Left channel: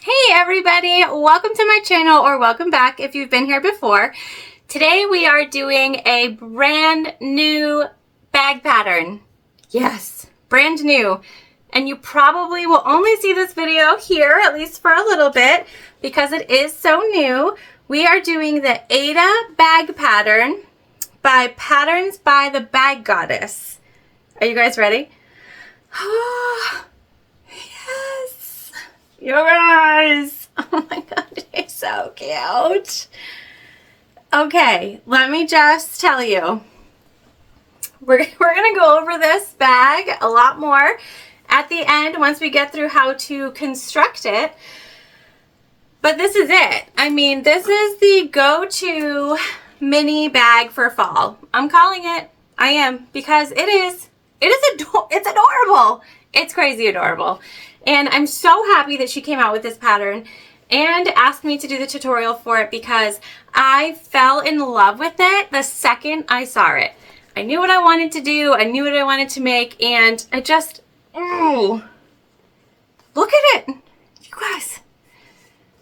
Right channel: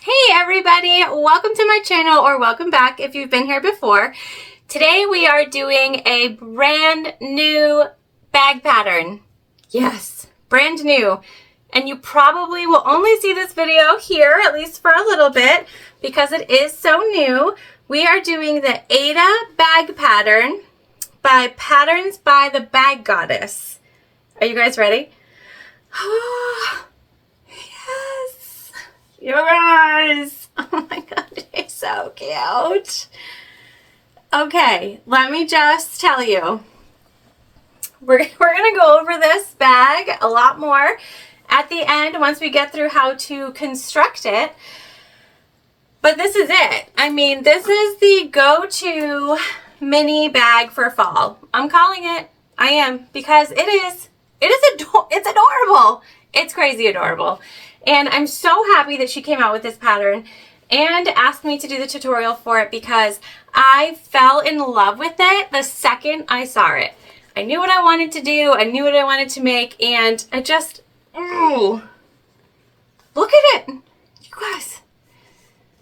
Hey everybody, welcome to my channel, or welcome back if you've been here before. Today we are doing a brand new bag pattern. Yes, brand new. And you probably will only see this video here, at least for a little bit, because it is so new. We are doing the Aida Bag pattern by Patterns by the Bag Goddess. Are you guys ready? Yes! Yours! Oh my god, you're so cute. Okay, let me just tell you. We're gonna go over this bag a lot more at the end once we get through how to construct it. But this is it. I mean, this is the go-to mini bag for fall. I'm calling it. I am, because it's adorable. It's crazy adorable. And I'm so happy that she came out with this pattern and asked me to do the tutorial for it, because I fell in love with it the second I saw it. I knew what I wanted to do. I knew what I wanted to make, and I just, ooh, look at it. You guys,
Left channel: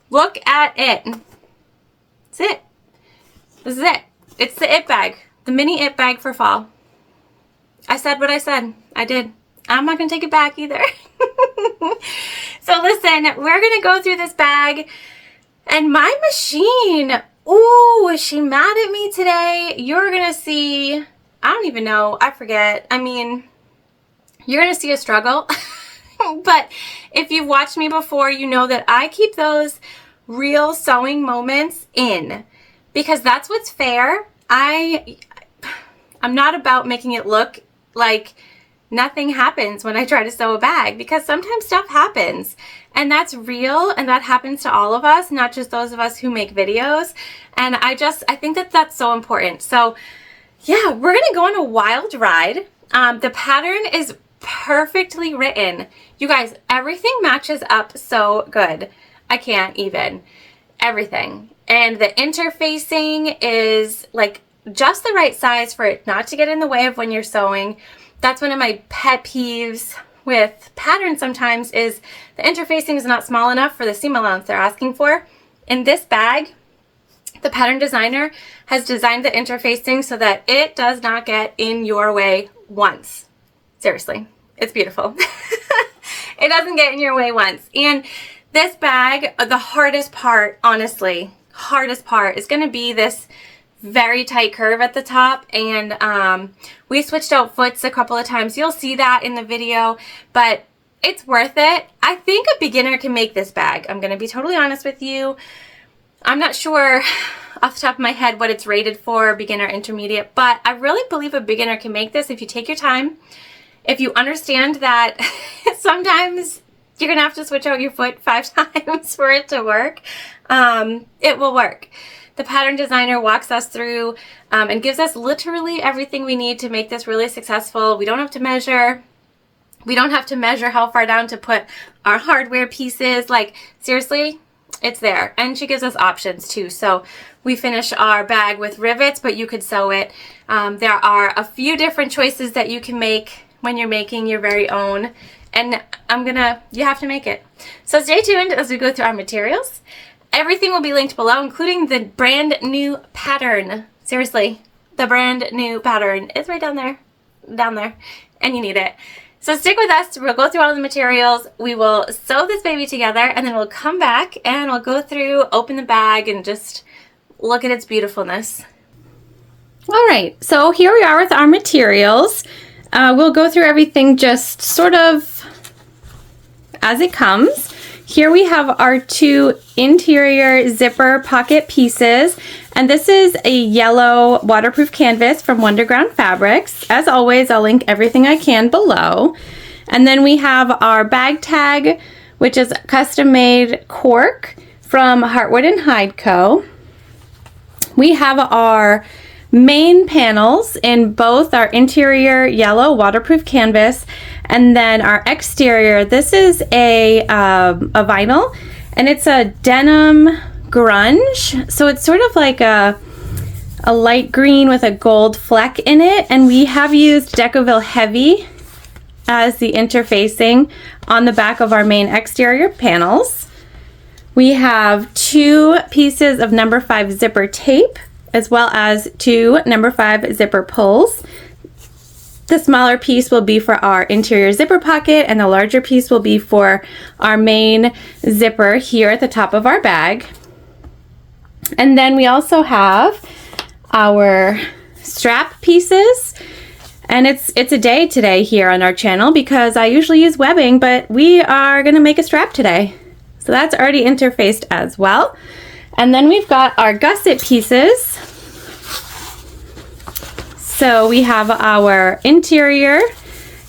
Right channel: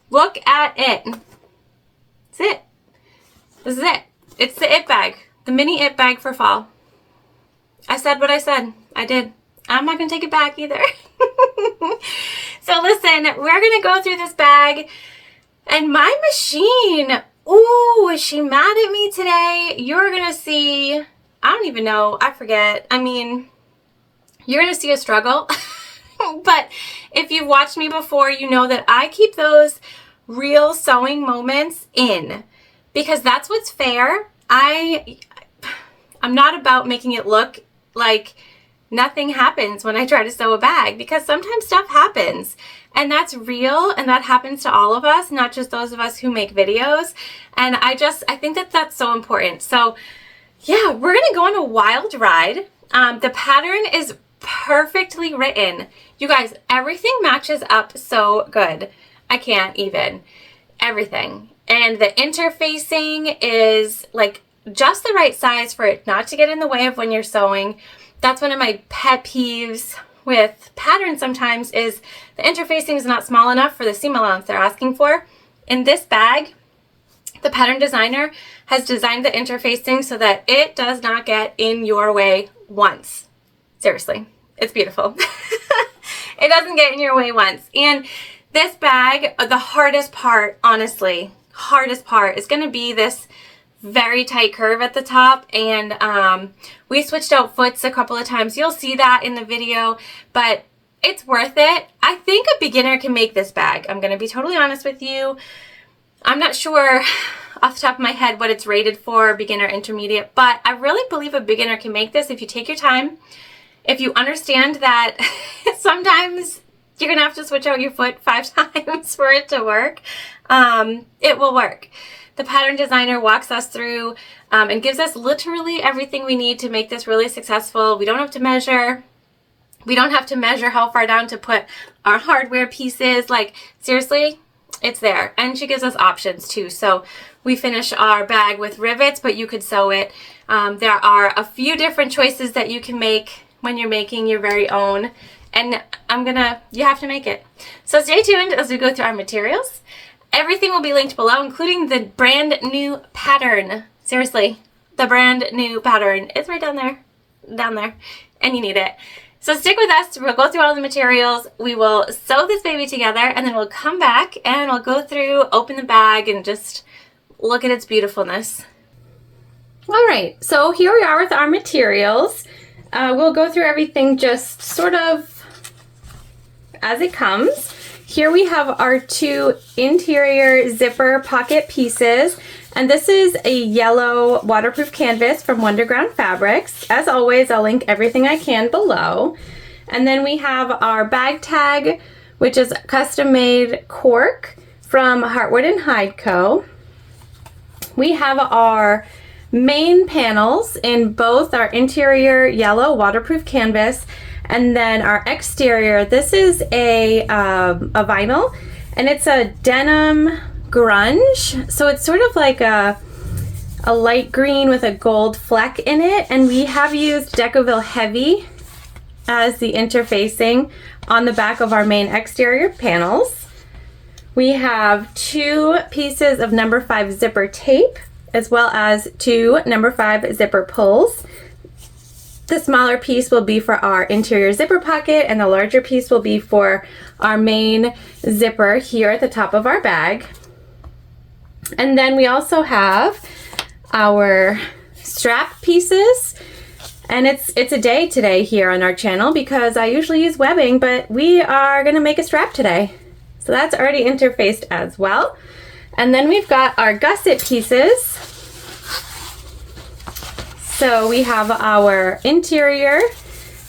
look at it. That's it. This is it. It's the it bag, the mini it bag for fall. I said what I said. I did. I'm not going to take it back either. So listen, we're going to go through this bag, and my machine, ooh, is she mad at me today? You're going to see, I don't even know. I forget. I mean, you're going to see a struggle. But if you've watched me before, you know that I keep those real sewing moments in, because that's what's fair. I'm not about making it look like nothing happens when I try to sew a bag, because sometimes stuff happens, and that's real, and that happens to all of us, not just those of us who make videos. And I think that that's so important. So yeah, we're gonna go on a wild ride. The pattern is perfectly written. You guys, everything matches up so good. I can't even. Everything. And the interfacing is like just the right size for it not to get in the way of when you're sewing. That's one of my pet peeves with patterns sometimes, is the interfacing is not small enough for the seam allowance they're asking for. In this bag, the pattern designer has designed the interfacing so that it does not get in your way once. Seriously, it's beautiful. It doesn't get in your way once. And this bag, the hardest part, honestly, hardest part is going to be this very tight curve at the top. And we switched out foots a couple of times. You'll see that in the video, but it's worth it. I think a beginner can make this bag. I'm going to be totally honest with you. I'm not sure off the top of my head what it's rated for, beginner, intermediate, but I really believe a beginner can make this if you take your time. If you understand that sometimes you're going to have to switch out your foot 5 times for it to work, it will work. The pattern designer walks us through and gives us literally everything we need to make this really successful. We don't have to measure. We don't have to measure how far down to put our hardware pieces. Like, seriously, it's there. And she gives us options too. So we finish our bag with rivets, but you could sew it. There are a few different choices that you can make when you're making your very own. And you have to make it. So stay tuned as we go through our materials. Everything will be linked below, including the brand new pattern. Seriously, the brand new pattern is right down there, and you need it. So stick with us. We'll go through all the materials. We will sew this baby together, and then we'll come back and we'll go through, open the bag, and just look at its beautifulness. All right, so here we are with our materials. We'll go through everything just sort of as it comes. Here we have our 2 interior zipper pocket pieces, and this is a yellow waterproof canvas from Wonderground Fabrics. As always, I'll link everything I can below. And then we have our bag tag, which is custom made cork from Heartwood and Hide Co. We have our main panels in both our interior yellow waterproof canvas, and then our exterior, this is a vinyl, and it's a denim grunge, so it's sort of like a light green with a gold fleck in it. And we have used Decoville Heavy as the interfacing on the back of our main exterior panels. We have 2 pieces of number 5 zipper tape, as well as 2 number 5 zipper pulls. The smaller piece will be for our interior zipper pocket, and the larger piece will be for our main zipper here at the top of our bag. And then we also have our strap pieces, and it's a day today here on our channel because I usually use webbing, but we are going to make a strap today. So that's already interfaced as well. And then we've got our gusset pieces. So we have our interior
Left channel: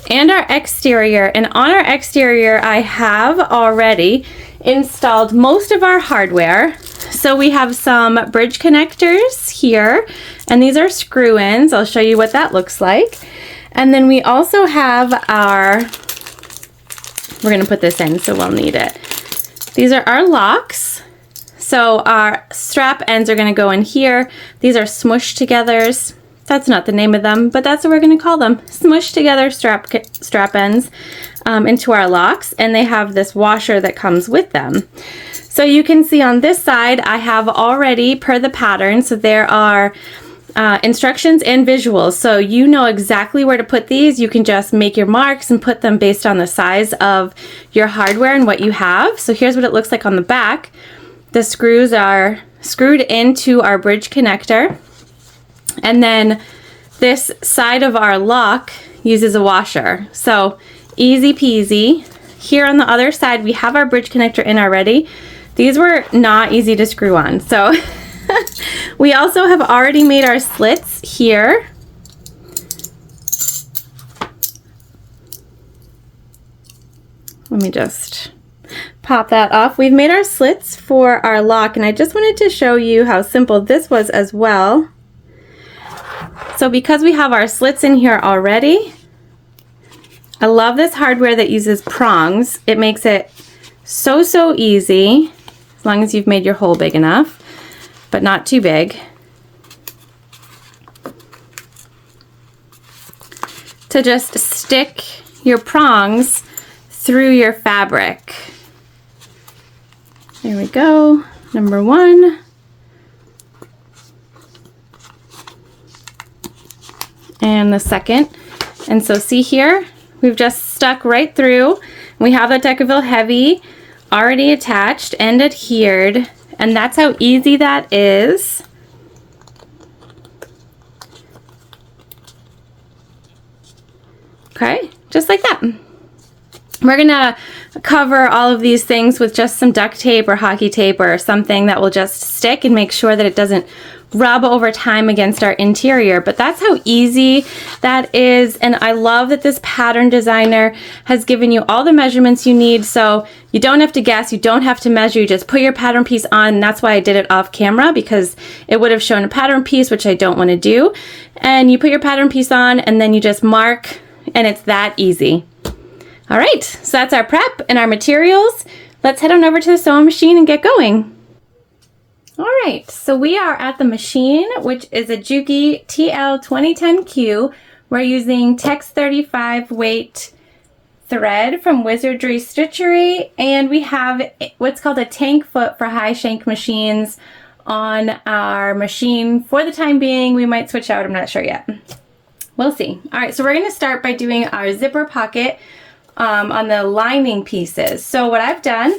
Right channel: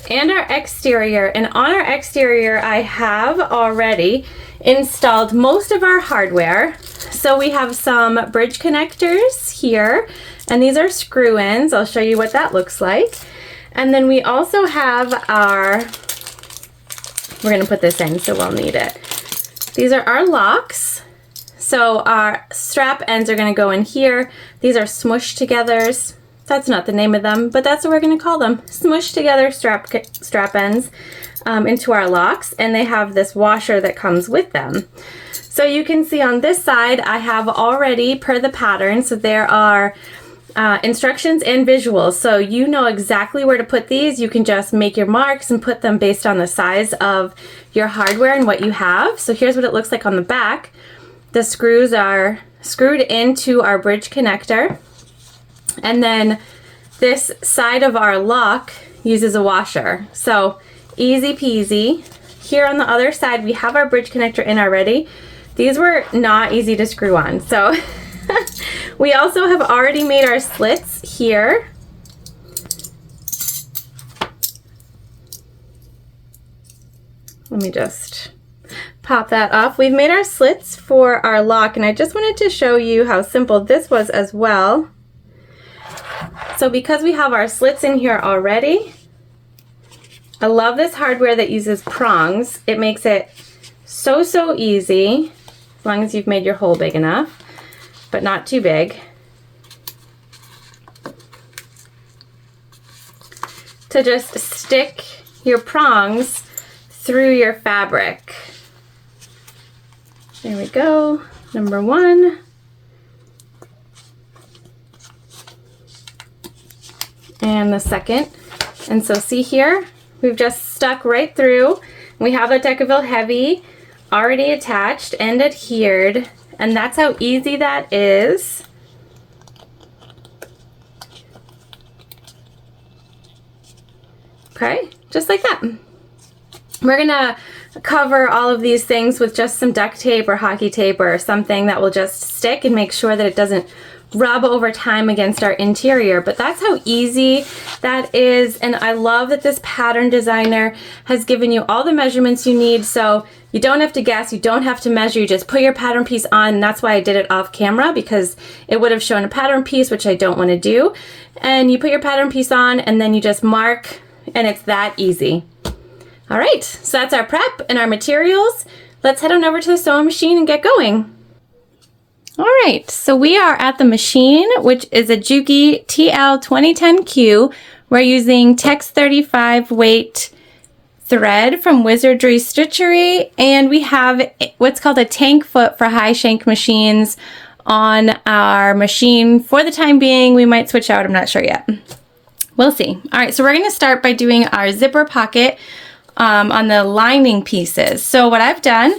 and our exterior, and on our exterior I have already installed most of our hardware. So we have some bridge connectors here, and these are screw-ins. I'll show you what that looks like. And then we also have our, we're gonna put this in so we'll need it. These are our locks. So our strap ends are gonna go in here. These are smush togethers. That's not the name of them, but that's what we're gonna call them. Smush together strap ends into our locks, and they have this washer that comes with them. So you can see on this side, I have already, per the pattern, so there are instructions and visuals. So you know exactly where to put these. You can just make your marks and put them based on the size of your hardware and what you have. So here's what it looks like on the back. The screws are screwed into our bridge connector. And then this side of our lock uses a washer. So easy peasy. Here on the other side, we have our bridge connector in already. These were not easy to screw on. So we also have already made our slits here. Let me just pop that off. We've made our slits for our lock, and I just wanted to show you how simple this was as well. So because we have our slits in here already, I love this hardware that uses prongs. It makes it so easy, as long as you've made your hole big enough, but not too big, to just stick your prongs through your fabric. There we go, number 1. And the second. And so see here, we've just stuck right through. We have that Decaville Heavy already attached and adhered, and that's how easy that is. Okay, just like that. We're gonna cover all of these things with just some duct tape or hockey tape or something that will just stick and make sure that it doesn't rub over time against our interior, but that's how easy that is. And I love that this pattern designer has given you all the measurements you need, so you don't have to guess, you don't have to measure, you just put your pattern piece on. And that's why I did it off camera, because it would have shown a pattern piece, which I don't want to do. And you put your pattern piece on, and then you just mark, and it's that easy. All right, so that's our prep and our materials. Let's head on over to the sewing machine and get going. All right, so we are at the machine, which is a Juki TL2010Q. We're using Tex 35 weight thread from Wizardry Stitchery, and we have what's called a tank foot for high shank machines on our machine. For the time being, we might switch out, I'm not sure yet. We'll see. All right, so we're gonna start by doing our zipper pocket on the lining pieces. So what I've done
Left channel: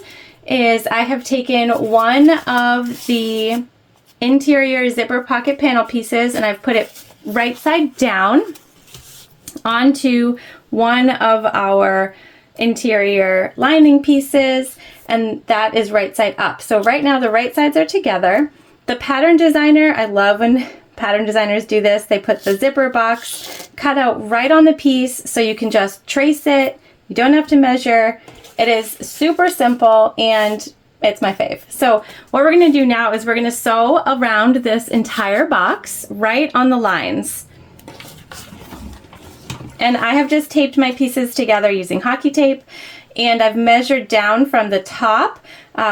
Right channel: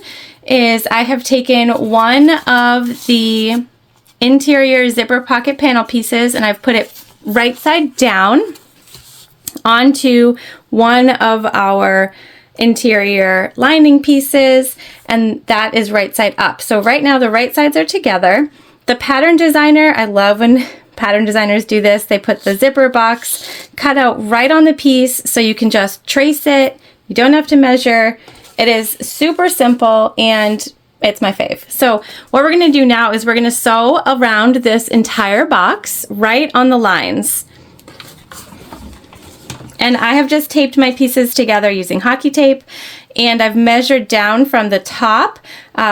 is I have taken one of the interior zipper pocket panel pieces and I've put it right side down onto one of our interior lining pieces, and that is right side up. So right now the right sides are together. The pattern designer, I love when pattern designers do this. They put the zipper box cut out right on the piece so you can just trace it. You don't have to measure. It is super simple and it's my fave. So what we're gonna do now is we're gonna sew around this entire box right on the lines. And I have just taped my pieces together using hockey tape, and I've measured down from the top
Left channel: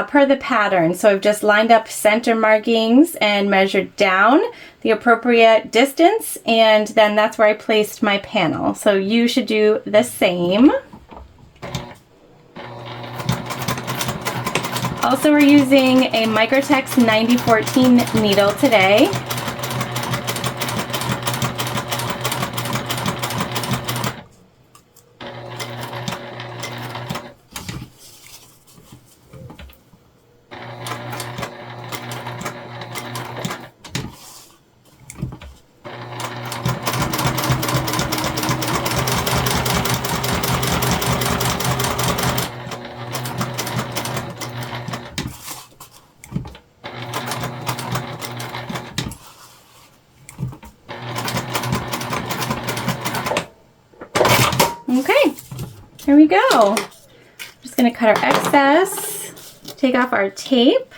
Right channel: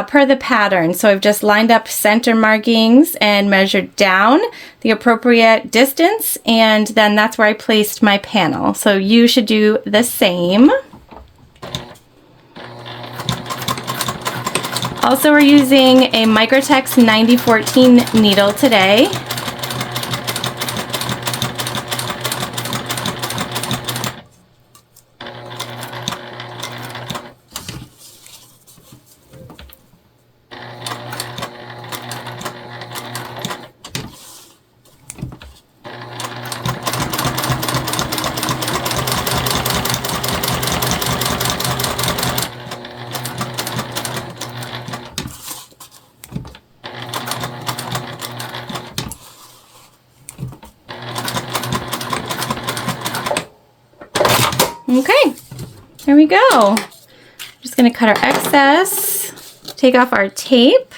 per the pattern. So I've just lined up center markings and measured down the appropriate distance, and then that's where I placed my panel. So you should do the same. Also, we're using a Microtex 9014 needle today. Okay, here we go. Just gonna cut our excess, take off our tape.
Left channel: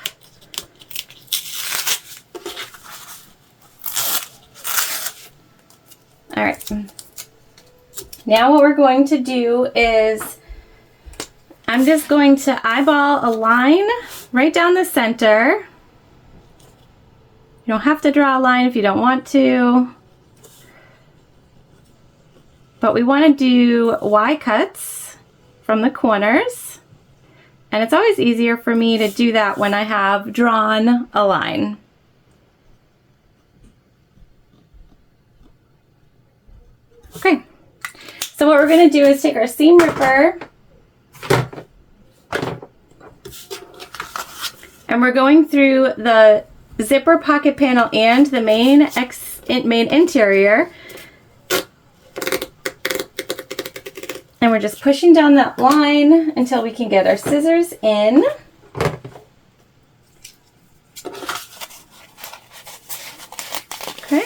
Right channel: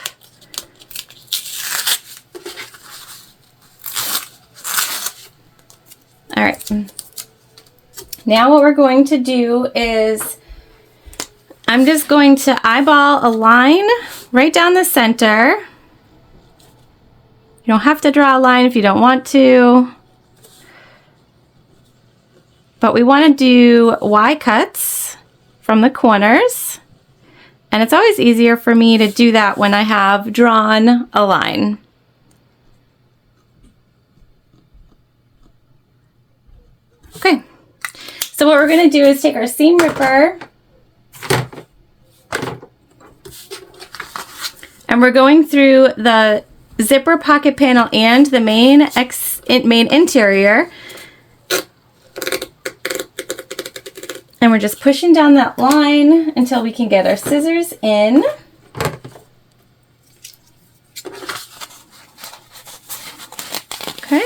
All right, now what we're going to do is I'm just going to eyeball a line right down the center. You don't have to draw a line if you don't want to. But we want to do Y cuts from the corners. And it's always easier for me to do that when I have drawn a line. Okay, so what we're going to do is take our seam ripper and we're going through the zipper pocket panel and the main interior. And we're just pushing down that line until we can get our scissors in. Okay,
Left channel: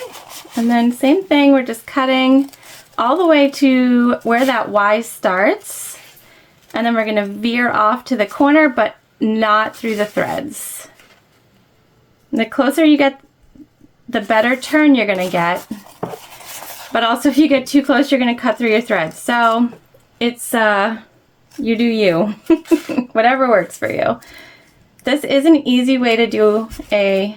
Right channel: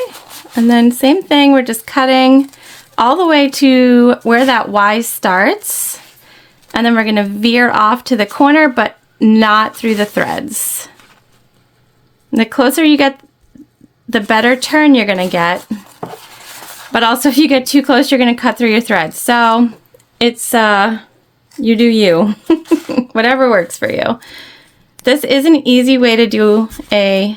and then same thing, we're just cutting all the way to where that Y starts. And then we're gonna veer off to the corner, but not through the threads. And the closer you get, the better turn you're gonna get. But also if you get too close, you're gonna cut through your threads. So it's, you do you, whatever works for you. This is an easy way to do a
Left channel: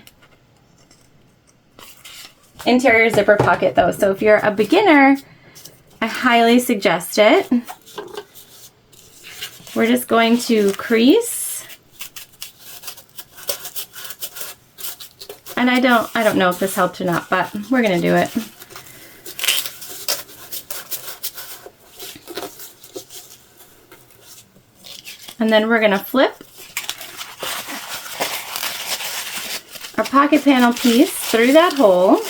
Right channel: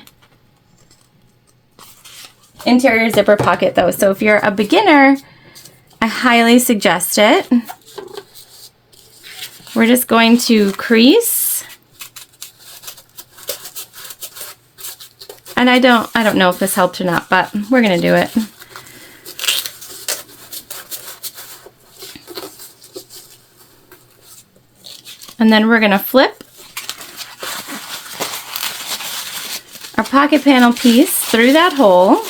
interior zipper pocket though. So if you're a beginner, I highly suggest it. We're just going to crease. And I don't know if this helped or not, but we're gonna do it. And then we're gonna flip our pocket panel piece through that hole.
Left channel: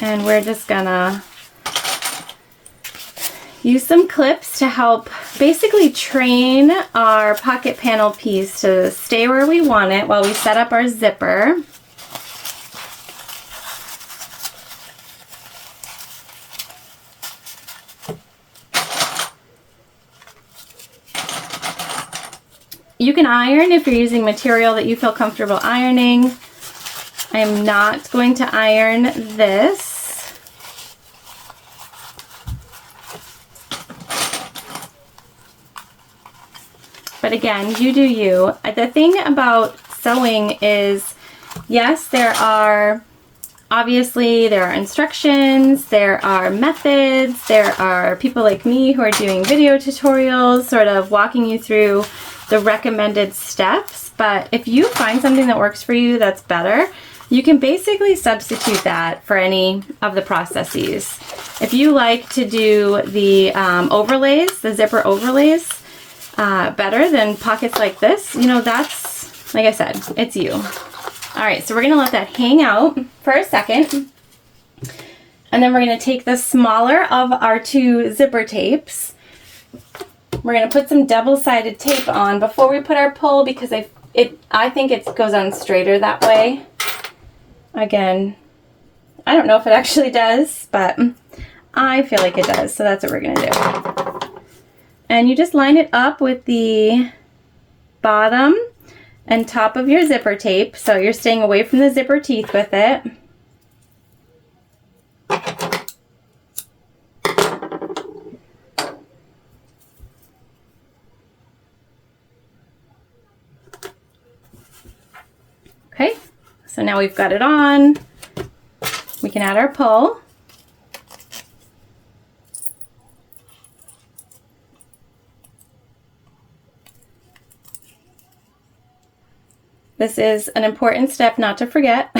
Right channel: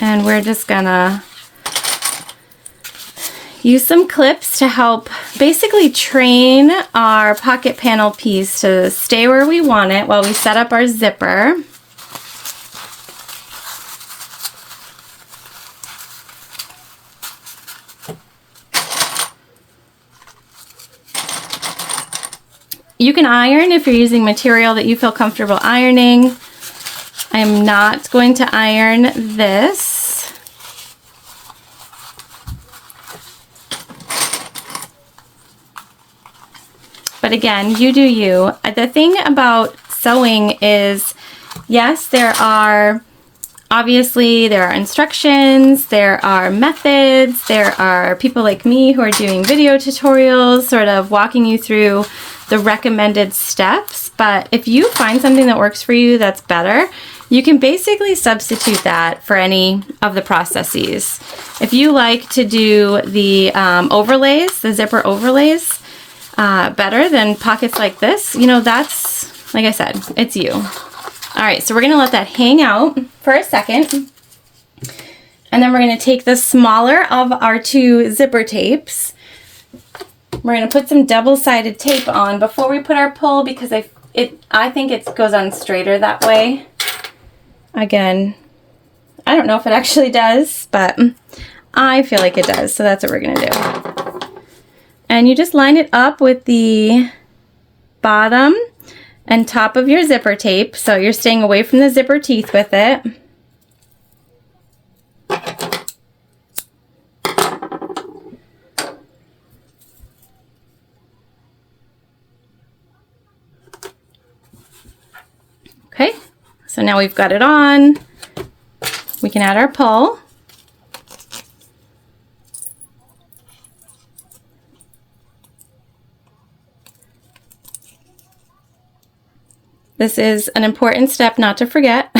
And we're just gonna use some clips to help basically train our pocket panel piece to stay where we want it while we set up our zipper. You can iron if you're using material that you feel comfortable ironing. I am not going to iron this. But again, you do you. The thing about sewing is, yes, obviously there are instructions, there are methods, there are people like me who are doing video tutorials, sort of walking you through the recommended steps. But if you find something that works for you that's better, you can basically substitute that for any of the processes. If you like to do the overlays, the zipper overlays, better than pockets like this, you know, that's, like I said, it's you. All right, so we're gonna let that hang out for a second. And then we're gonna take the smaller of our two zipper tapes. We're gonna put some double-sided tape on before we put our pull because I think it goes on straighter that way. Again, I don't know if it actually does, but I feel like it does, so that's what we're gonna do. And you just line it up with the bottom and top of your zipper tape, so you're staying away from the zipper teeth with it. Okay, so now we've got it on. We can add our pull. This is an important step not to forget.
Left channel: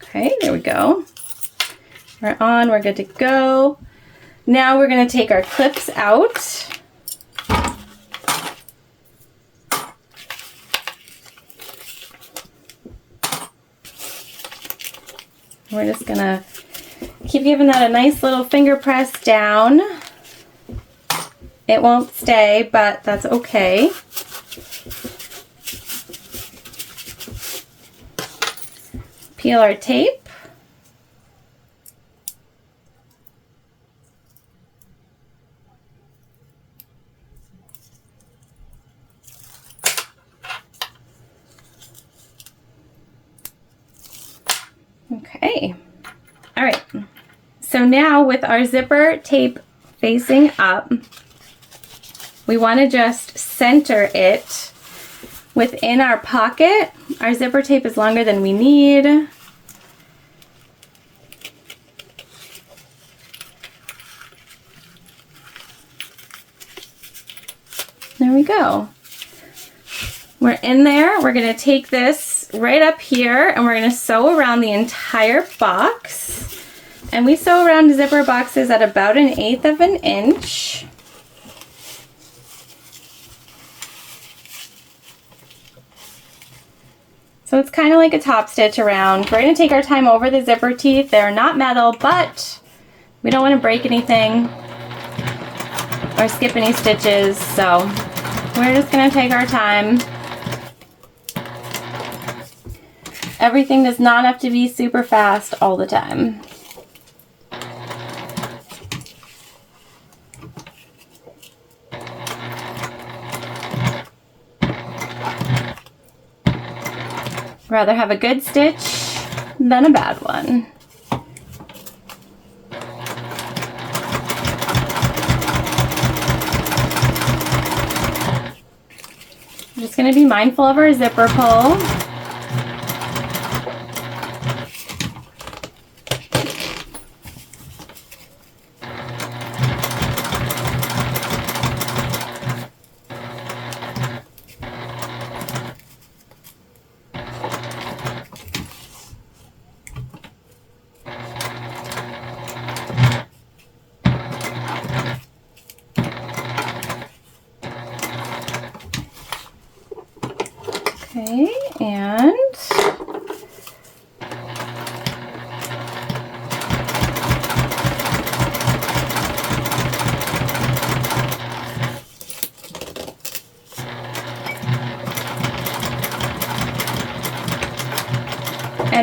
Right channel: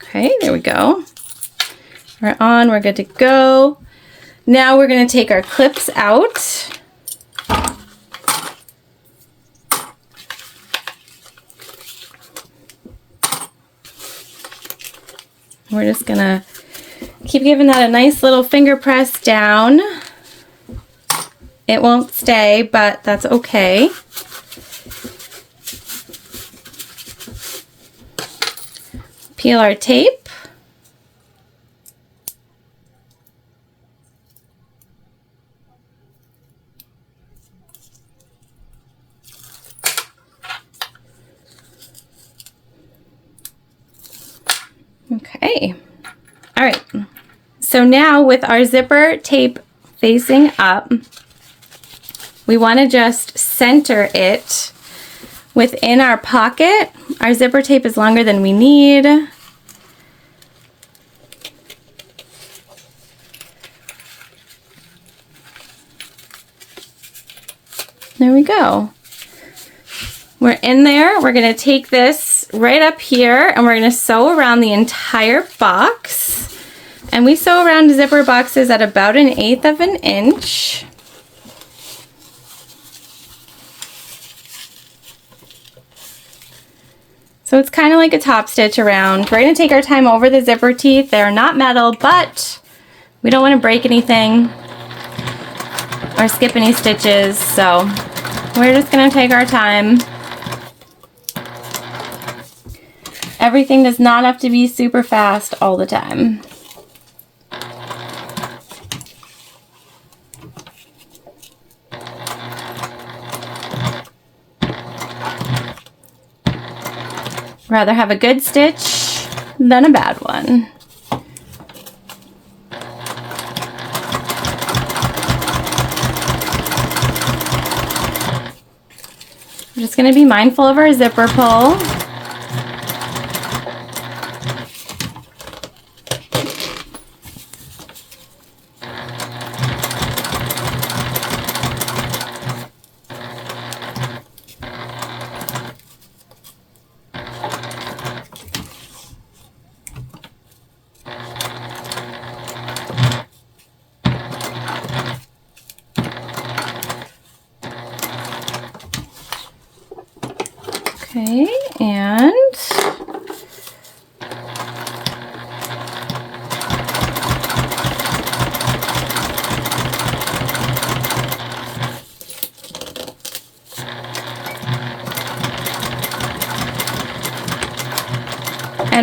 Okay, there we go. We're on, we're good to go. Now we're going to take our clips out. We're just going to keep giving that a nice little finger press down. It won't stay, but that's okay. Peel our tape. Okay. All right. So now with our zipper tape facing up, we want to just center it within our pocket. Our zipper tape is longer than we need. There we go. We're in there. We're going to take this right up here and we're going to sew around the entire box. And we sew around zipper boxes at about 1/8 of an inch. So it's kind of like a top stitch around. We're going to take our time over the zipper teeth. They're not metal, but we don't want to break anything or skip any stitches. So we're just going to take our time. Everything does not have to be super fast all the time. Rather have a good stitch than a bad one. We're just going to be mindful of our zipper pull. Okay, and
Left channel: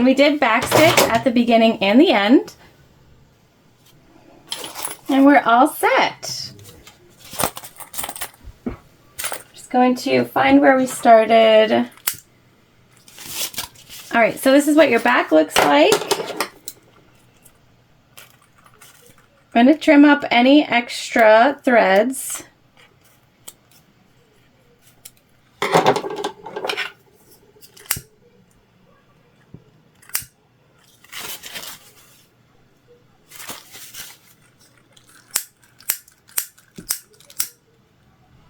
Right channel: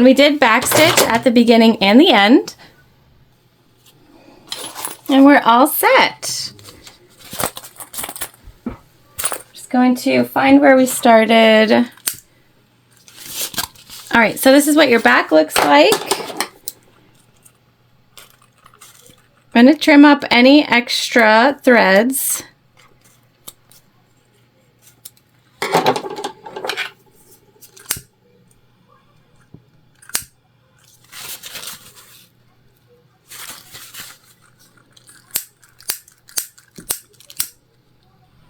we did backstitch at the beginning and the end. And we're all set. Just going to find where we started. All right, so this is what your back looks like. I'm going to trim up any extra threads.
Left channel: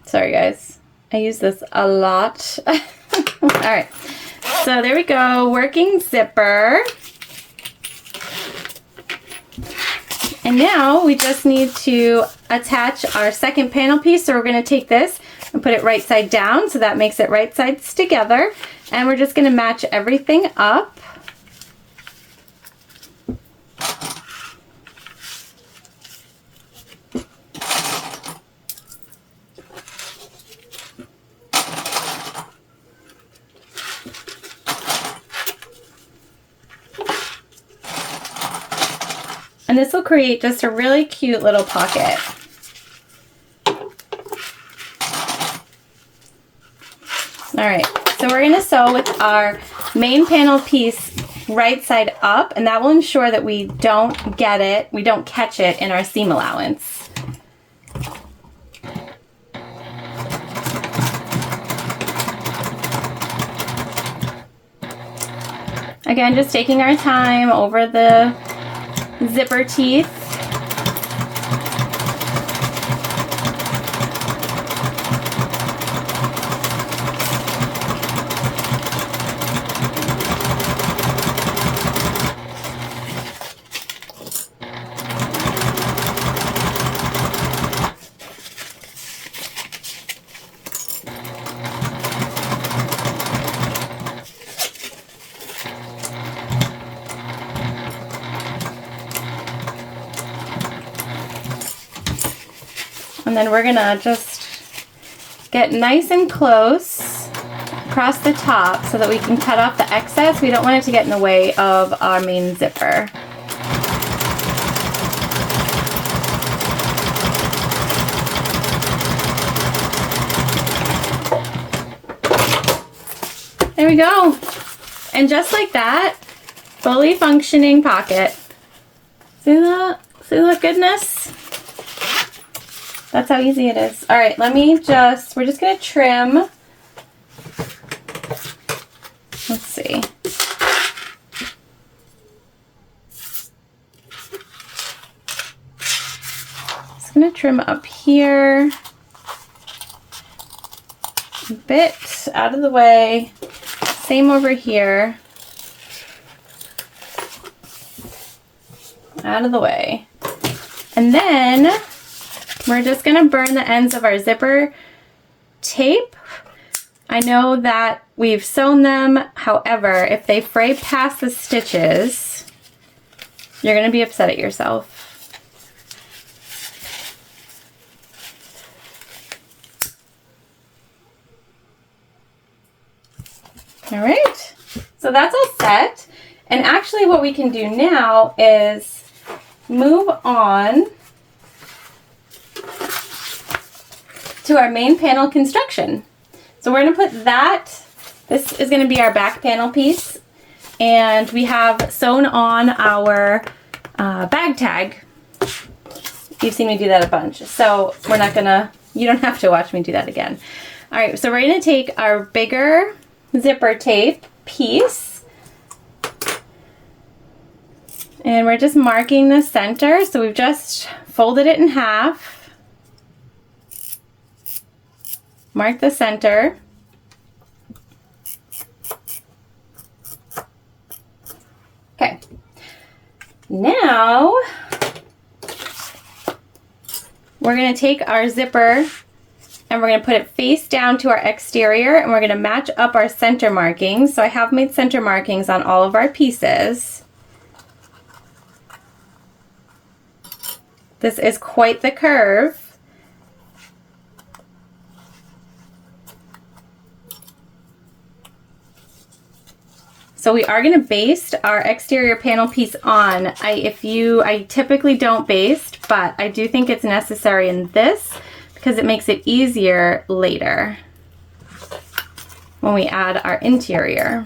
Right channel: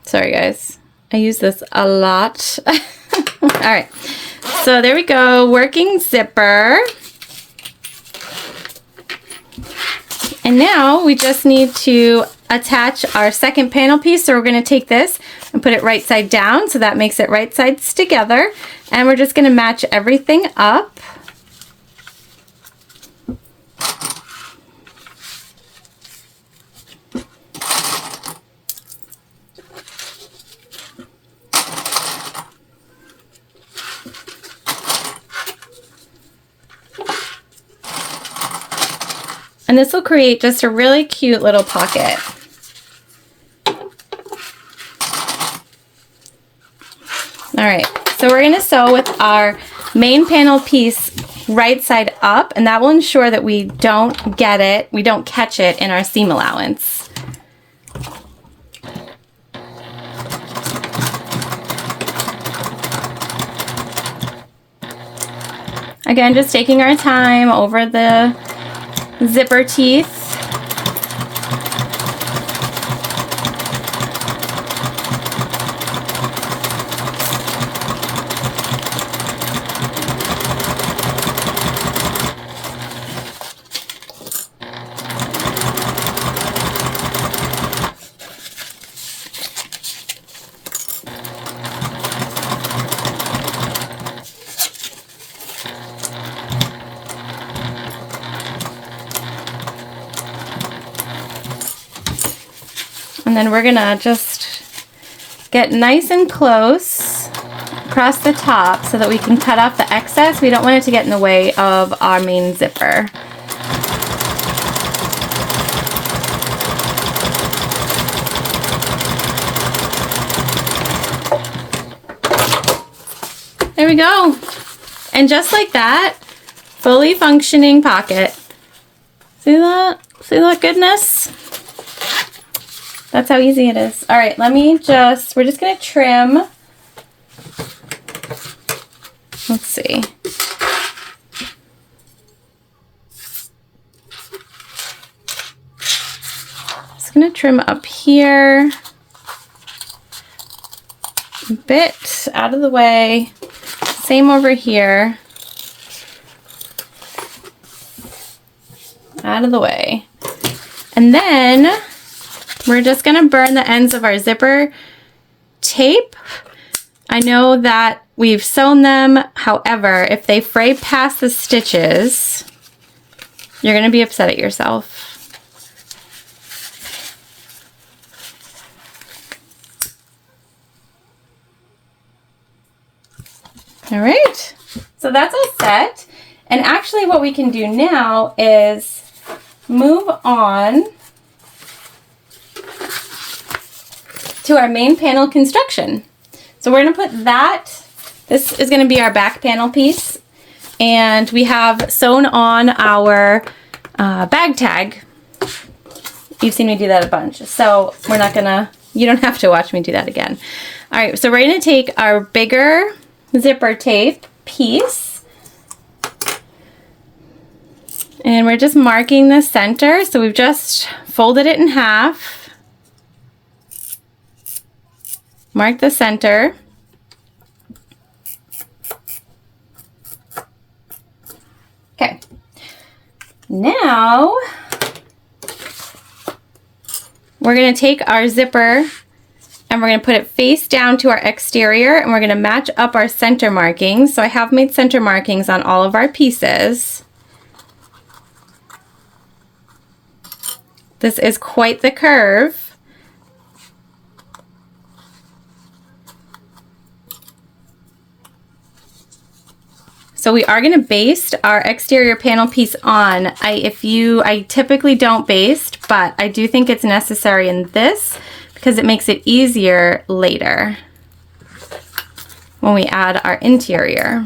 Sorry guys, I use this a lot. All right, so there we go, working zipper. And now we just need to attach our second panel piece. So we're going to take this and put it right side down, so that makes it right sides together. And we're just going to match everything up. And this will create just a really cute little pocket. All right, so we're gonna sew with our main panel piece right side up, and that will ensure that we don't get it, we don't catch it in our seam allowance. Again, just taking our time over the zipper teeth. then we're gonna just get nice and close across the top so that we can cut off the excess. We don't want it to get in the way of our main zipper. There we go. And just like that, fully functioning pocket. See that? See that goodness? That's how easy it is. All right, we're just gonna trim. Let's see. Just gonna trim up here. A bit out of the way. Same over here. Out of the way. And then we're just gonna burn the ends of our zipper tape. I know that we've sewn them, however, if they fray past the stitches, you're gonna be upset at yourself. All right, so that's all set. And actually what we can do now is move on to our main panel construction. So we're gonna put that, this is gonna be our back panel piece, and we have sewn on our bag tag. You've seen me do that a bunch, so we're not gonna, you don't have to watch me do that again. All right, so we're gonna take our bigger zipper tape piece, and we're just marking the center. So we've just folded it in half, mark the center, okay. Now we're going to take our zipper and we're going to put it face down to our exterior, and we're going to match up our center markings. So I have made center markings on all of our pieces. This is quite the curve. So we are going to baste our exterior panel piece on. I typically don't baste, but I do think it's necessary in this because it makes it easier later when we add our interior.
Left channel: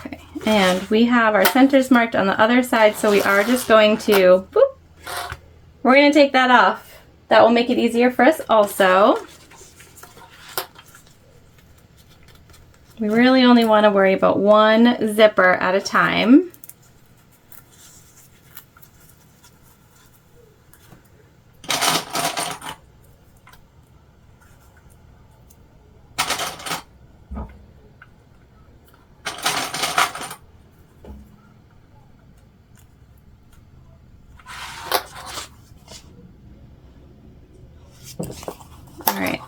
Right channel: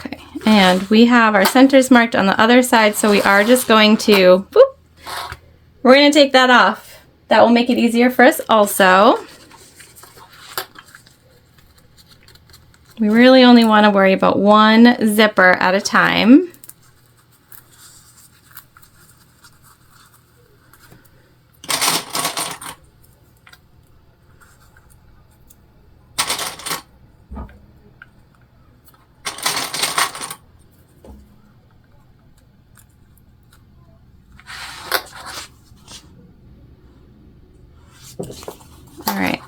Okay, and we have our centers marked on the other side, so we are just going to, we're going to take that off. That will make it easier for us also. We really only want to worry about one zipper at a time. All right.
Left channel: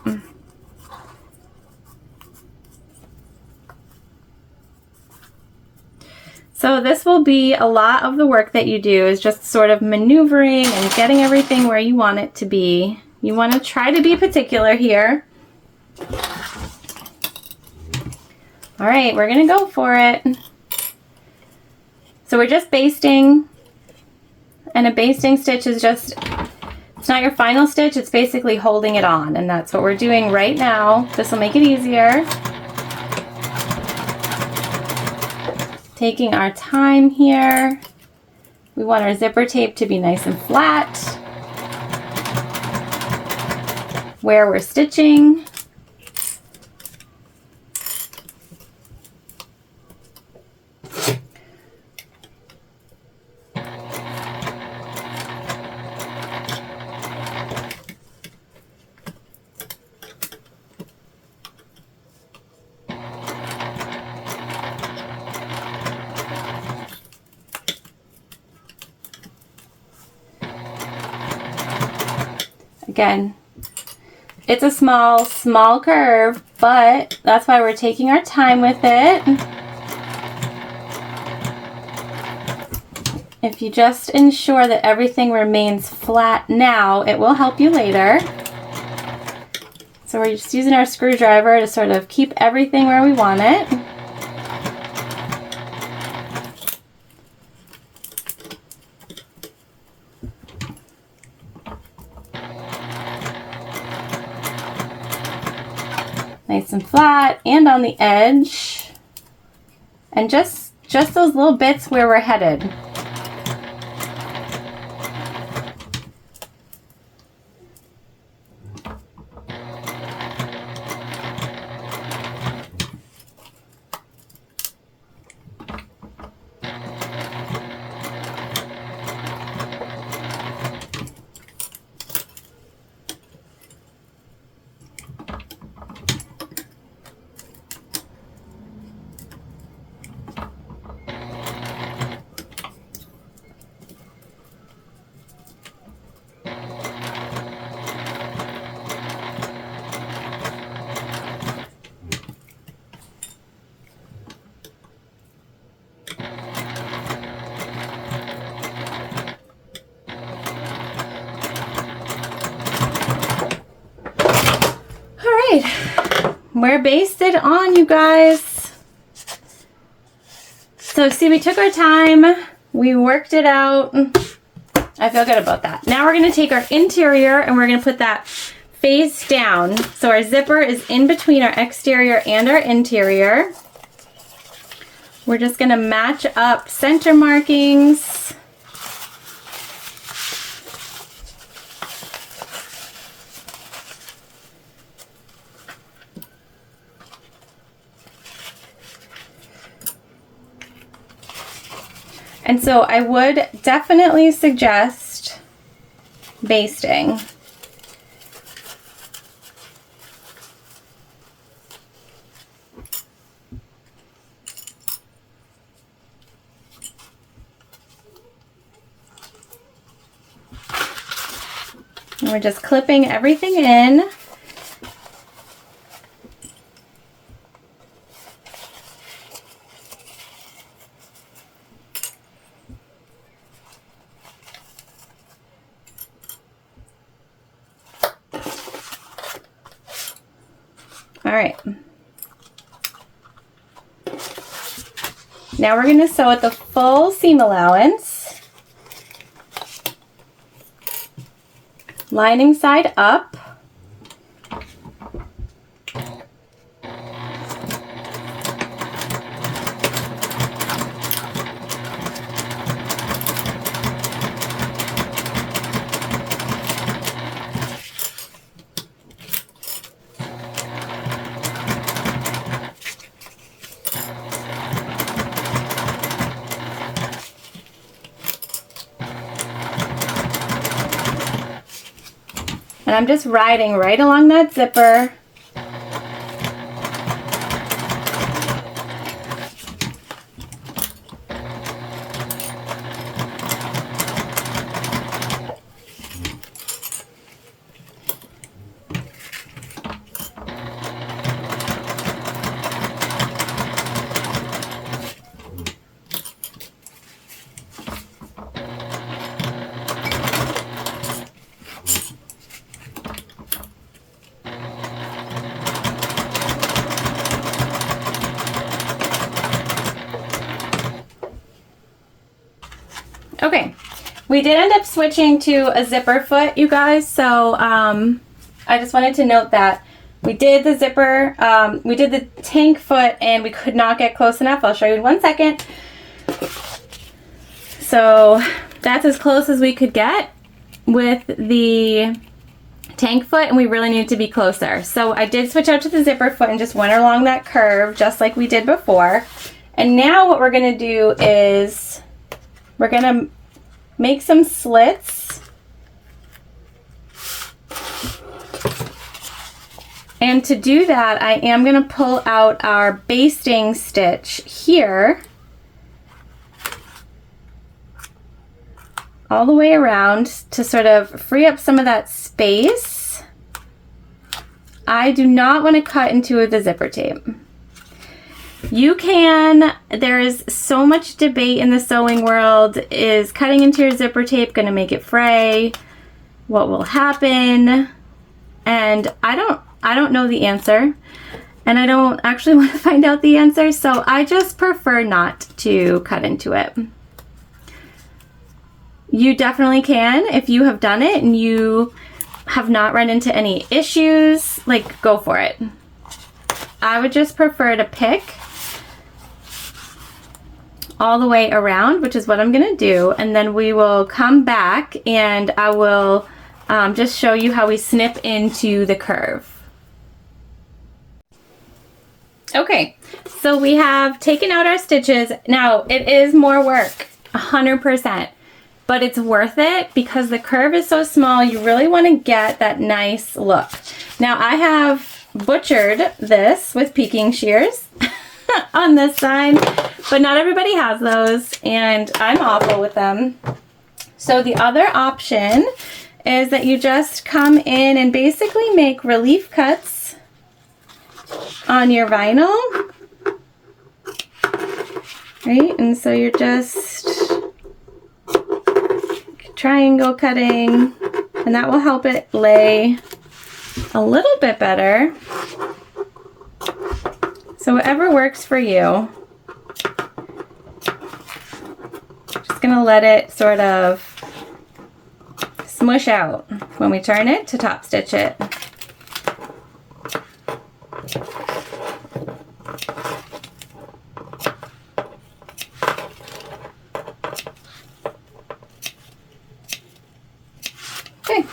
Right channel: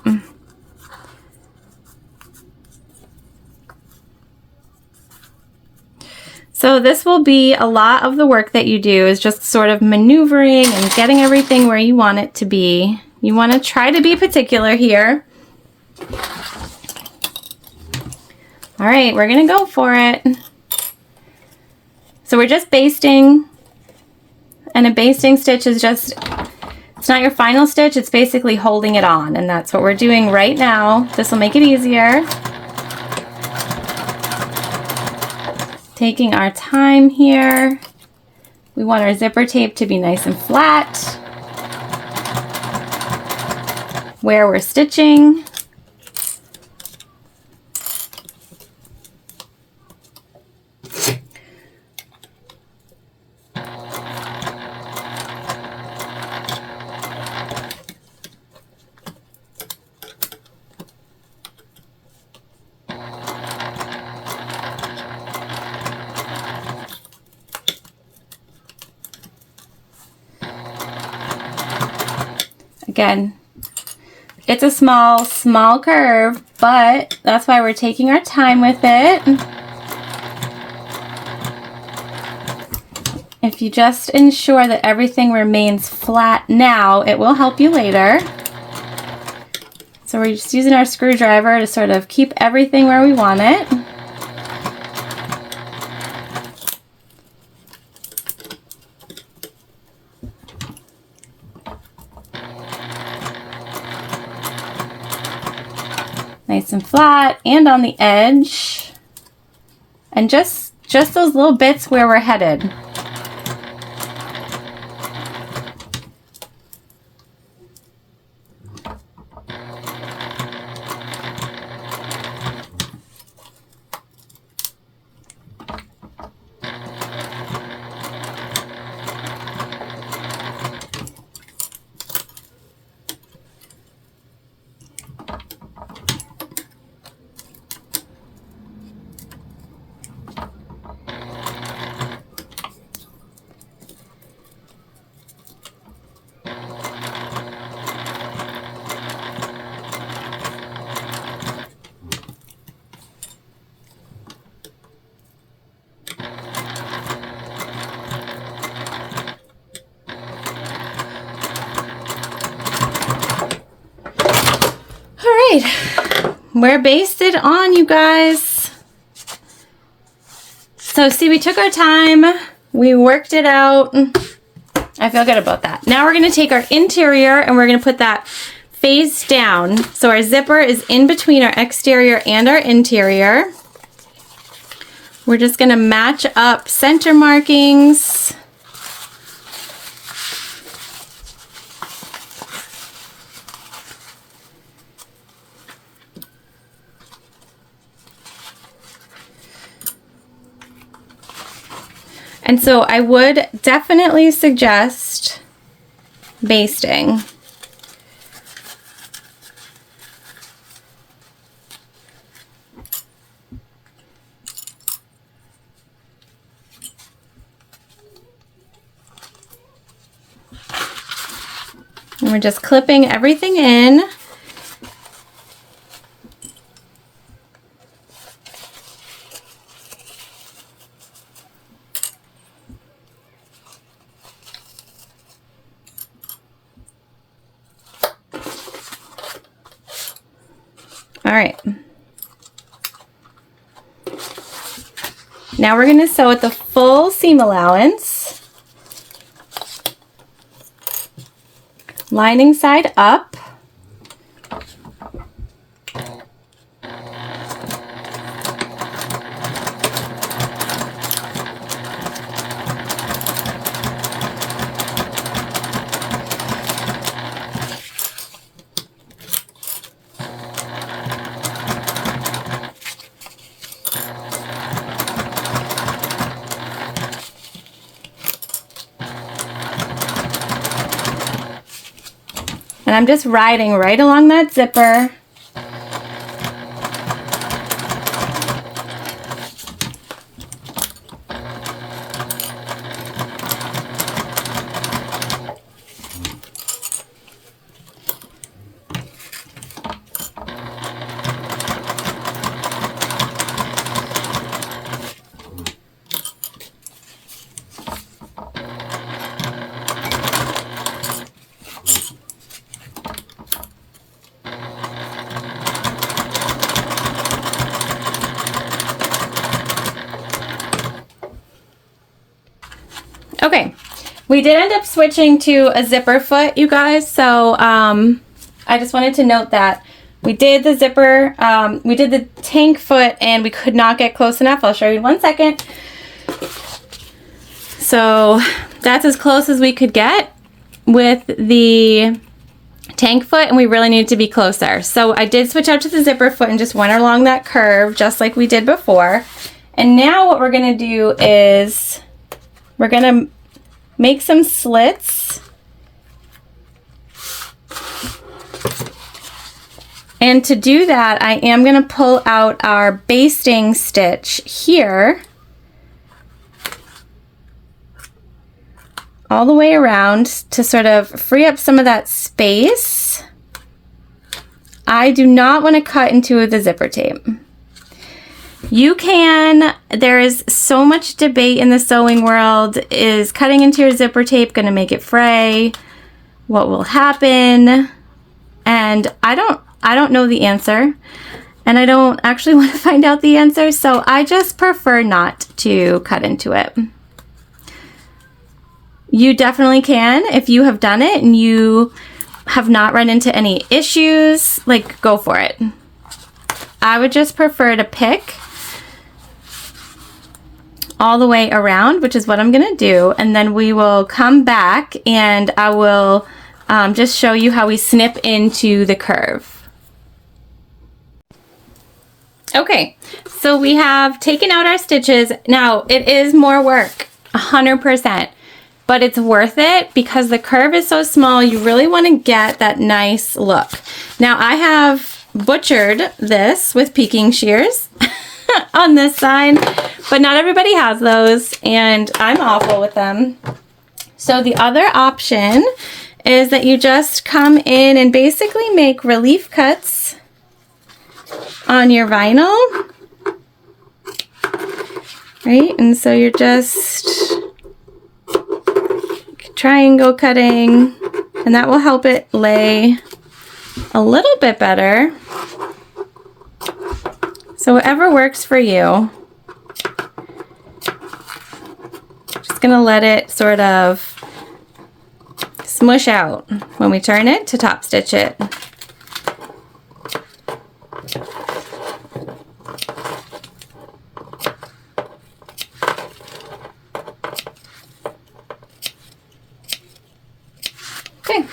So this will be a lot of the work that you do, is just sort of maneuvering and getting everything where you want it to be. You want to try to be particular here. All right, we're gonna go for it. So we're just basting, and a basting stitch is just, it's not your final stitch, it's basically holding it on, and that's what we're doing right now. This will make it easier. Taking our time here. We want our zipper tape to be nice and flat where we're stitching. Again, it's a small curve, but that's why we're taking our time with it. If you just ensure that everything remains flat now, it will help you later. So we're just using our screwdriver to sort of keep everything where we want it. Nice and flat and on the edge. And just those little bits where we're headed. We're basted on, you guys. So see, we took our time, we worked it out. I feel good about that. Now we're gonna take our interior and we're gonna put that face down. So our zipper is in between our exterior and our interior. We're just gonna match up center markings. And so I would definitely suggest basting. And we're just clipping everything in. All right. Now we're going to sew at the full seam allowance. Lining side up. And I'm just riding right along that zipper. Okay, we did end up switching to a zipper foot, you guys, so I just wanted to note that we did the zipper, we did the tank foot, and we could not get close enough. I'll show you in 1 second. So that's as close as we could get with the tank foot, and we really needed to be closer. So I did switch out to the zipper foot and just went along that curve just like we did before. And now what we're gonna do is we're gonna make some slits. And to do that, I am gonna pull out our basting stitch here, all the way around to sort of free up some of that space. I do not want to cut into the zipper tape. You can, there's so much debate in the sewing world. Is cutting into your zipper tape going to make it fray? What will happen? And I don't know the answer. And I don't actually want to find out the answer, so I just prefer not to cut into it. You definitely can if you have done it and you have not run into any issues, like, go for it. I would just prefer to pick all the way around, which is what I'm gonna do, and then we will come back and I will just show you how we snip into the curve. Okay, so we have taken out our stitches. Now, it is more work, 100%, but it's worth it because the curve is so small. You really want to get that nice look. Now, I have butchered this with peeking shears on this side, but not everybody has those, and I'm awful with them. So the other option is that you just come in and basically make relief cuts on your vinyl, right? And so you're just triangle cutting, and that will help it lay a little bit better. So whatever works for you. Just gonna let it sort of smush out when we turn it to top stitch it. Okay.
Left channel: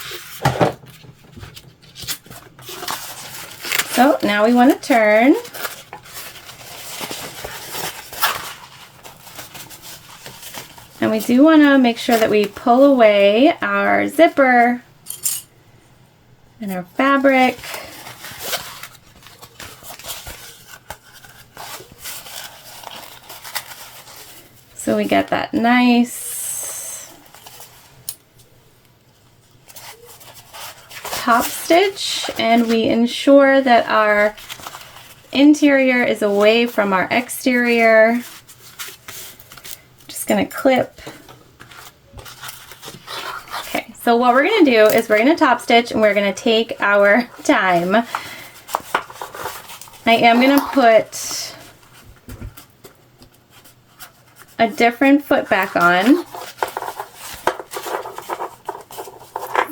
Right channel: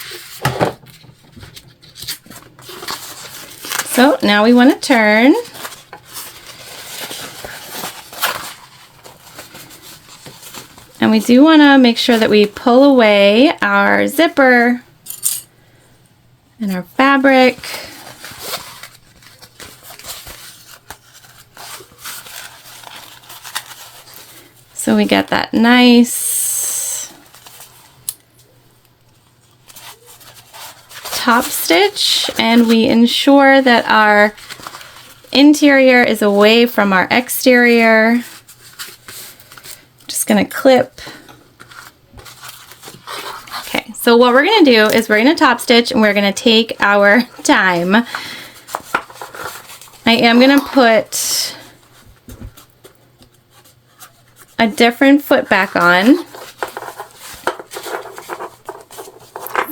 So now we want to turn. And we do want to make sure that we pull away our zipper and our fabric. So we get that nice top stitch, and we ensure that our interior is away from our exterior. Just gonna clip. Okay, so what we're gonna do is we're gonna top stitch and we're gonna take our time. I am gonna put a different foot back on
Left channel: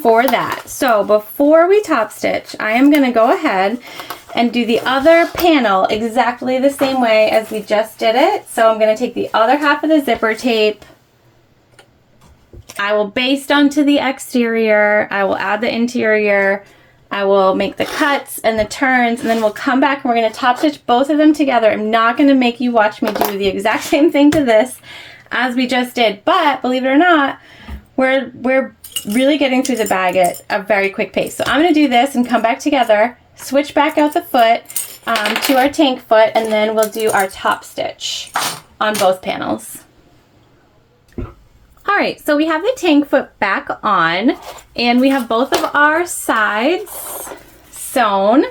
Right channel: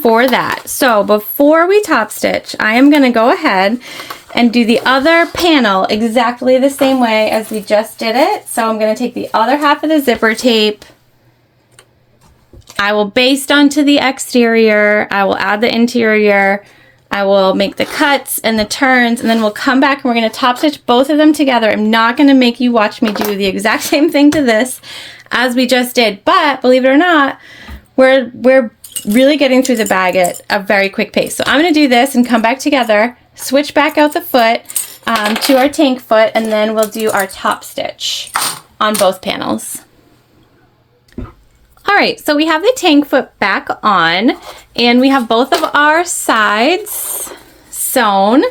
for that. So before we top stitch, I am gonna go ahead and do the other panel exactly the same way as we just did it. So I'm gonna take the other half of the zipper tape. I will baste onto the exterior. I will add the interior. I will make the cuts and the turns, and then we'll come back and we're gonna top stitch both of them together. I'm not gonna make you watch me do the exact same thing to this as we just did, but believe it or not, we're really getting through the bag at a very quick pace. So I'm gonna do this and come back together, switch back out the foot to our tank foot, and then we'll do our top stitch on both panels. All right, so we have the tank foot back on, and we have both of our sides sewn.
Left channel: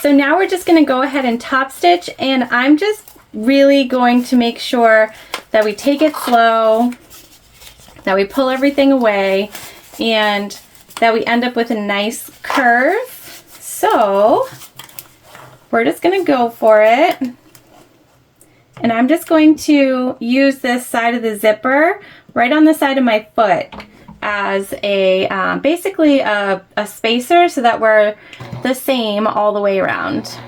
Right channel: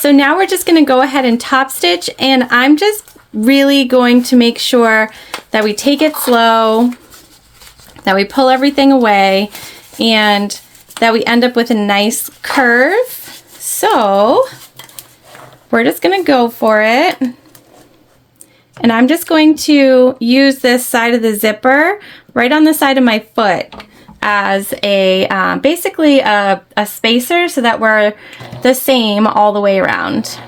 So now we're just gonna go ahead and top stitch, and I'm just really going to make sure that we take it slow, that we pull everything away, and that we end up with a nice curve. So we're just gonna go for it. And I'm just going to use this side of the zipper right on the side of my foot as a basically a spacer so that we're the same all the way around.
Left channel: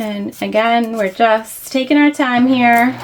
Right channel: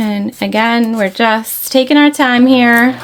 And again, we're just taking our time here.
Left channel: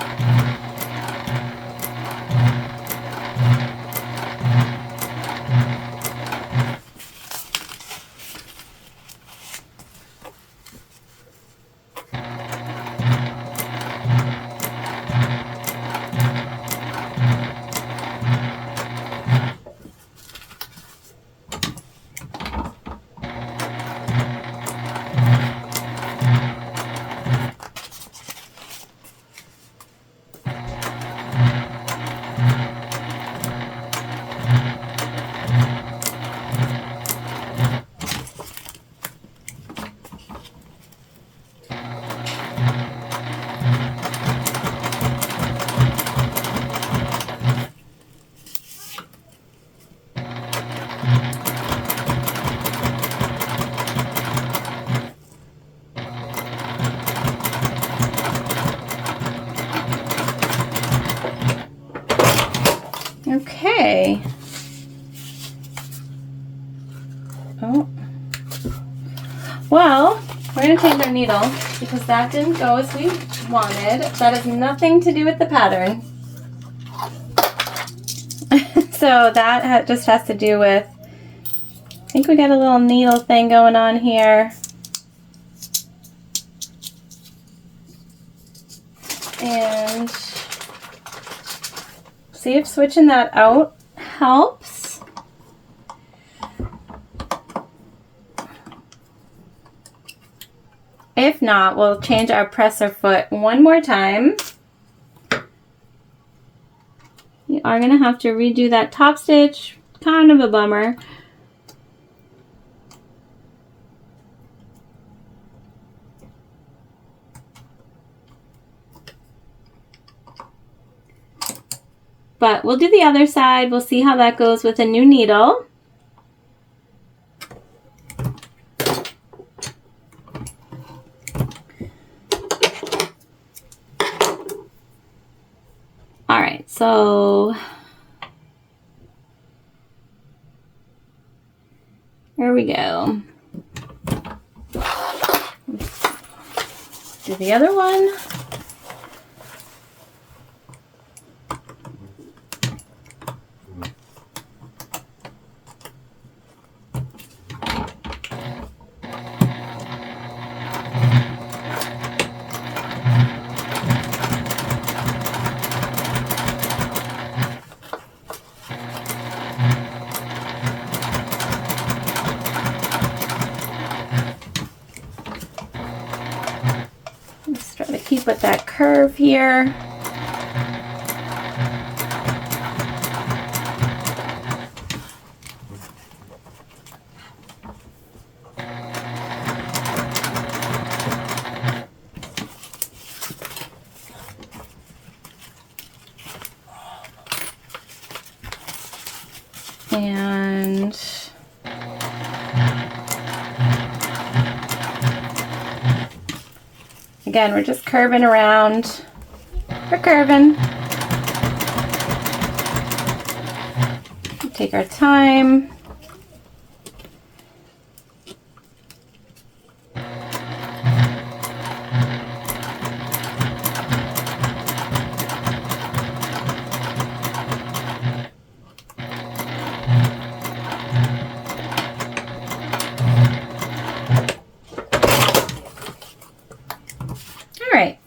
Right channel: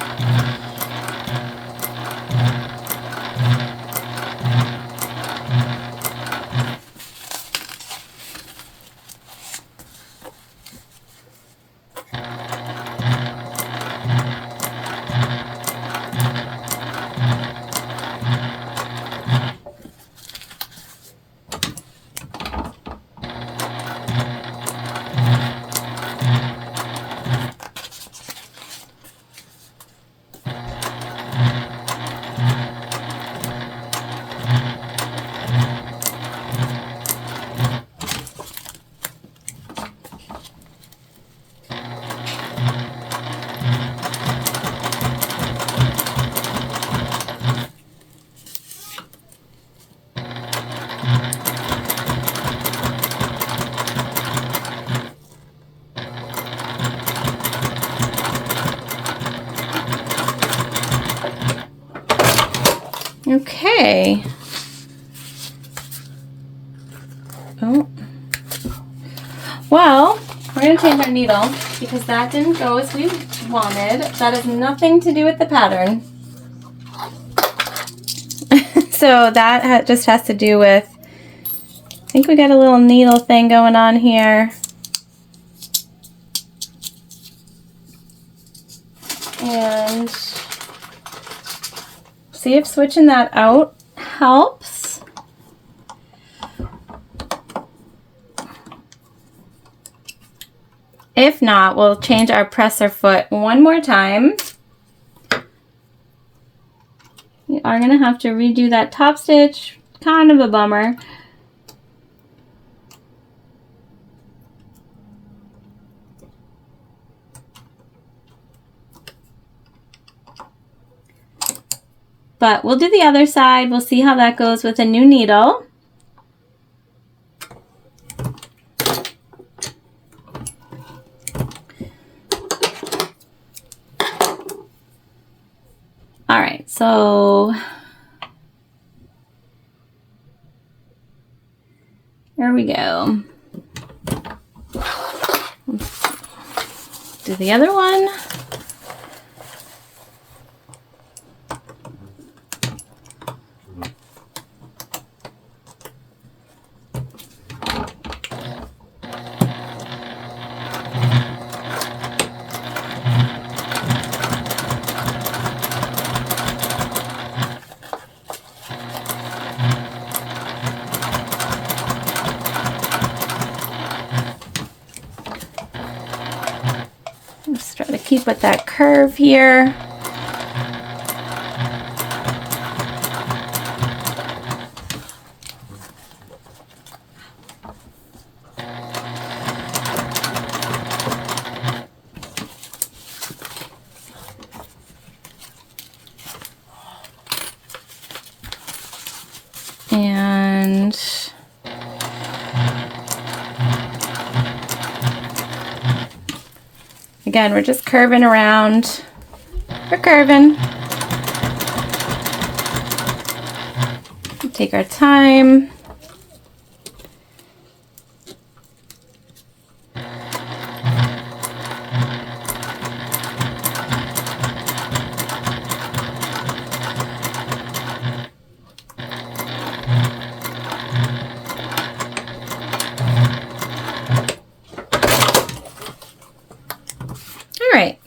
Okay. Oh. Well, we're going to change our needle because that didn't go as we wanted. That has nothing to do with the pattern. So that just has to do with, I think we got a little needle thing going on here. And see if switching that out helps. If not, we'll change our presser foot one more time. You are going to have to redo that top stitch. Kind of a bummer. But we'll do the other side. We'll see how that goes with a new needle. All right, so here we go. Do the other one. Just try to keep with that curve here. And again, we're just curving around. We're curving. Take our time.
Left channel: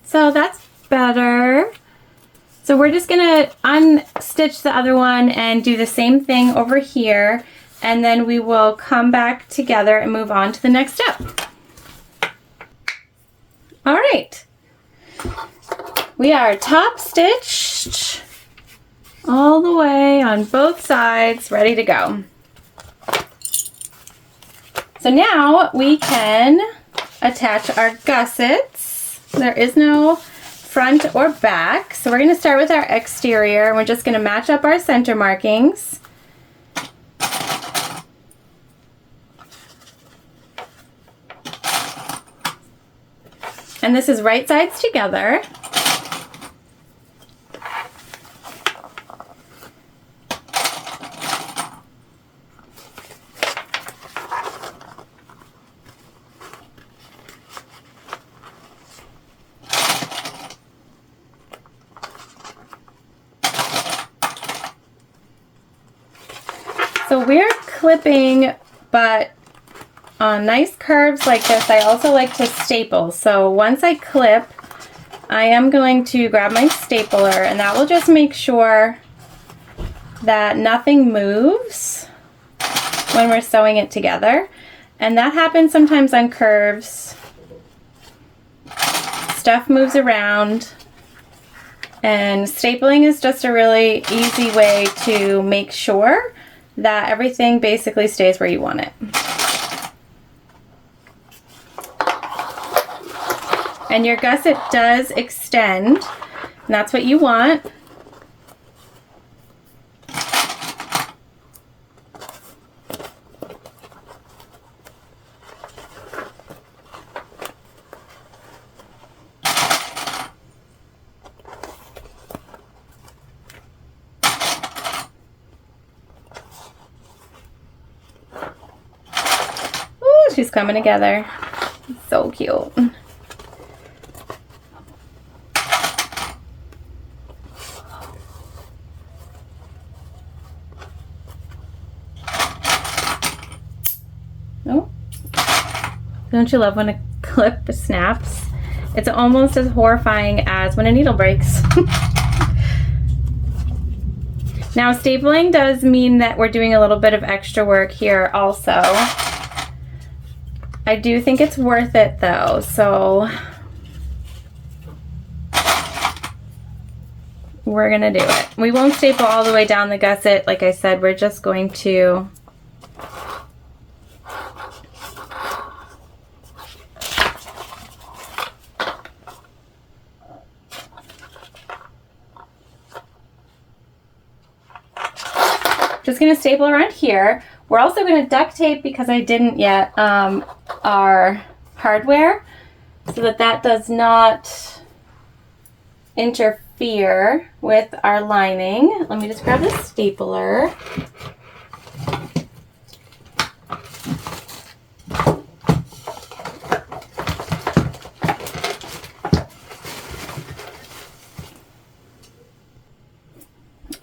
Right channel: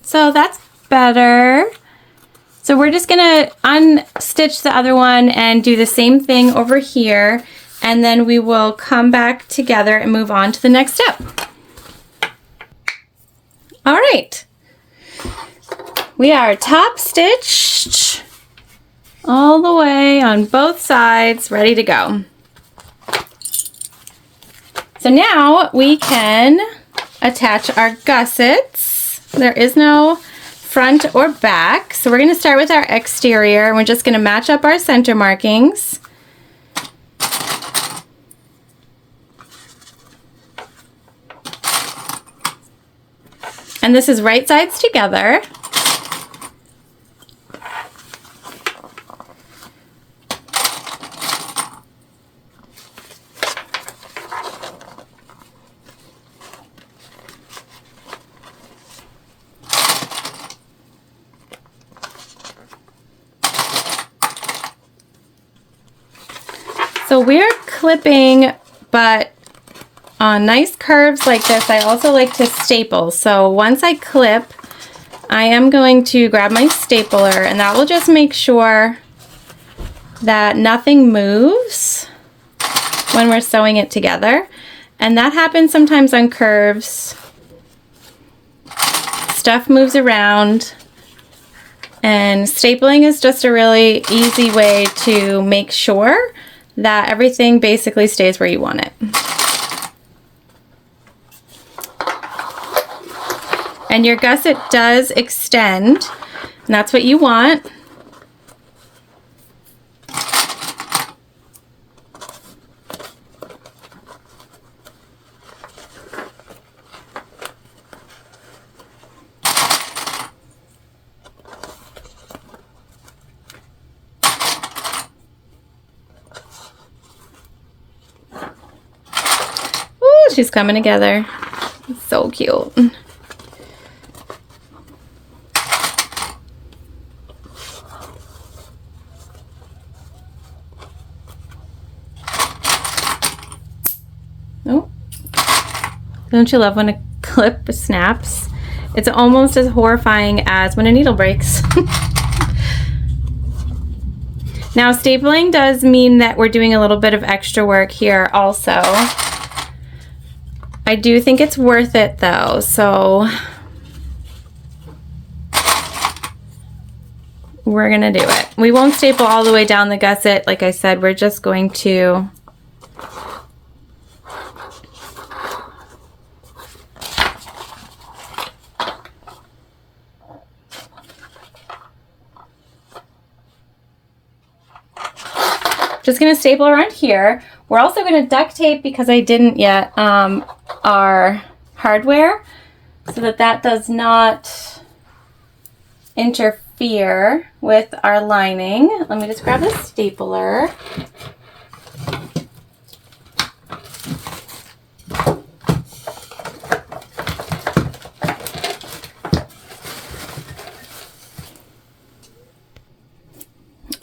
So that's better. So we're just gonna unstitch the other one and do the same thing over here, and then we will come back together and move on to the next step. All right, we are top stitched all the way on both sides, ready to go. So now we can attach our gussets. There is no front or back, so we're going to start with our exterior, and we're just going to match up our center markings. And this is right sides together. So we're clipping, but on nice curves like this, I also like to staple. So once I clip, I am going to grab my stapler, and that will just make sure that nothing moves when we're sewing it together. And that happens sometimes on curves. Stuff moves around, and stapling is just a really easy way to make sure that everything basically stays where you want it. And your gusset does extend, and that's what you want. She's coming together. So cute. Oh, don't you love when a clip snaps? It's almost as horrifying as when a needle breaks. Now, stapling does mean that we're doing a little bit of extra work here also. I do think it's worth it though, so we're gonna do it. We won't staple all the way down the gusset. Like I said, we're just going to staple around here. We're also going to duct tape, because I didn't yet, our hardware, so that does not interfere with our lining. Let me just grab the stapler.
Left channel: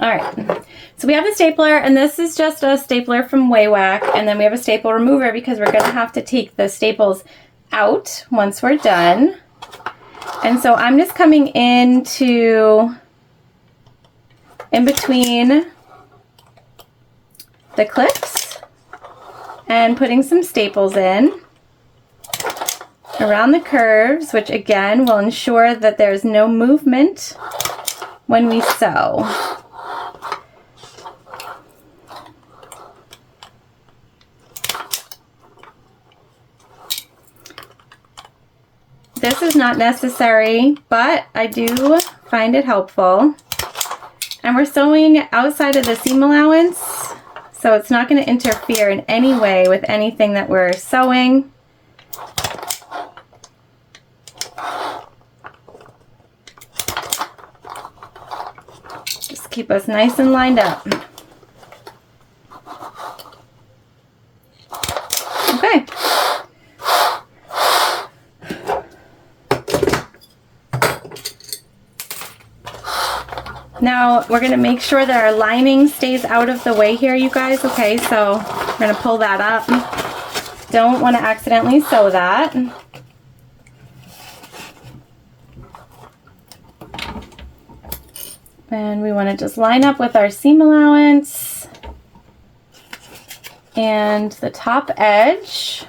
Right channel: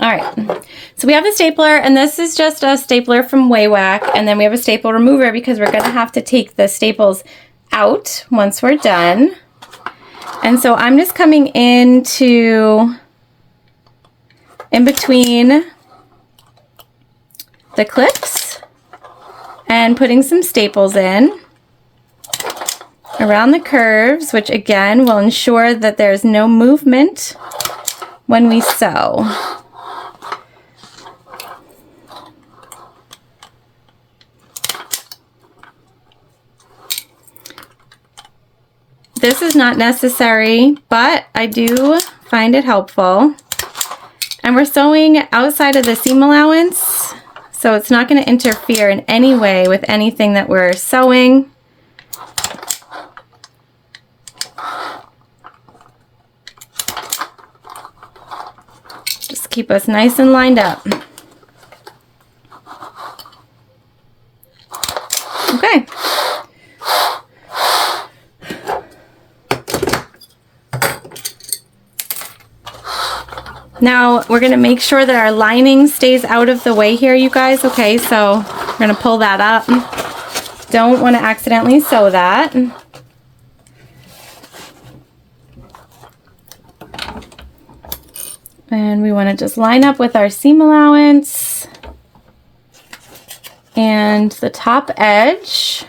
All right, so we have the stapler, and this is just a stapler from Waywack, and then we have a staple remover because we're gonna have to take the staples out once we're done. And so I'm just coming in between the clips and putting some staples in around the curves, which again will ensure that there's no movement when we sew. This is not necessary, but I do find it helpful. And we're sewing outside of the seam allowance, so it's not going to interfere in any way with anything that we're sewing. Just keep us nice and lined up. Okay. Now we're going to make sure that our lining stays out of the way here, you guys. Okay, so we're going to pull that up. Don't want to accidentally sew that. And we want to just line up with our seam allowance and the top edge.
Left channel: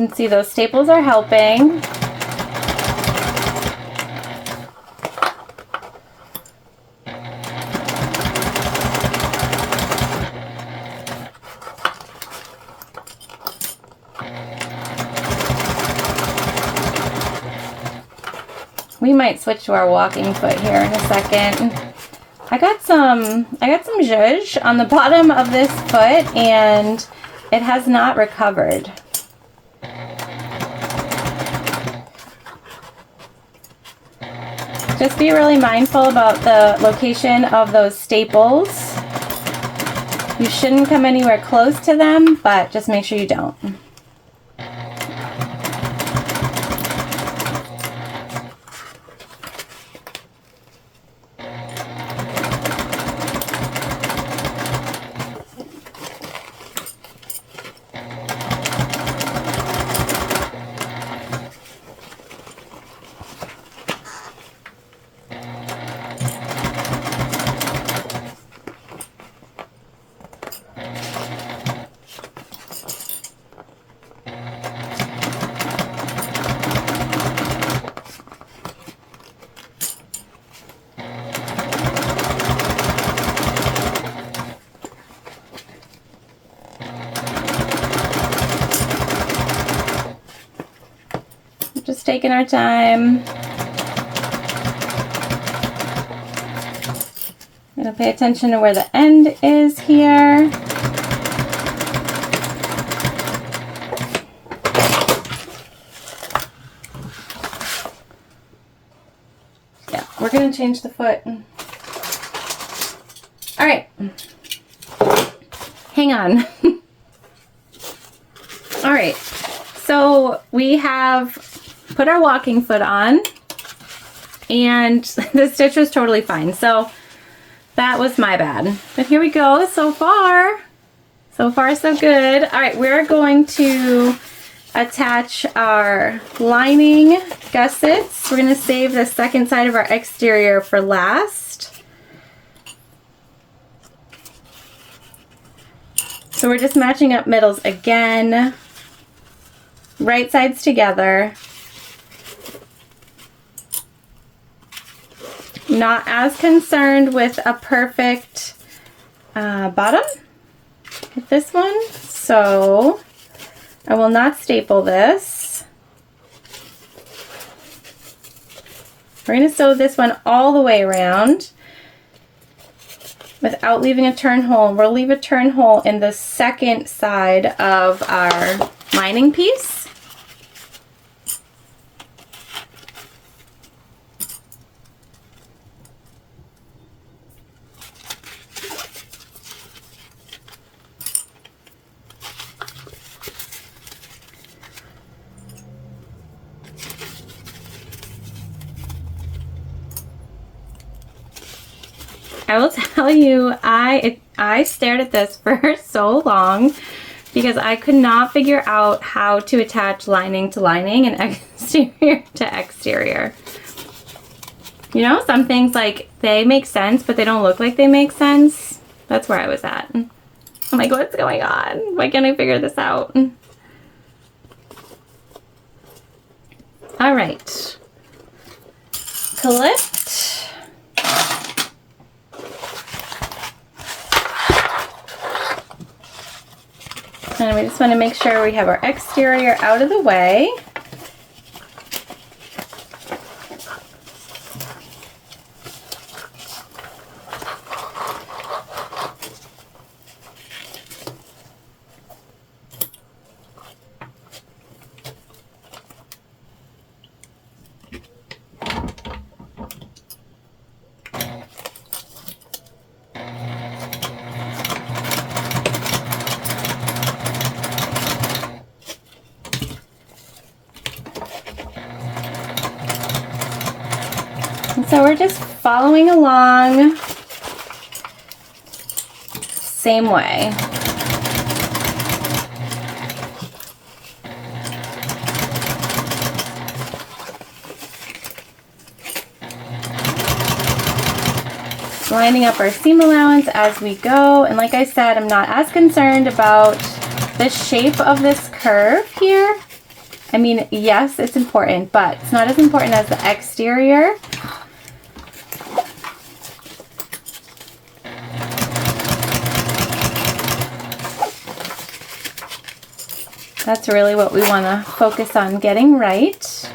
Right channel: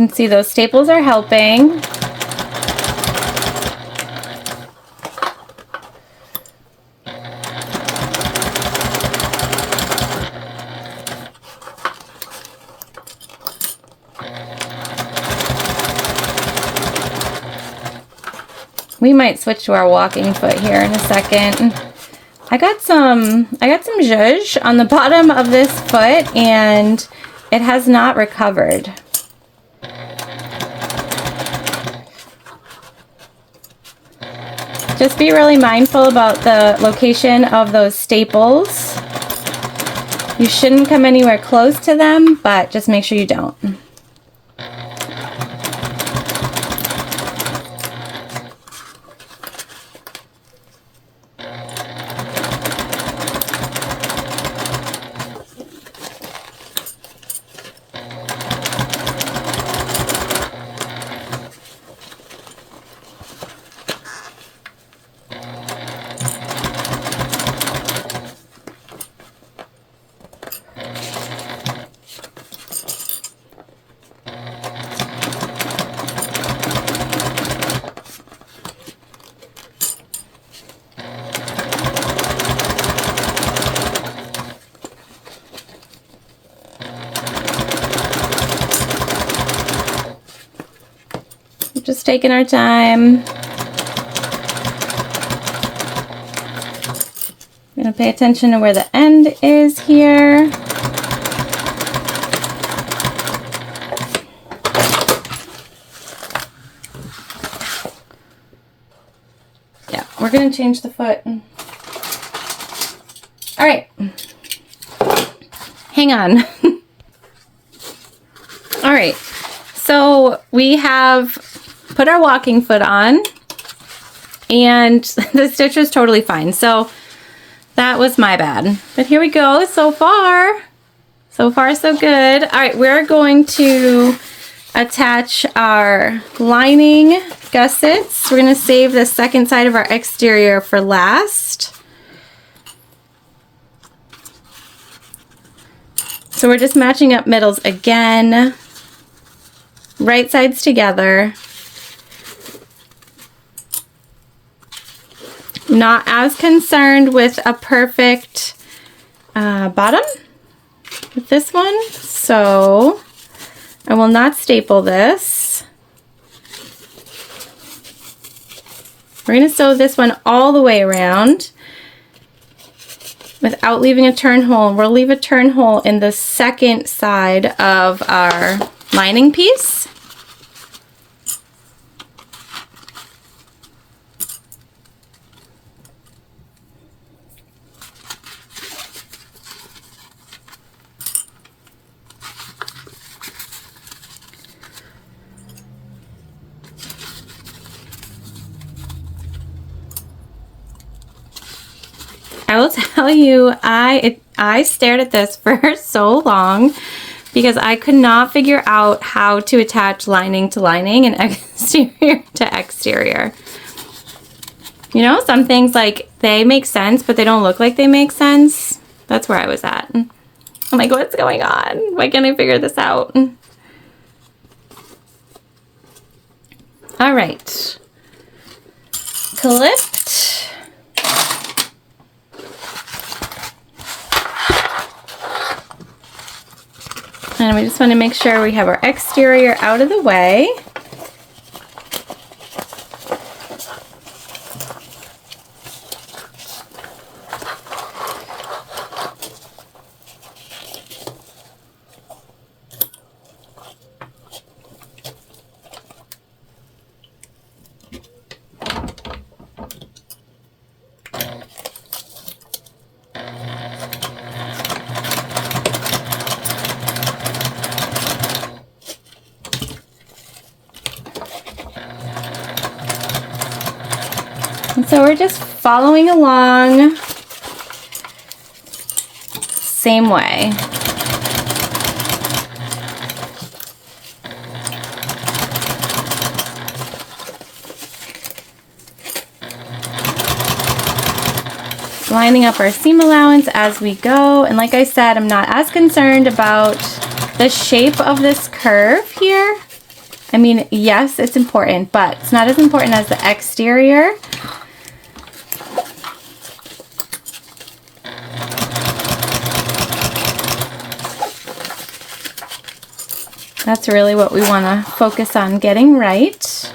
You can see those staples are helping. We might switch to our walking foot here in a second. I got some zhuzh on the bottom of this foot and it has not recovered. Just be really mindful about the location of those staples. You shouldn't come anywhere close to them, but just make sure you don't. Just taking our time. I'm going to pay attention to where the end is here. Yeah, we're going to change the foot. All right. Hang on. All right. So we have put our walking foot on, and the stitch was totally fine. So that was my bad. But here we go. So far so good. All right, we're going to attach our lining gussets. We're going to save the second side of our exterior for last. So we're just matching up middles again. Right sides together. Not as concerned with a perfect bottom with this one, so I will not staple this. We're going to sew this one all the way around without leaving a turn hole. We'll leave a turn hole in the second side of our lining piece. I will tell you, I stared at this for so long because I could not figure out how to attach lining to lining and exterior to exterior. You know, some things like they make sense, but they don't look like they make sense. That's where I was at. I'm like, what's going on? Why can't I figure this out? All right. Clipped. And we just want to make sure we have our exterior out of the way. So we're just following along, same way. Lining up our seam allowance as we go, and like I said, I'm not as concerned about the shape of this curve here. I mean, yes, it's important, but it's not as important as the exterior. That's really what we want to focus on getting right.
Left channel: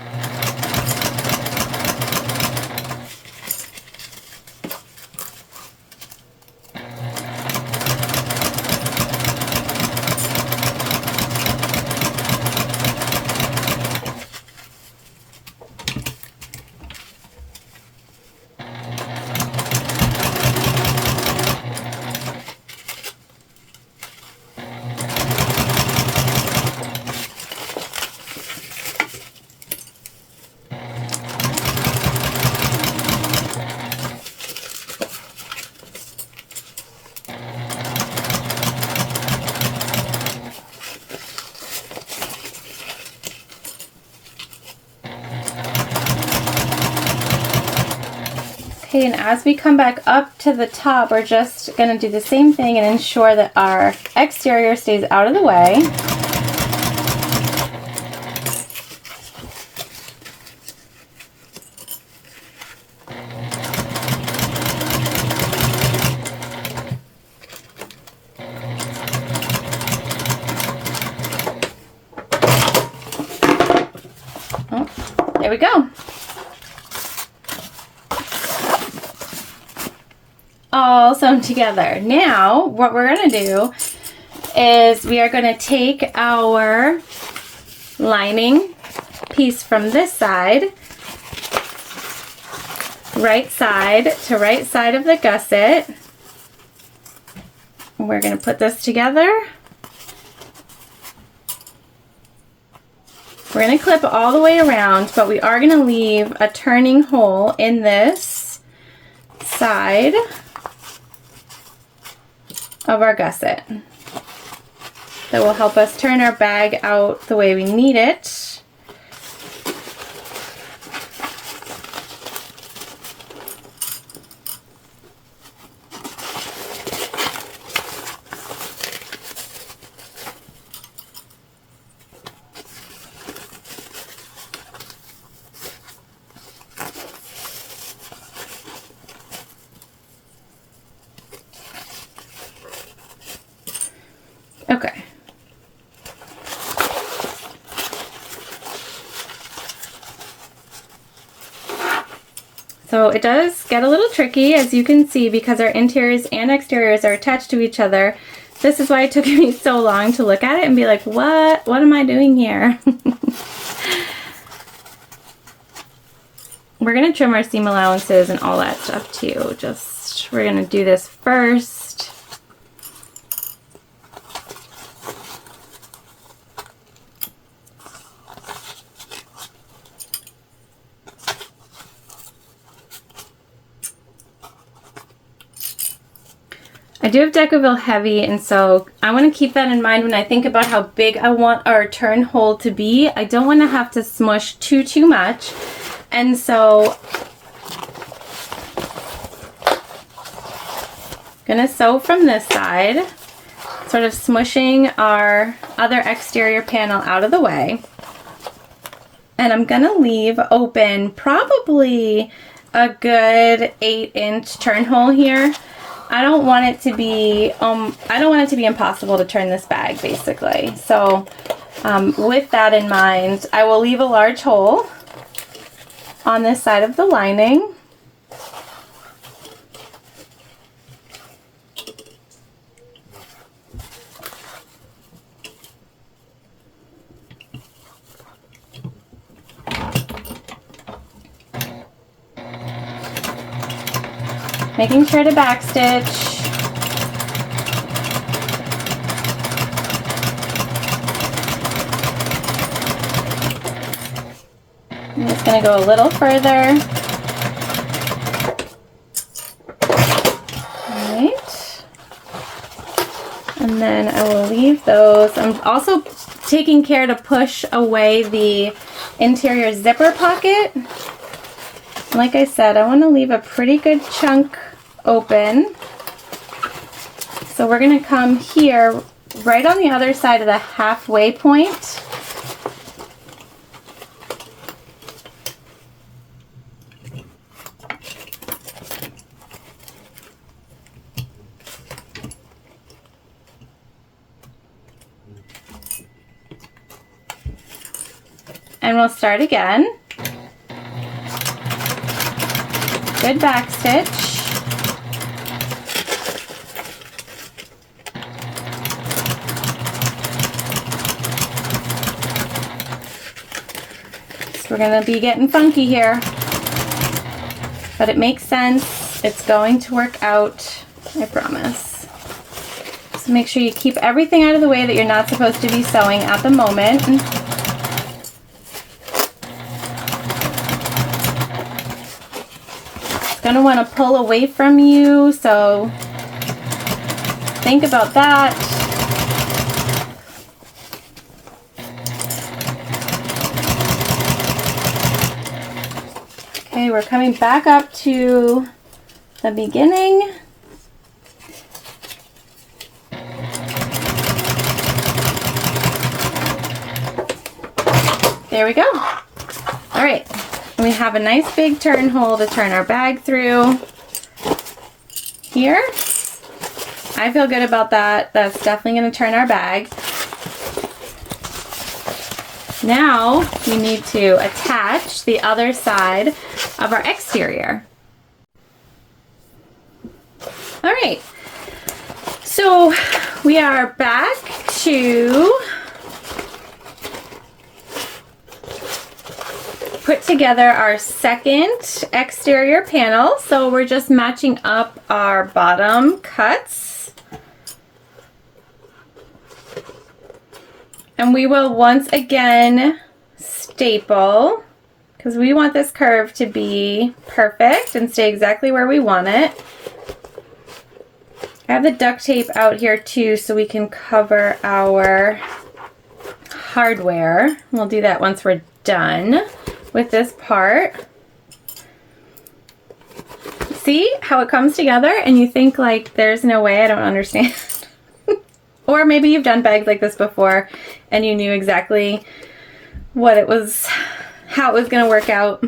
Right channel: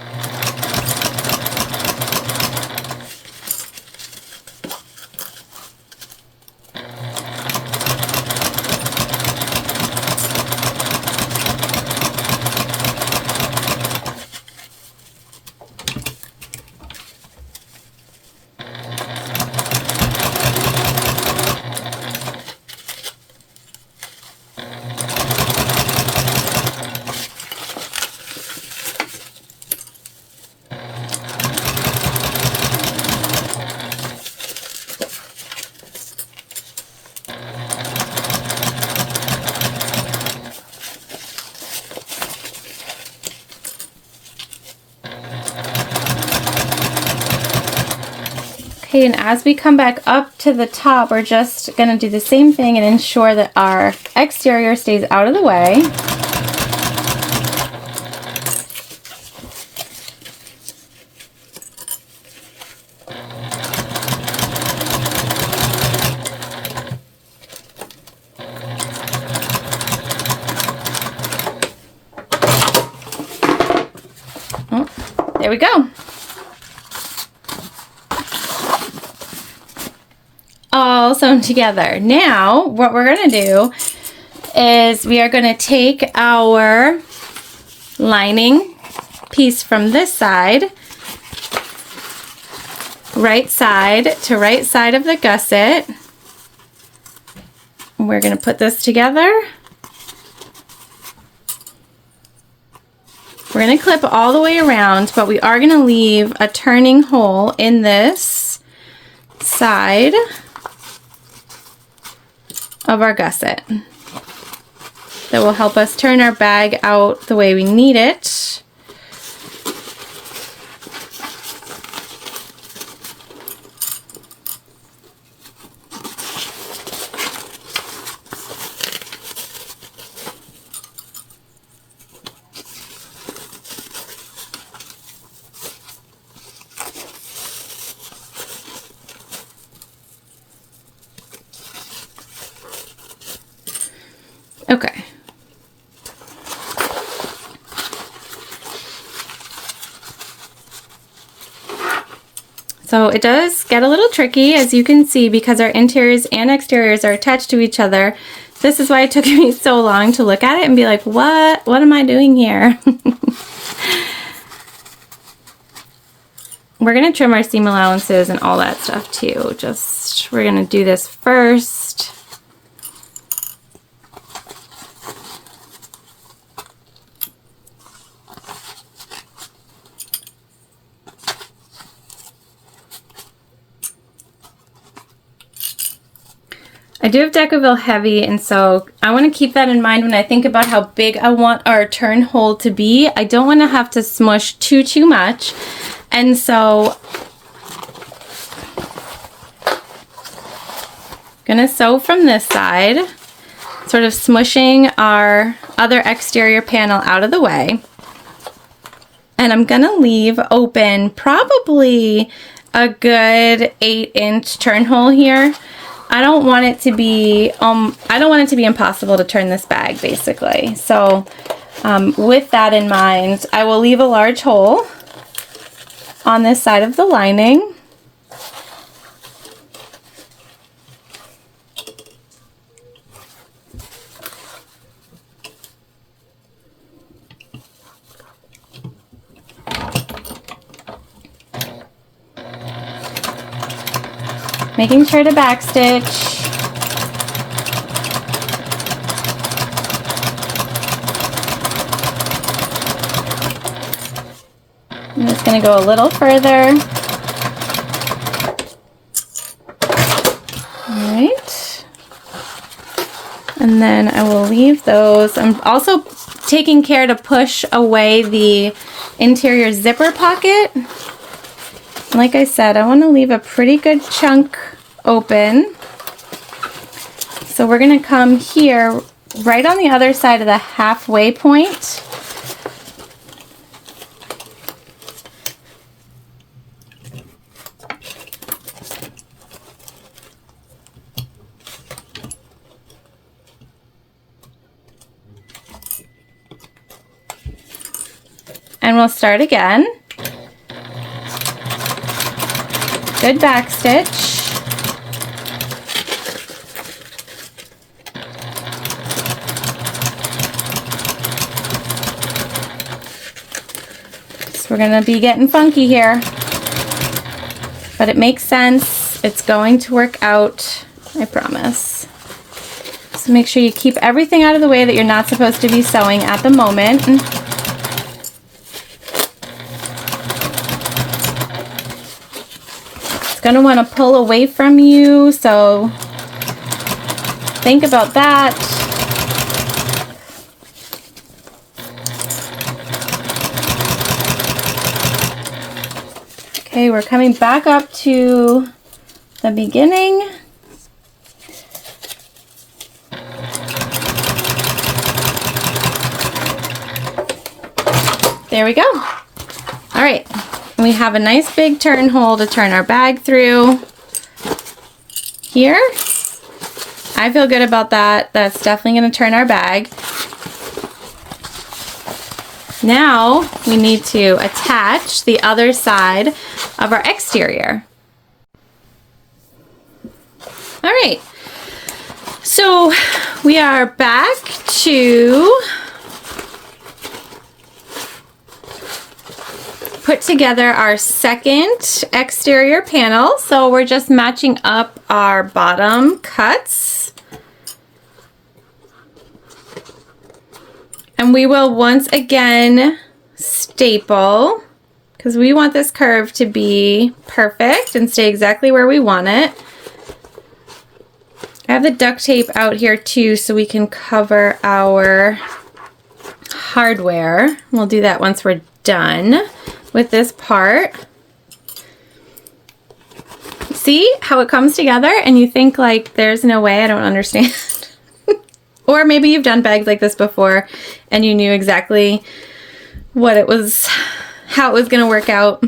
Okay, and as we come back up to the top, we're just going to do the same thing and ensure that our exterior stays out of the way. Oh. There we go. All sewn together. Now, what we're gonna do is we are gonna take our lining piece from this side, right side to right side of the gusset. We're gonna put this together. We're gonna clip all the way around, but we are gonna leave a turning hole in this side of our gusset that will help us turn our bag out the way we need it. Okay. So it does get a little tricky, as you can see, because our interiors and exteriors are attached to each other. This is why it took me so long to look at it and be like, what am I doing here? We're gonna trim our seam allowances and all that stuff too. We're gonna do this first. I do have Decoville heavy, and so I want to keep that in mind when I think about how big I want our turn hole to be. I don't want to have to smush too much, and so I'm gonna sew from this side, sort of smushing our other exterior panel out of the way, and I'm gonna leave open probably a good 8-inch turn hole here. I don't want it to be impossible to turn this bag, basically. So with that in mind, I will leave a large hole on this side of the lining. Making sure to backstitch. I'm just going to go a little further. All right. And then I will leave those. I'm also taking care to push away the interior zipper pocket. Like I said, I want to leave a pretty good chunk open. So we're going to come here right on the other side of the halfway point. And we'll start again. Good back stitch. So we're gonna be getting funky here, but it makes sense. It's going to work out, I promise. So make sure you keep everything out of the way that you're not supposed to be sewing at the moment. Going to want to pull away from you, so think about that. Okay, we're coming back up to the beginning. There we go. All right. We have a nice big turn hole to turn our bag through here. I feel good about that. That's definitely going to turn our bag. Now we need to attach the other side of our exterior. All right, so we are back to put together our second exterior panel. So we're just matching up our bottom cuts. And we will once again staple, because we want this curve to be perfect and stay exactly where we want it. I have the duct tape out here too, so we can cover our hardware. We'll do that once we're done with this part. See how it comes together and you think like there's no way, I don't understand. Or maybe you've done bags like this before and you knew exactly what it was, how it was going to work out.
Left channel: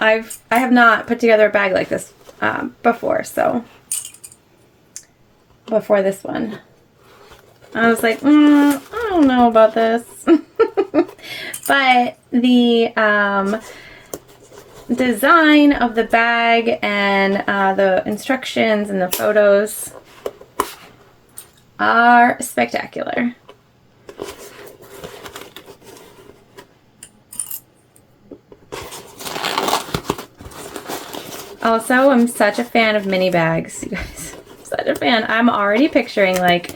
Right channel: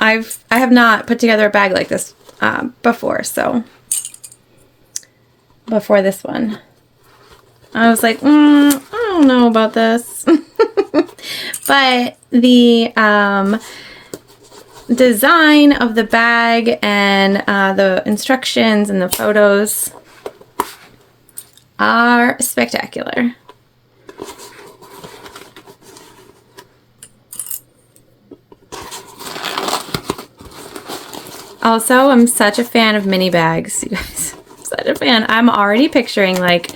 I have not put together a bag like this before, so before this one I was like, I don't know about this. But the design of the bag and the instructions and the photos are spectacular. Also, I'm such a fan of mini bags, you guys. I'm such a fan. I'm already picturing like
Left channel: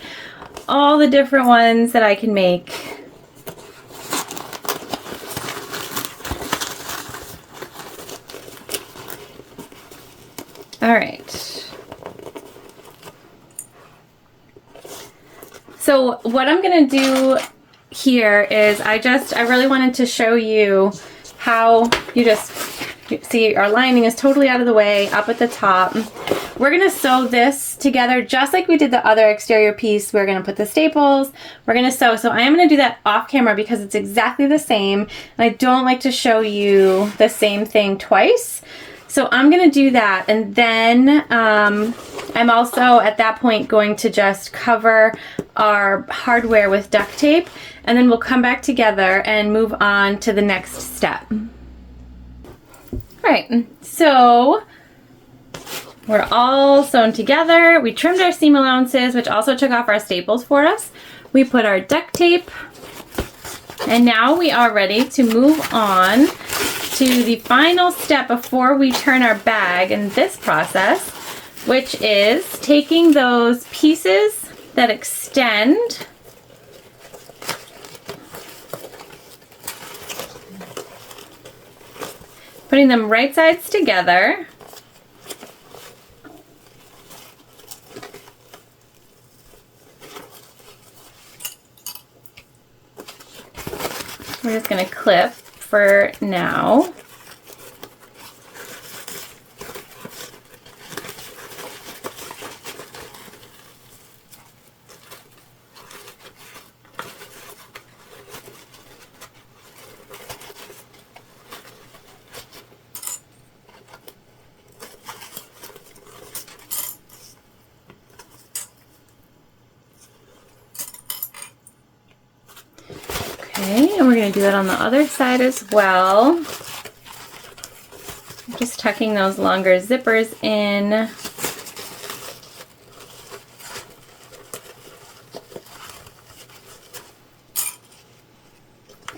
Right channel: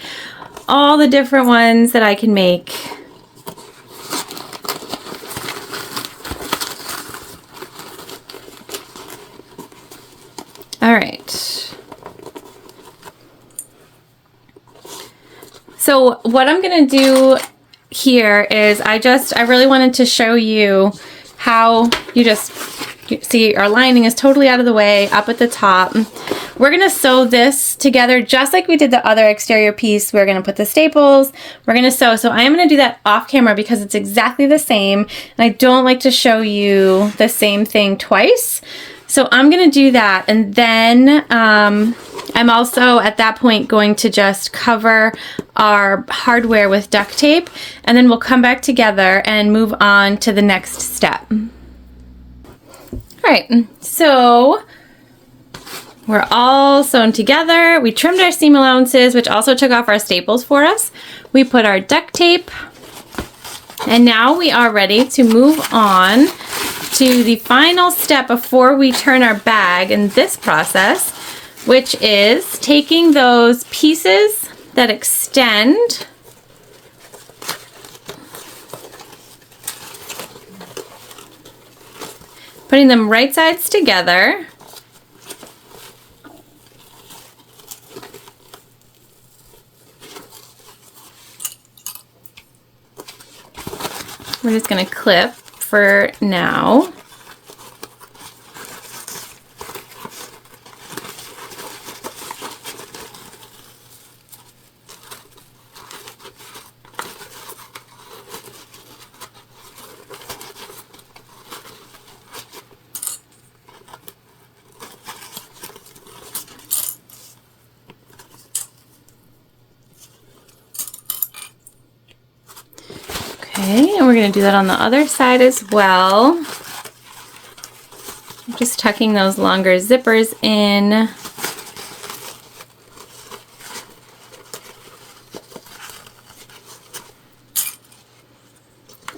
all the different ones that I can make. All right. So what I'm gonna do here is I really wanted to show you how you see our lining is totally out of the way up at the top. We're gonna sew this together just like we did the other exterior piece. We're gonna put the staples, we're gonna sew. So I am gonna do that off camera because it's exactly the same and I don't like to show you the same thing twice. So I'm gonna do that, and then I'm also at that point going to just cover our hardware with duct tape, and then we'll come back together and move on to the next step. All right, so we're all sewn together. We trimmed our seam allowances, which also took off our staples for us. We put our duct tape, and now we are ready to move on to the final step before we turn our bag in this process, which is taking those pieces that extend putting them right sides together. We're just going to clip for now. Okay, and we're going to do that on the other side as well. Just tucking those longer zippers in.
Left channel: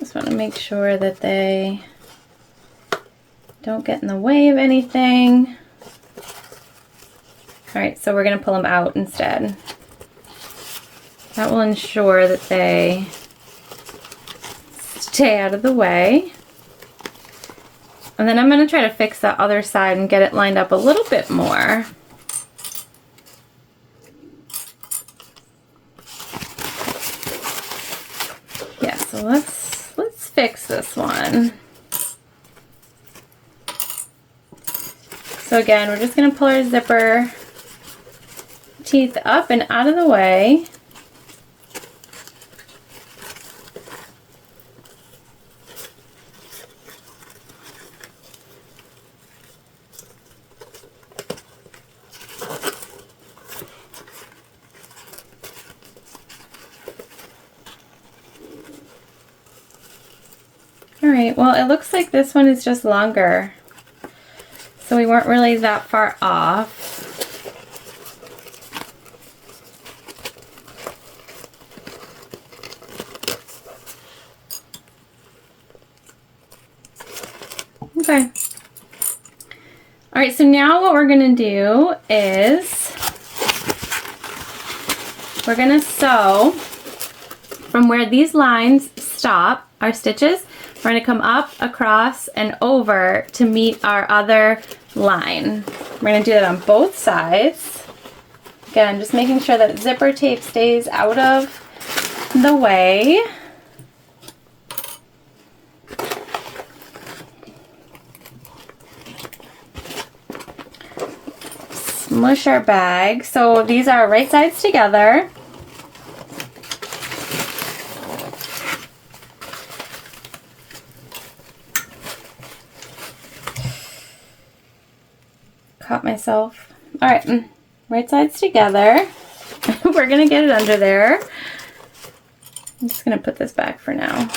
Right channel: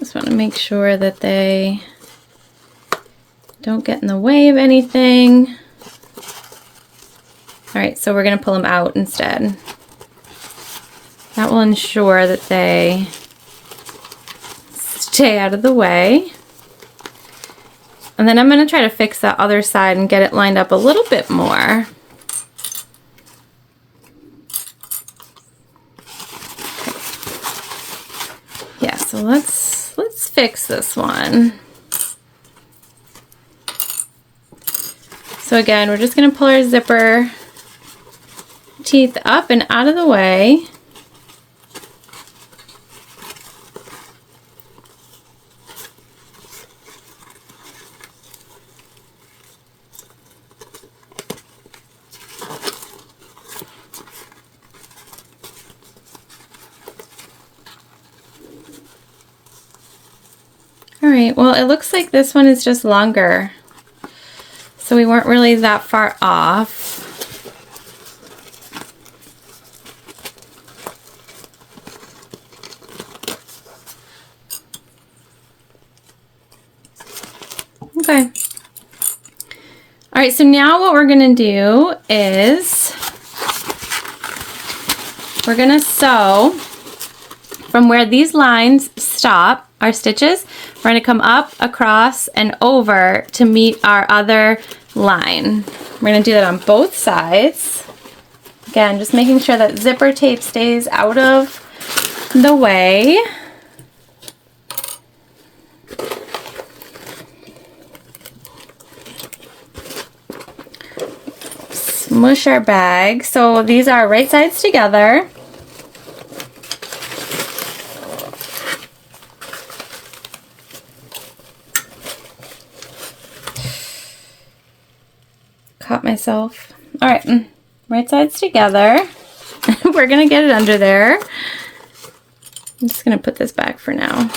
Just want to make sure that they don't get in the way of anything. All right, so we're going to pull them out instead. That will ensure that they stay out of the way. And then I'm going to try to fix that other side and get it lined up a little bit more. Yeah, so let's fix this one. So again, we're just going to pull our zipper teeth up and out of the way. right, well, it looks like this one is just longer. So we weren't really that far off. Okay. All right, so now what we're gonna do is we're gonna sew from where these lines stop, our stitches. We're gonna come up, across, and over to meet our other line. We're gonna do that on both sides. Again, just making sure that zipper tape stays out of the way. Smush our bag. So these are right sides together. Caught myself. All right, right sides together. We're gonna get it under there. I'm just gonna put this back for now.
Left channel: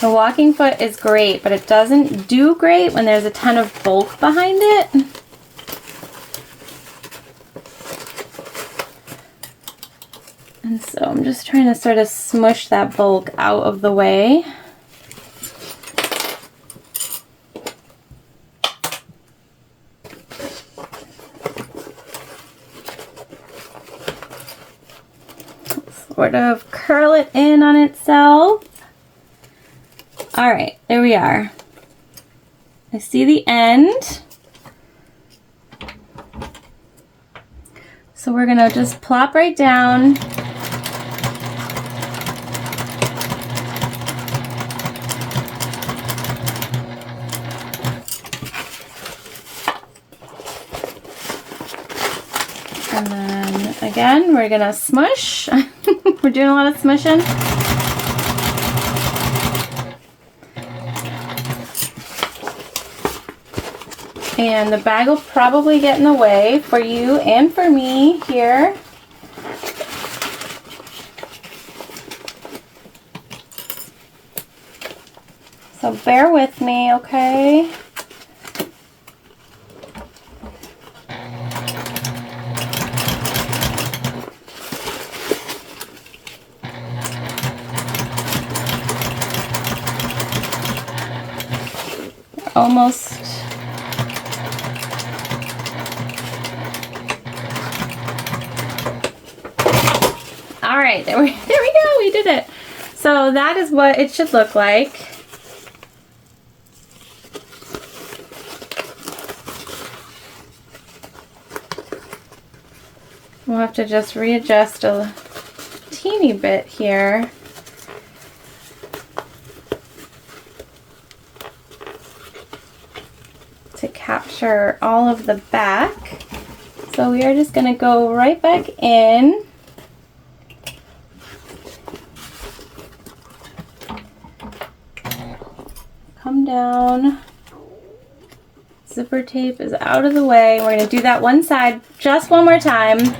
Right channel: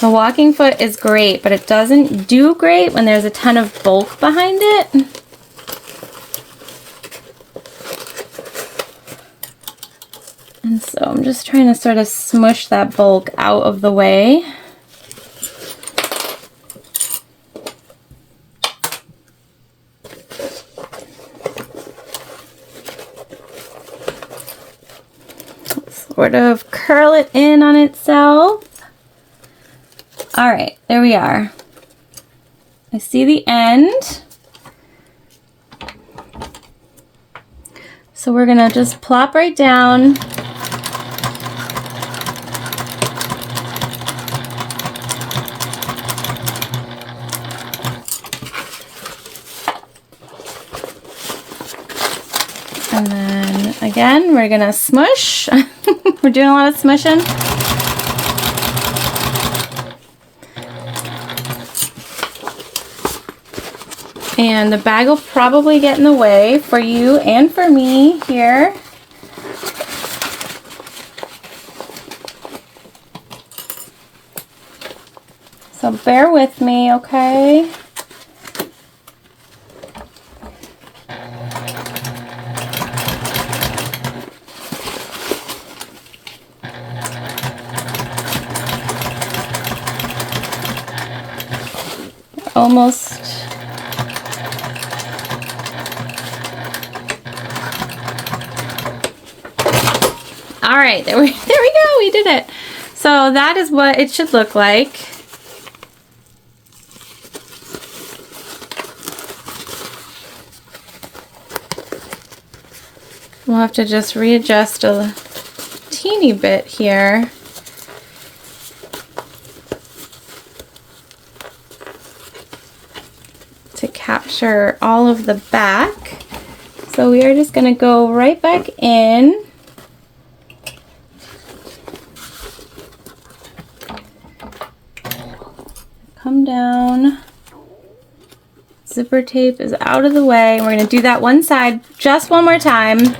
The walking foot is great, but it doesn't do great when there's a ton of bulk behind it. And so I'm just trying to sort of smush that bulk out of the way. Sort of curl it in on itself. All right, there we are. I see the end. So we're gonna just plop right down. And then again, we're gonna smush. We're doing a lot of smushing. And the bag will probably get in the way for you and for me here. So bear with me, okay? Almost. All right, there we go, we did it. So that is what it should look like. We'll have to just readjust a teeny bit here. To capture all of the back. So we are just going to go right back in. Come down. Zipper tape is out of the way. We're going to do that one side just one more time.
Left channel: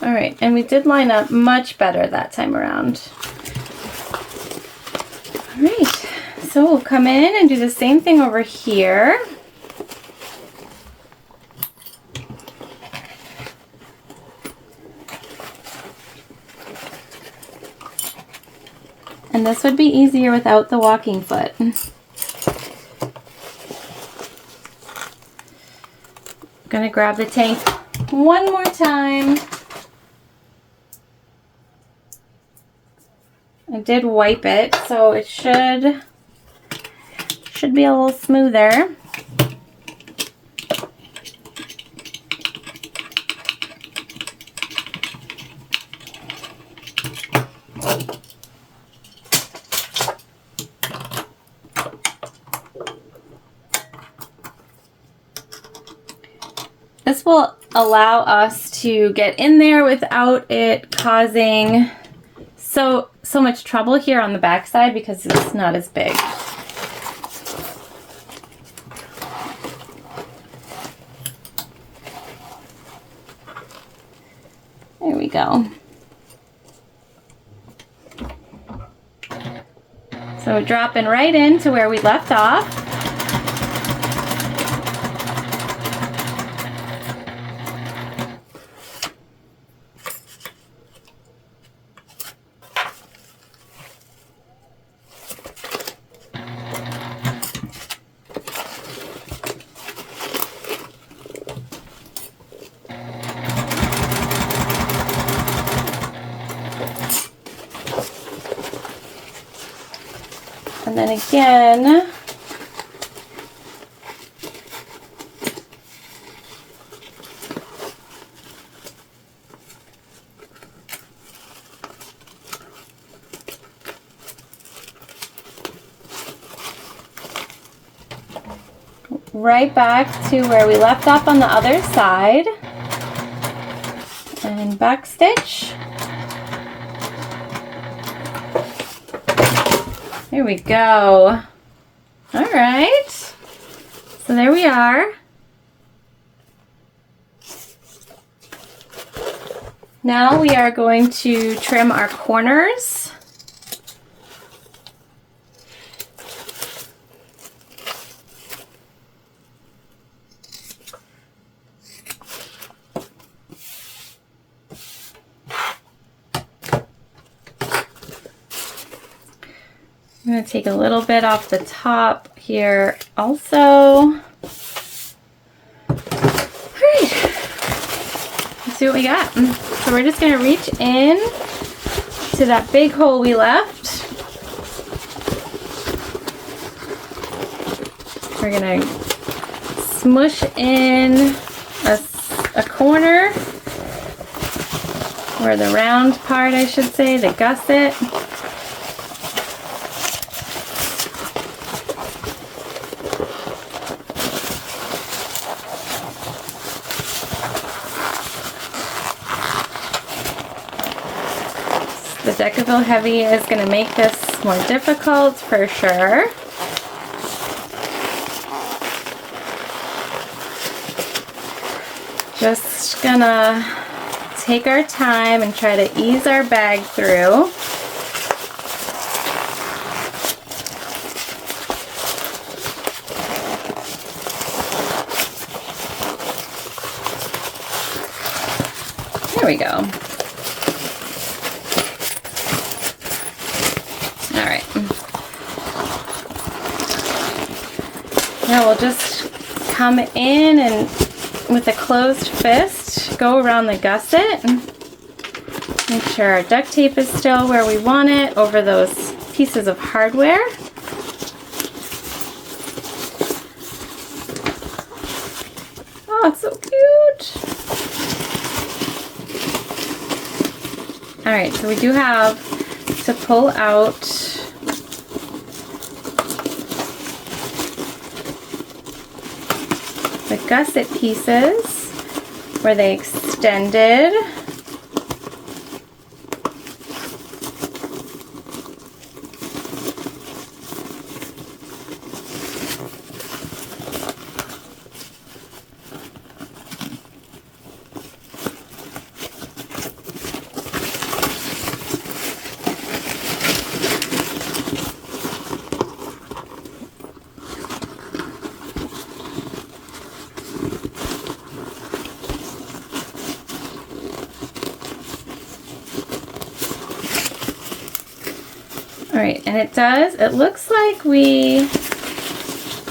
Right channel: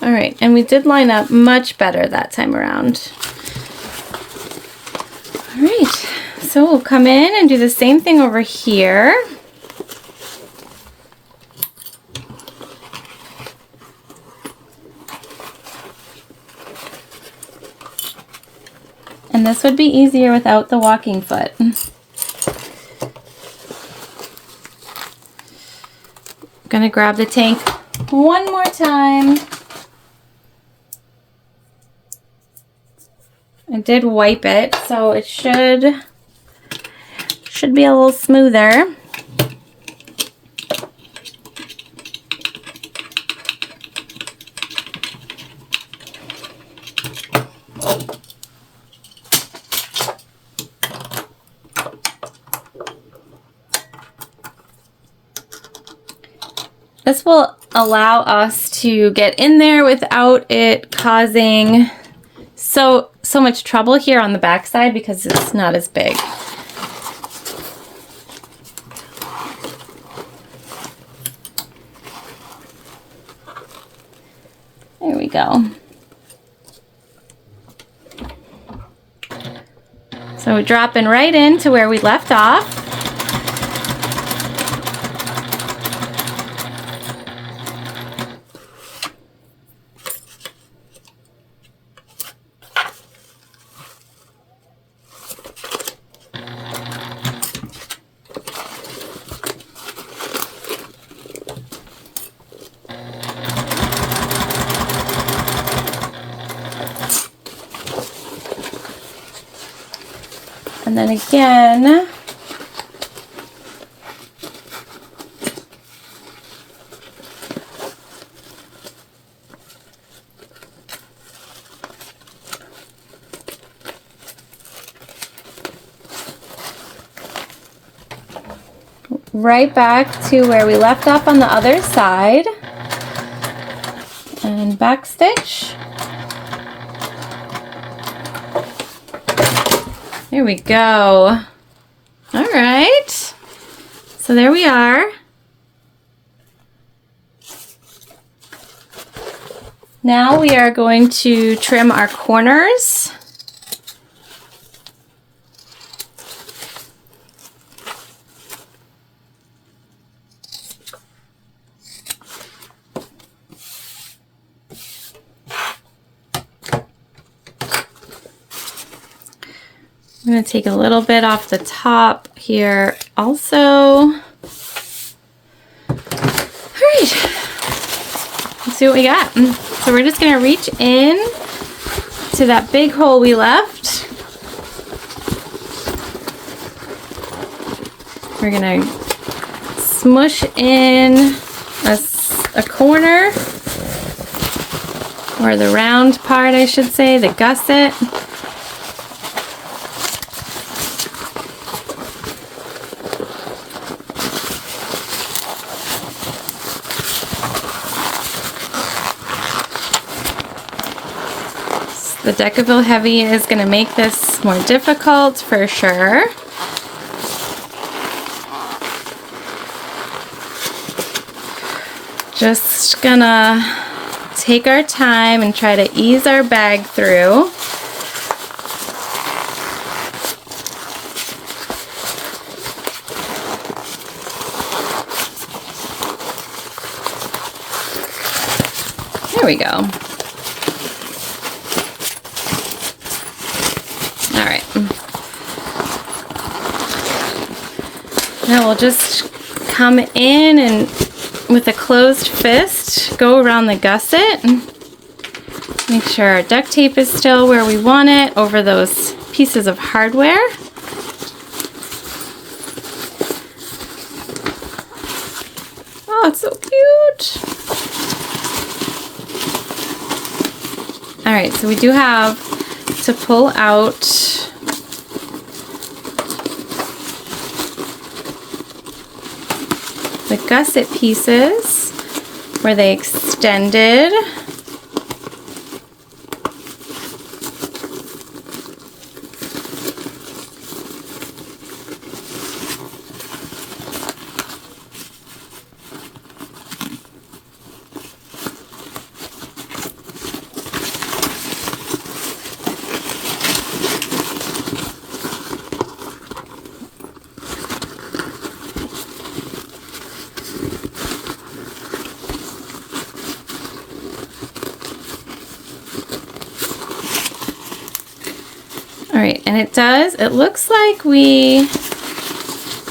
All right, and we did line up much better that time around. All right, so we'll come in and do the same thing over here. And this would be easier without the walking foot. I'm gonna grab the tank one more time. I did wipe it, so it should be a little smoother. This will allow us to get in there without it causing so much trouble here on the back side because it's not as big. There we go. So we're dropping right into where we left off. And then again, right back to where we left off on the other side and back stitch. There we go. All right. So there we are. Now we are going to trim our corners. I'm going to take a little bit off the top here also. All right, let's see what we got. So we're just going to reach in to that big hole we left. We're going to smush in a corner, or the round part I should say, the gusset. The Decaville Heavy is going to make this more difficult for sure. Just gonna take our time and try to ease our bag through. There we go. Now we'll just come in and with a closed fist go around the gusset. Make sure our duct tape is still where we want it over those pieces of hardware. Oh, it's so cute. All right, so we do have to pull out the gusset pieces where they extended. All right, and it looks like we're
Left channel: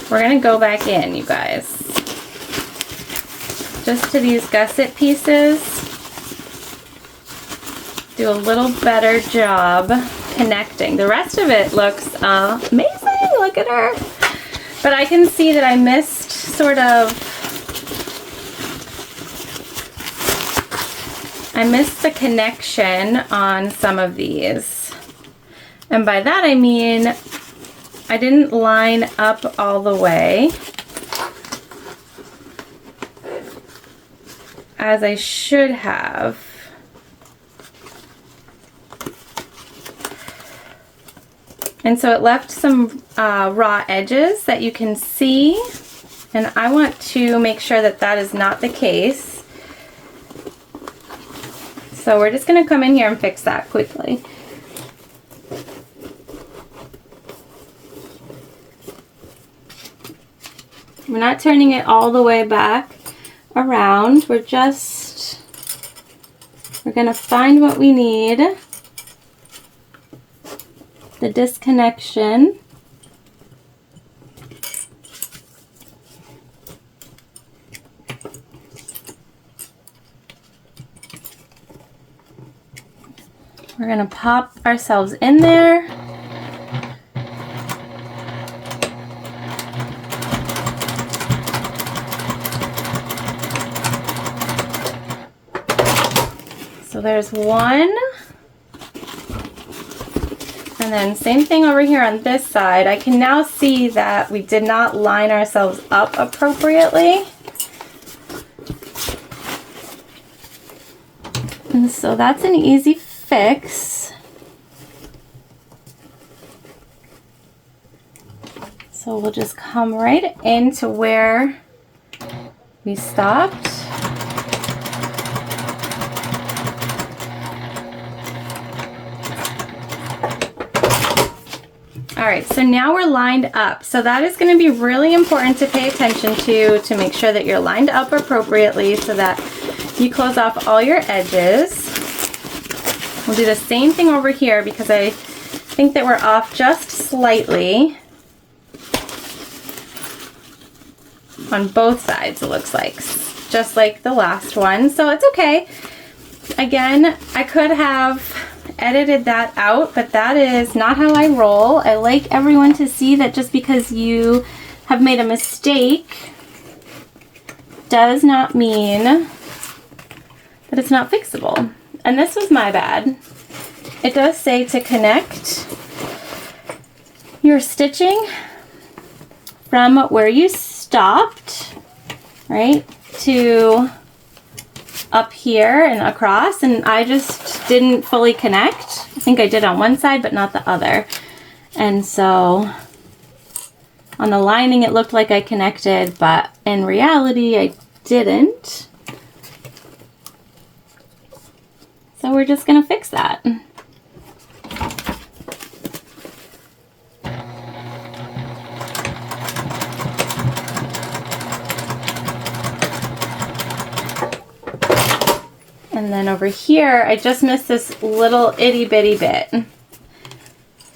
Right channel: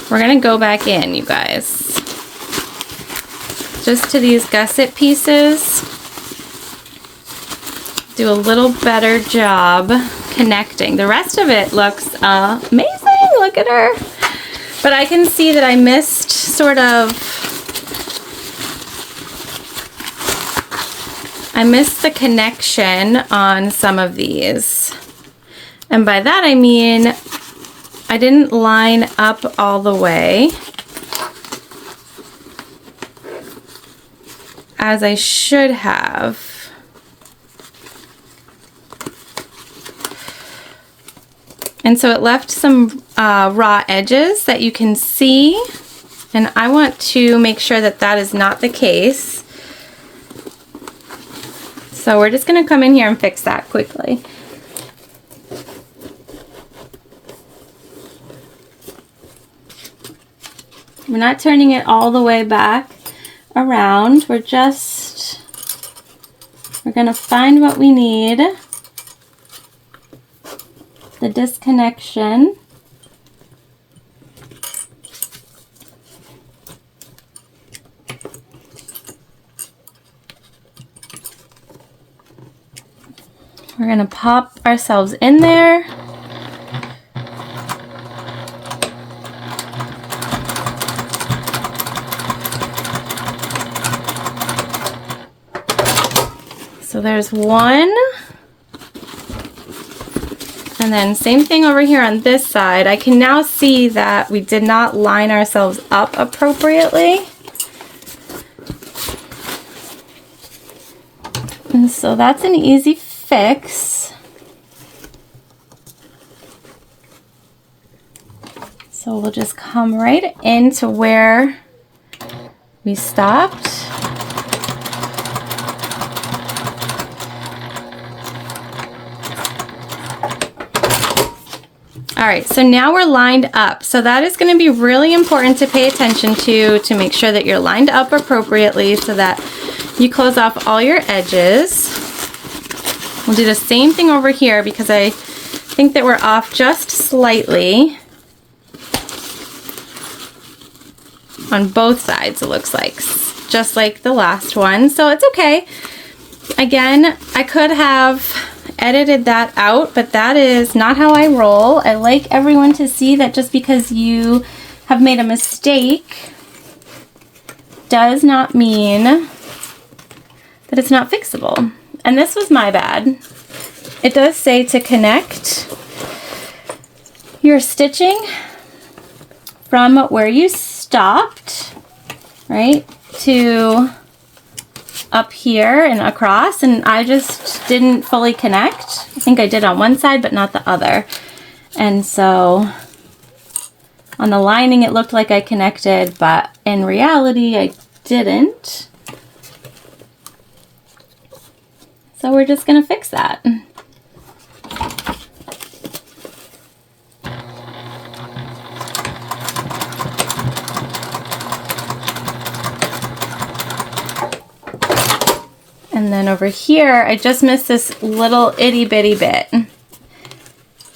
gonna go back in, you guys. Just to these gusset pieces. Do a little better job connecting. The rest of it looks amazing, look at her. But I can see that I missed the connection on some of these. And by that I mean I didn't line up all the way as I should have. And so it left some raw edges that you can see, and I want to make sure that that is not the case. So we're just going to come in here and fix that quickly. We're not turning it all the way back around. We're going to find what we need. The disconnection. We're going to pop ourselves in there. So there's one. And then same thing over here on this side. I can now see that we did not line ourselves up appropriately. And so that's an easy fix. So we'll just come right into where we stopped. All right, so now we're lined up. So that is going to be really important to pay attention to make sure that you're lined up appropriately so that you close off all your edges. We'll do the same thing over here because I think that we're off just slightly on both sides, it looks like, just like the last one. So it's okay. Again, I could have edited that out, but that is not how I roll. I like everyone to see that just because you have made a mistake does not mean that it's not fixable. And this was my bad. It does say to connect your stitching from where you stopped, right, to up here and across, and I just didn't fully connect. I think I did on one side but not the other, and so on the lining it looked like I connected, but in reality I didn't. So we're just gonna fix that. And then over here, I just missed this little itty bitty bit.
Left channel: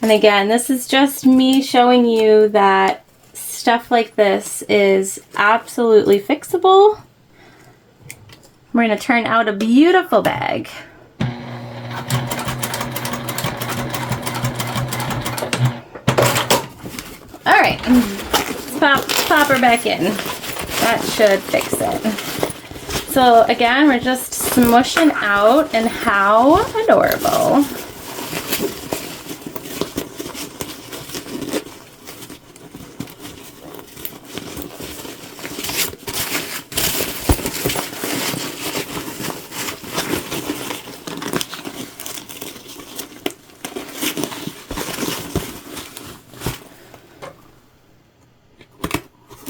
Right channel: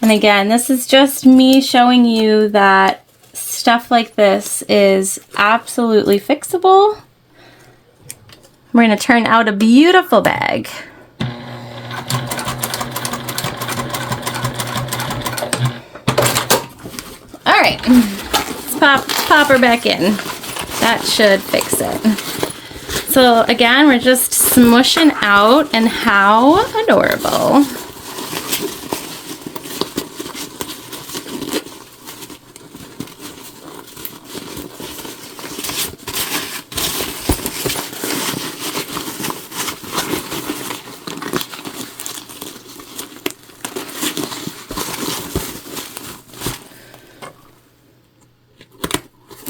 And again, this is just me showing you that stuff like this is absolutely fixable. We're gonna turn out a beautiful bag. All right, let's pop her back in. That should fix it. So again, we're just smushing out, and how adorable.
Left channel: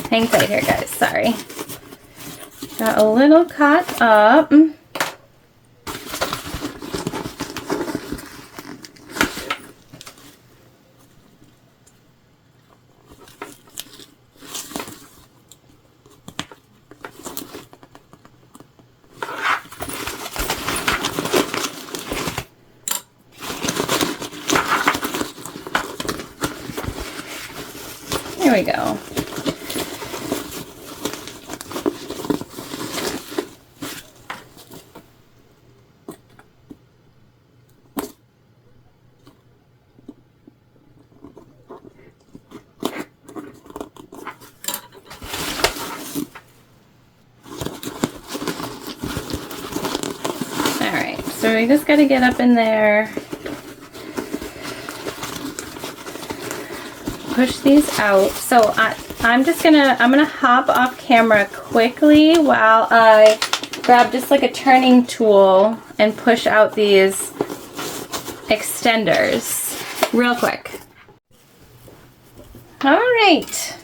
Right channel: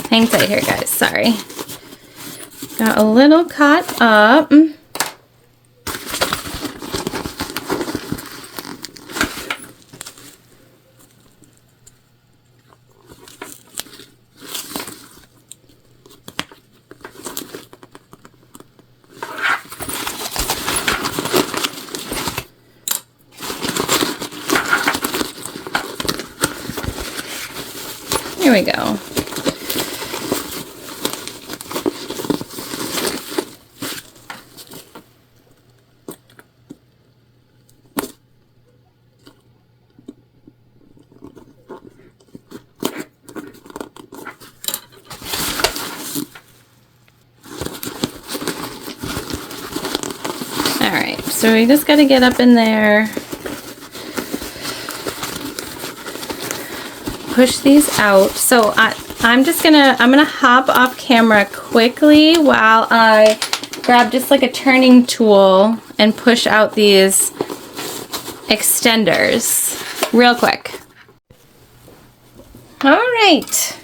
Hang tight here, guys, sorry. Got a little caught up. Here we go. So we just got to get up in there, push these out. So I'm gonna hop off camera quickly while I grab just like a turning tool and push out these extenders real quick. All right,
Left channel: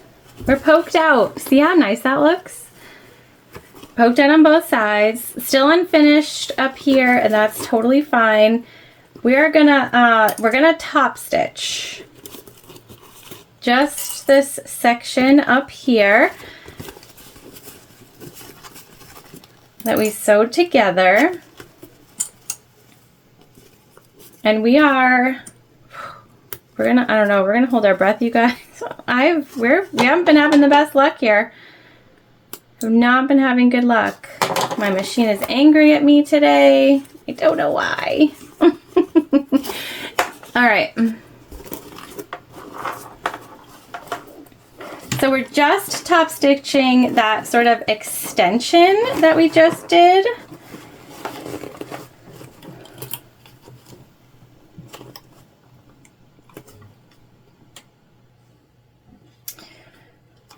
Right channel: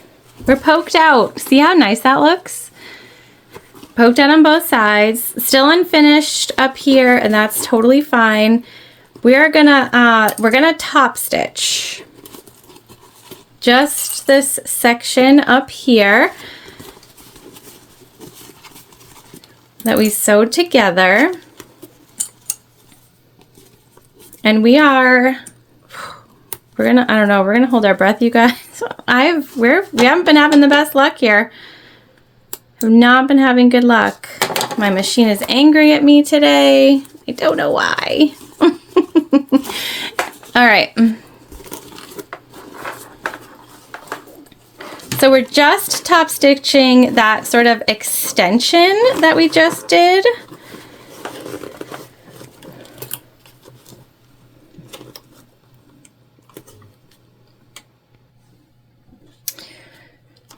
we're poked out. See how nice that looks? Poked out on both sides, still unfinished up here, and that's totally fine. We're gonna top stitch just this section up here that we sewed together. And we're gonna hold our breath, you guys. We haven't been having the best luck here. I've not been having good luck. My machine is angry at me today. I don't know why. All right. So we're just top stitching that sort of extension that we just did.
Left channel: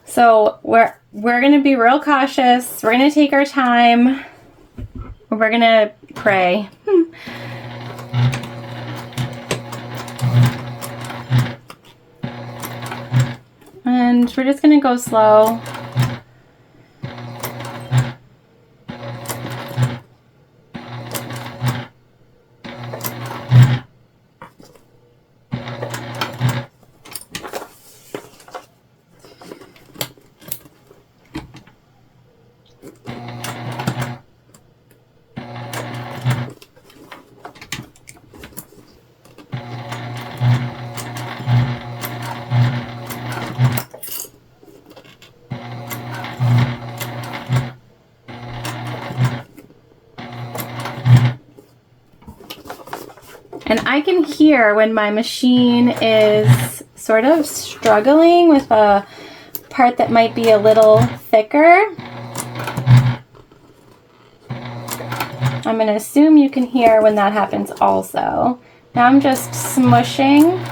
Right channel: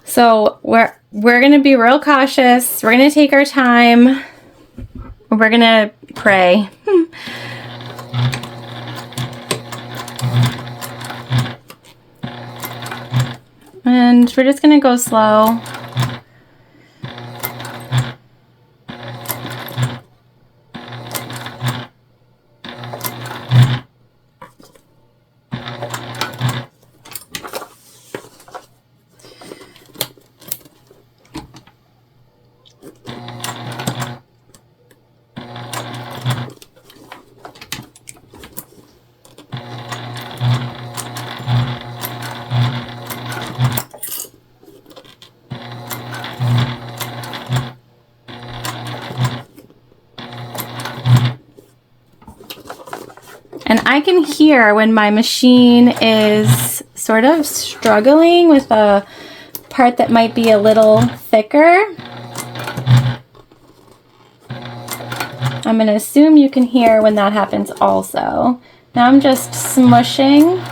So we're going to be real cautious. We're going to take our time. We're going to pray. And we're just going to go slow. And I can hear when my machine is sort of struggling with a part that might be a little thicker. I'm going to assume you can hear when that happens also. Now I'm just smushing.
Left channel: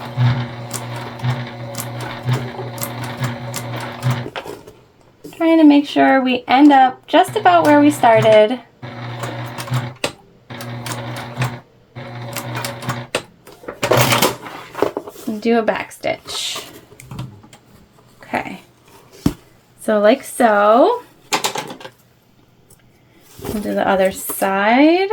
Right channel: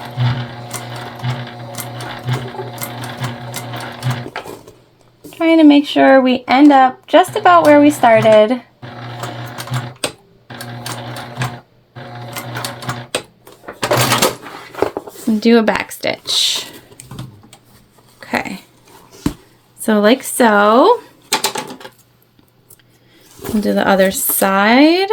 Trying to make sure we end up just about where we started. Do a back stitch. Okay, so like so. We'll do the other side.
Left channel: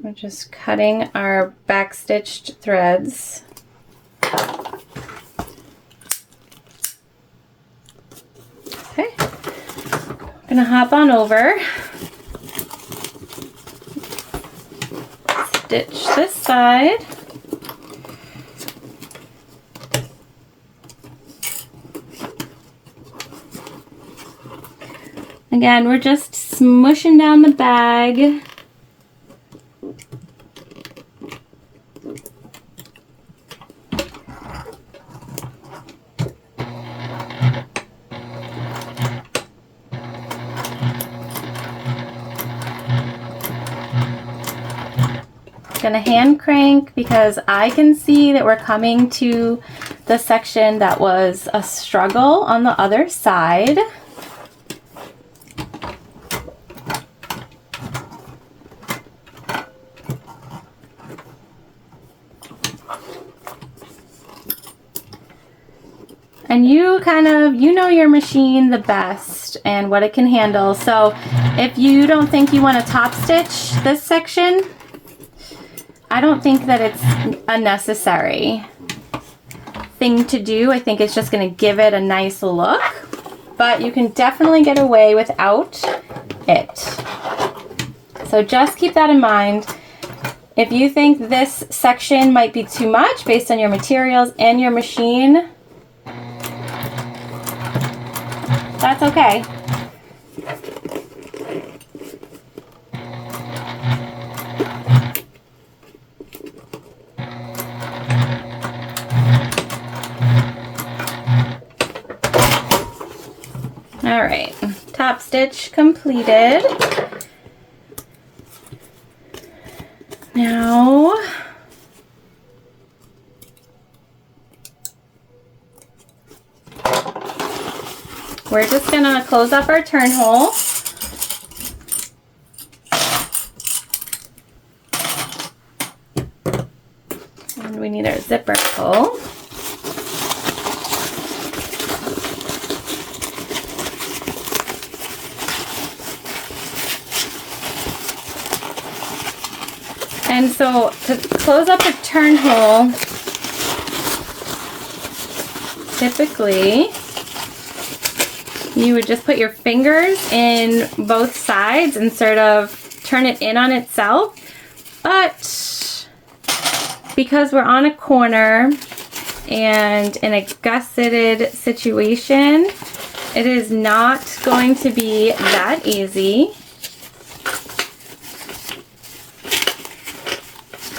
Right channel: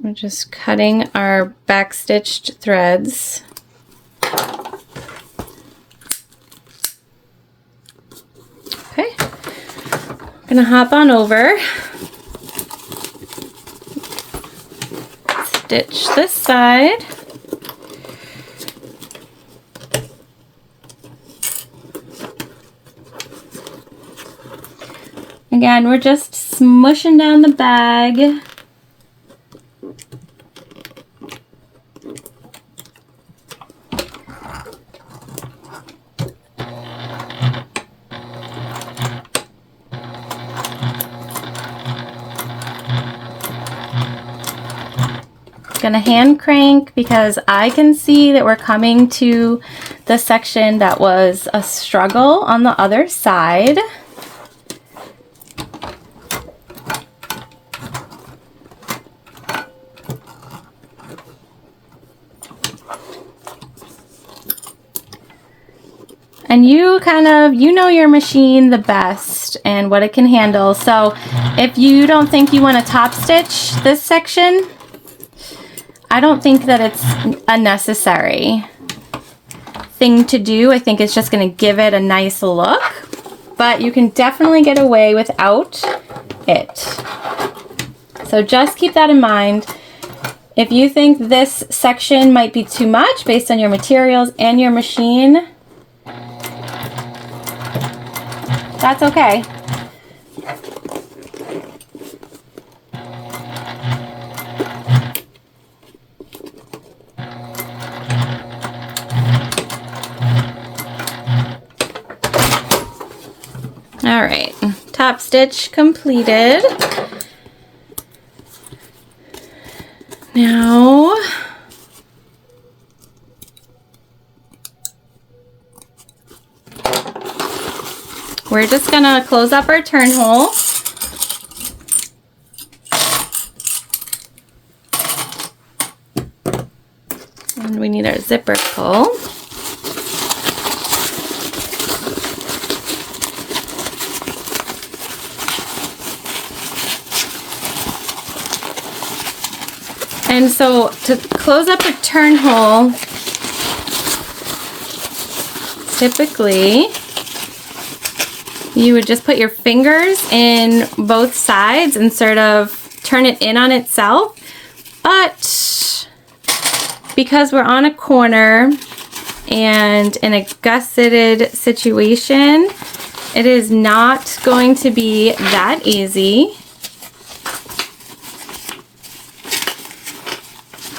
We're just cutting our back stitched threads. Okay, I'm gonna hop on over, stitch this side, again we're just smushing down the bag. Gonna hand crank because I can see that we're coming to the section that was a struggle on the other side. And you know your machine the best and what it can handle. So if you don't think you want to top stitch this section, I don't think that it's a necessary thing to do. I think it's just going to give it a nice look, but you can definitely get away without it. So just keep that in mind. If you think this section might be too much based on your materials and your machine, that's okay. All right, top stitch completed. Now we're just gonna close up our turn hole. And we need our zipper pull. And so to close up a turn hole, typically you would just put your fingers in both sides and sort of turn it in on itself. But because we're on a corner and in a gusseted situation, it is not going to be that easy.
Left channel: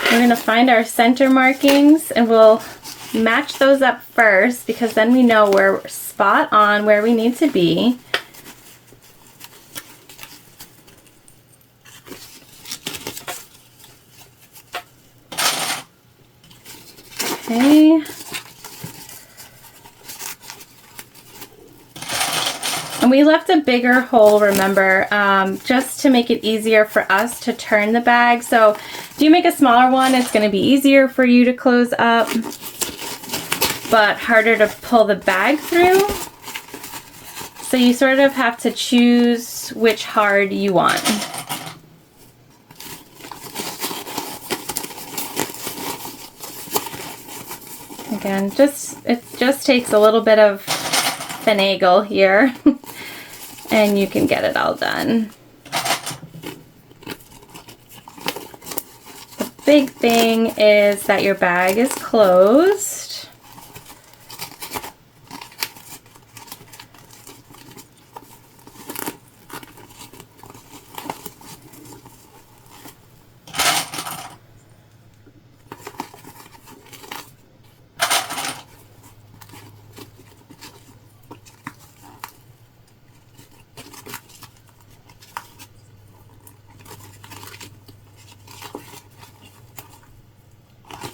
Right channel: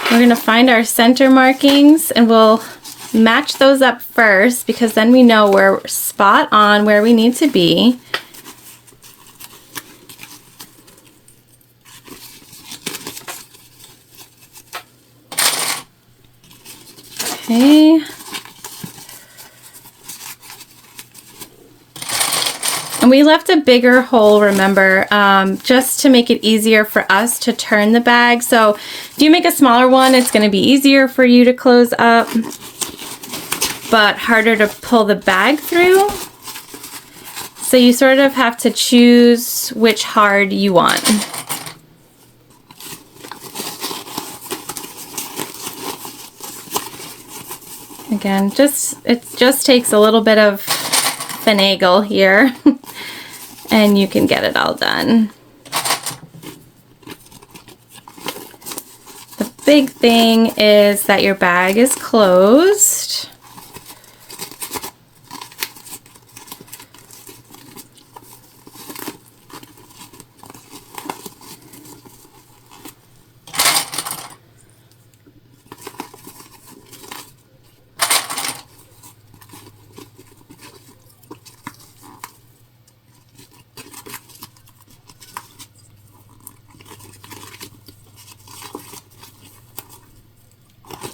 We're going to find our center markings and we'll match those up first, because then we know we're spot on where we need to be. Okay. And we left a bigger hole, remember, just to make it easier for us to turn the bag. So if you make a smaller one, it's going to be easier for you to close up, but harder to pull the bag through. So you sort of have to choose which hard you want. Again, it just takes a little bit of finagle here and you can get it all done. The big thing is that your bag is closed.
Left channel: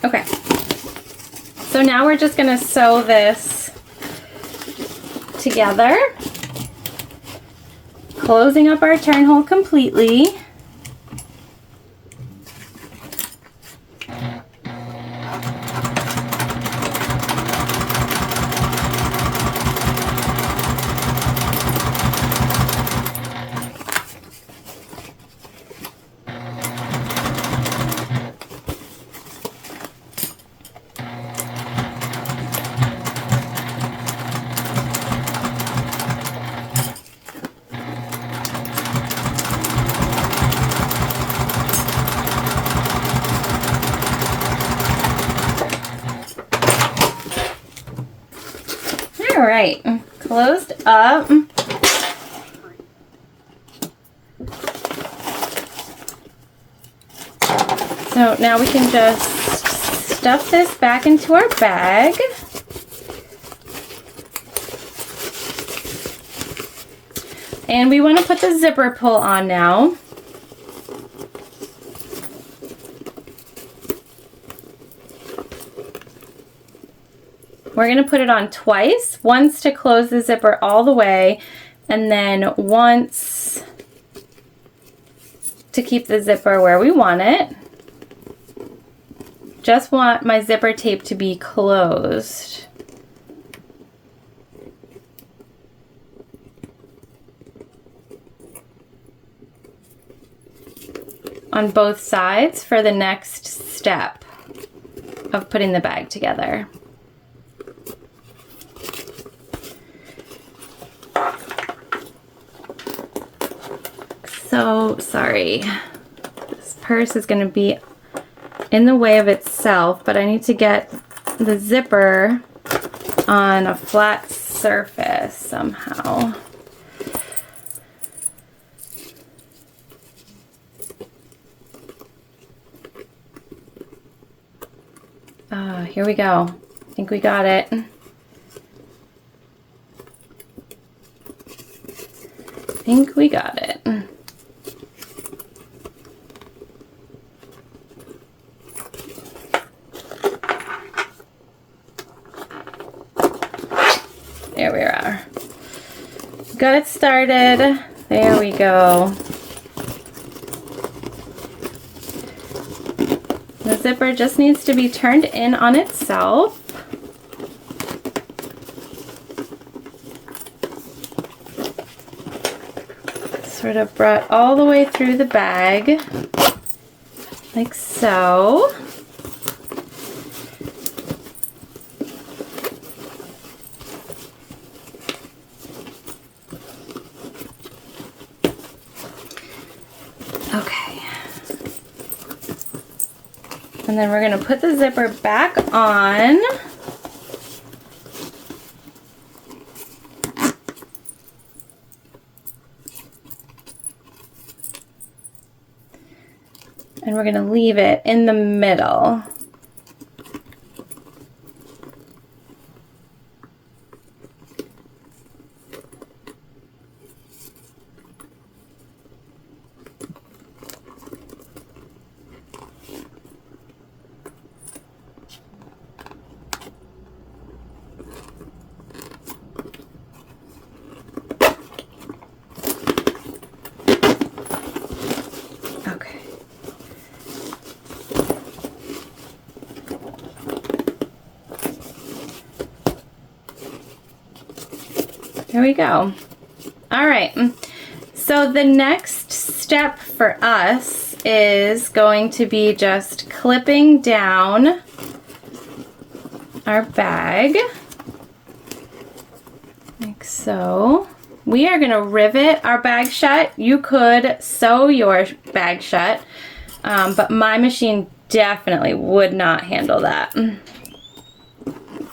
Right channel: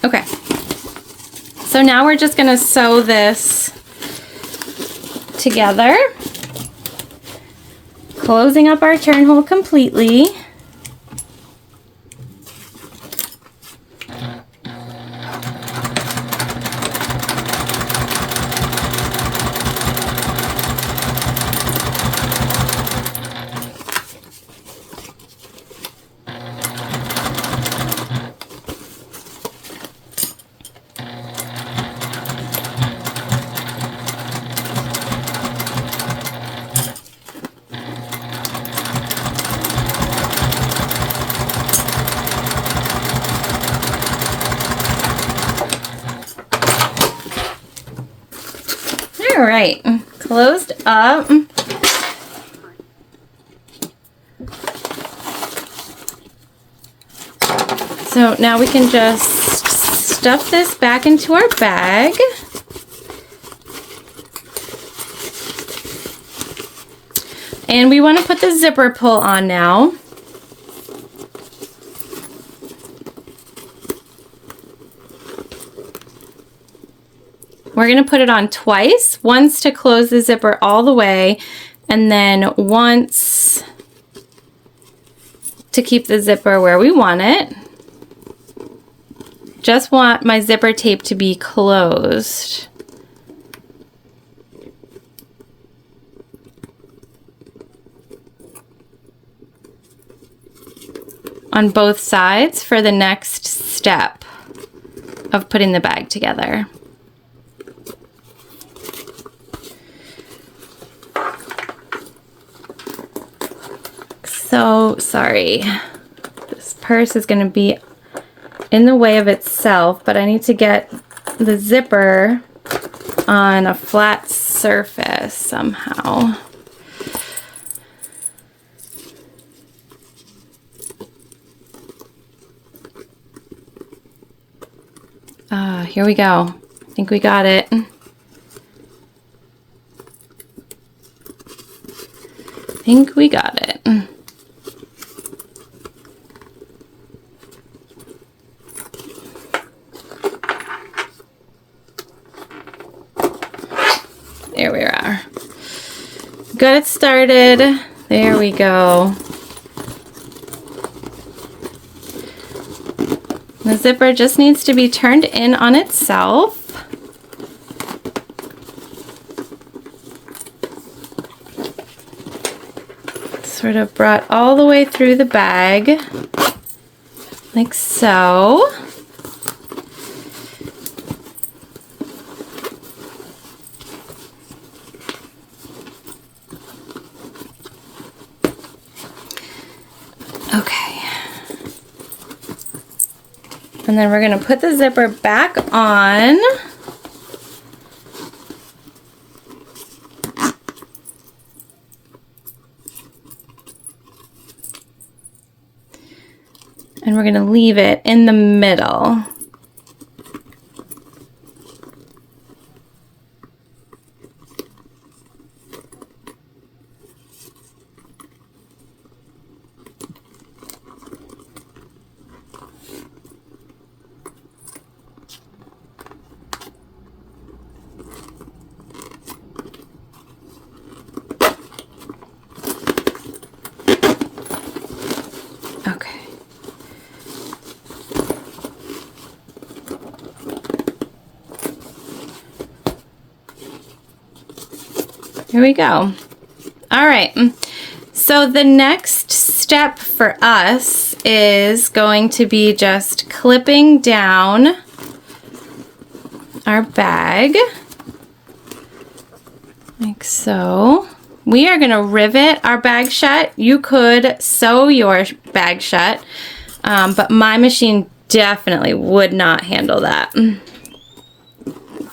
Okay, so now we're just going to sew this together, closing up our turn hole completely. All right, closed up. So now we can just stuff this back into our bag. And we want to put the zipper pull on now. We're going to put it on twice, once to close the zipper all the way, and then once to keep the zipper where we want it. Just want my zipper tape to be closed. On both sides for the next step of putting the bag together. So sorry, this purse is going to be in the way of itself, but I need to get the zipper on a flat surface somehow. Here we go. I think we got it. I think we got it. There we are. got it started. There we go. The zipper just needs to be turned in on itself. Sort of brought all the way through the bag, like so. Okay. And then we're going to put the zipper back on. And we're going to leave it in the middle. Here we go. All right, so the next step for us is going to be just clipping down our bag, like so. We are gonna rivet our bag shut. You could sew your bag shut, but my machine definitely would not handle that.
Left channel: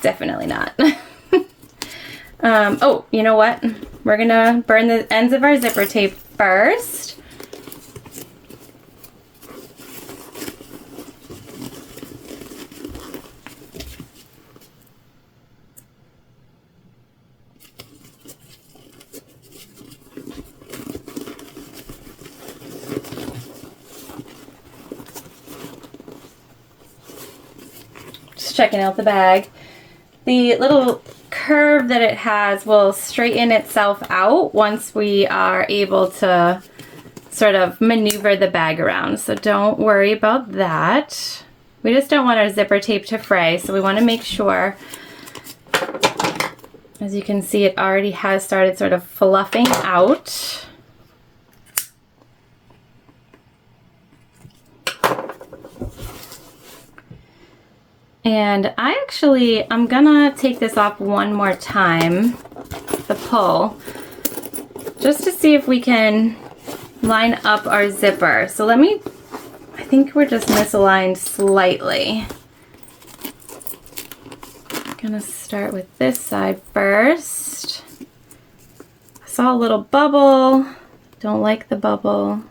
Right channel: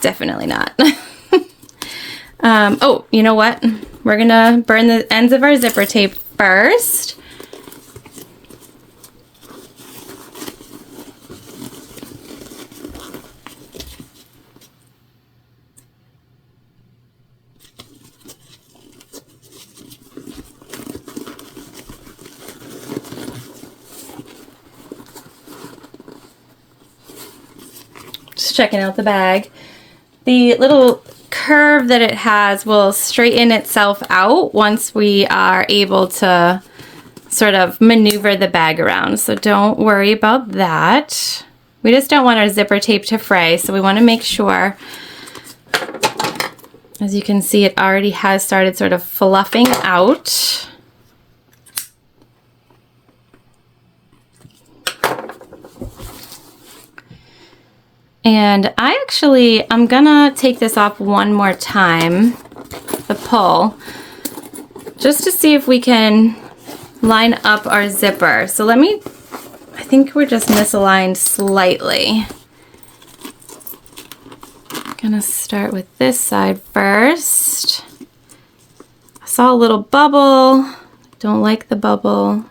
Definitely not. Oh, you know what? We're gonna burn the ends of our zipper tape first. Just checking out the bag. The little curve that it has will straighten itself out once we are able to sort of maneuver the bag around. So don't worry about that. We just don't want our zipper tape to fray, so we want to make sure, as you can see, it already has started sort of fluffing out. And I'm gonna take this off one more time, the pull, just to see if we can line up our zipper. So I think we're just misaligned slightly. I'm gonna start with this side first. I saw a little bubble, don't like the bubble.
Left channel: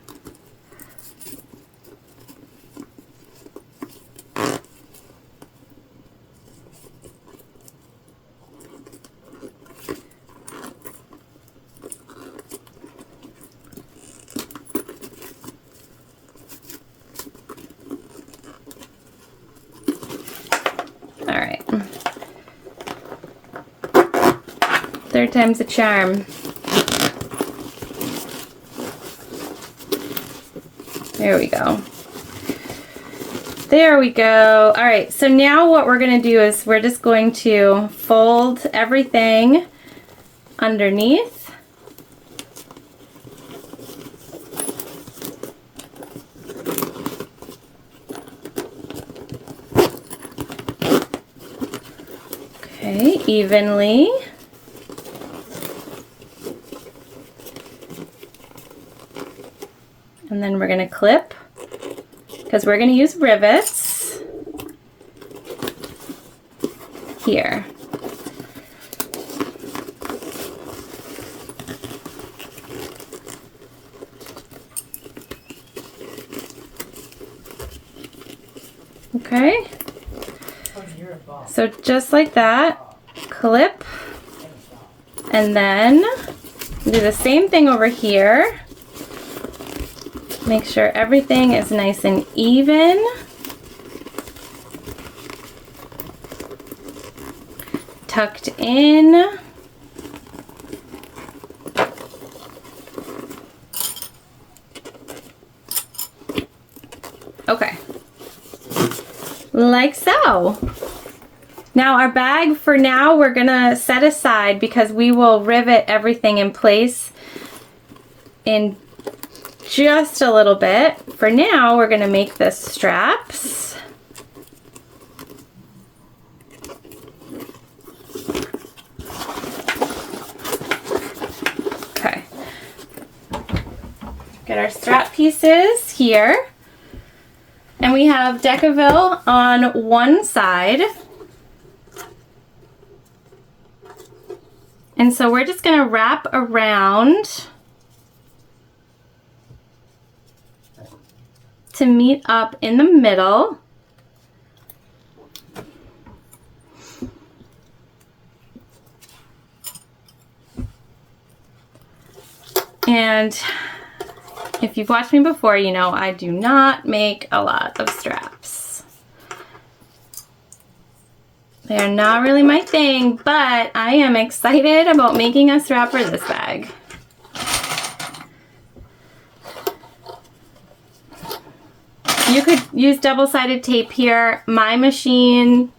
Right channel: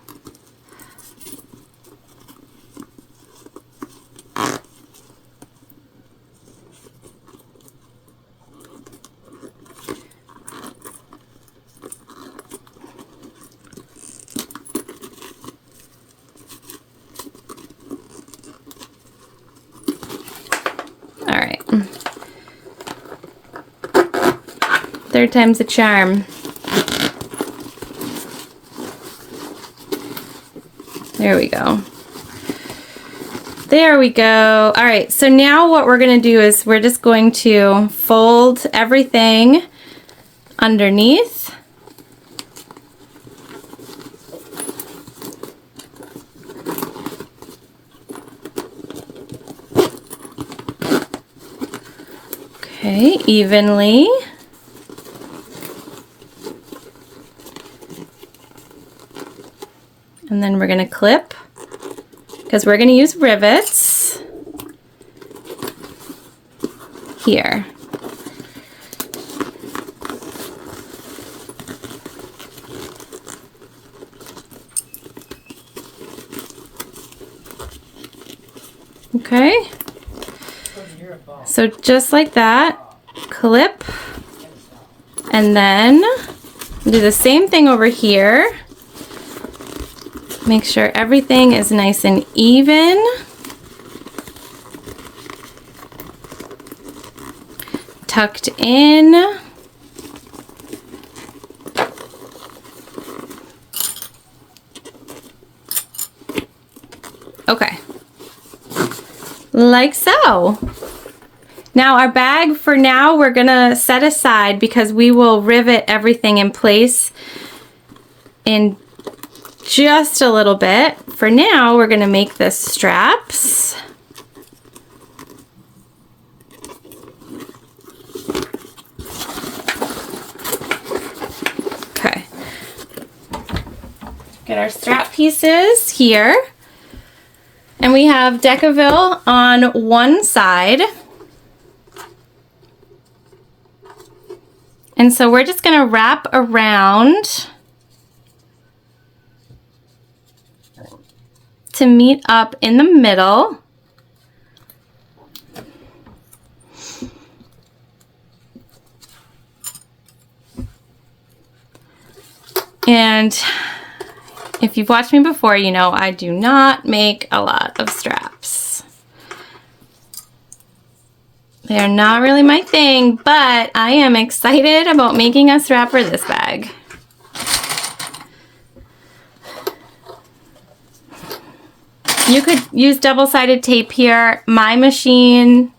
Third time's a charm. There we go. There we go. All right, so now what we're gonna do is we're just going to fold everything underneath. Okay, evenly. And then we're going to clip, because we're going to use rivets here. Okay, so just like that, clip, and then do the same thing over here. Make sure everything is nice and even. Tucked in. Okay. Like so. Now our bag for now we're gonna set aside because we will rivet everything in place in just a little bit. For now we're gonna make the straps. Okay. Get our strap pieces here. And we have Decaville on one side. And so we're just gonna wrap around to meet up in the middle. And if you've watched me before, you know I do not make a lot of straps. They are not really my thing, but I am excited about making a strap for this bag. You could use double-sided tape here. My machine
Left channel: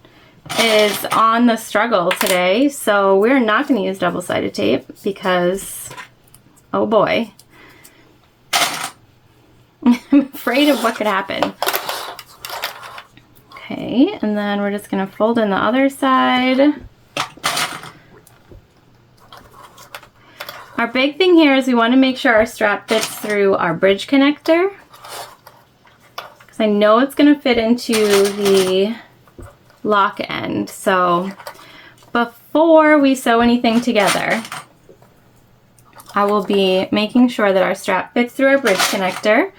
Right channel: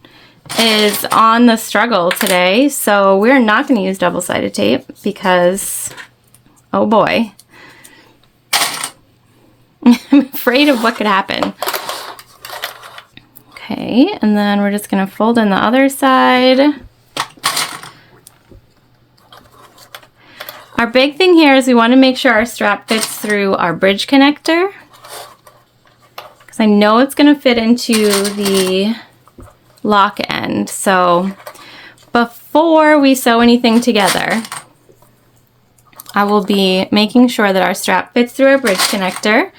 is on the struggle today, so we're not going to use double-sided tape because, oh boy, I'm afraid of what could happen. Okay, and then we're just going to fold in the other side. Our big thing here is we want to make sure our strap fits through our bridge connector, because I know it's going to fit into the lock end. So before we sew anything together, I will be making sure that our strap fits through our bridge connector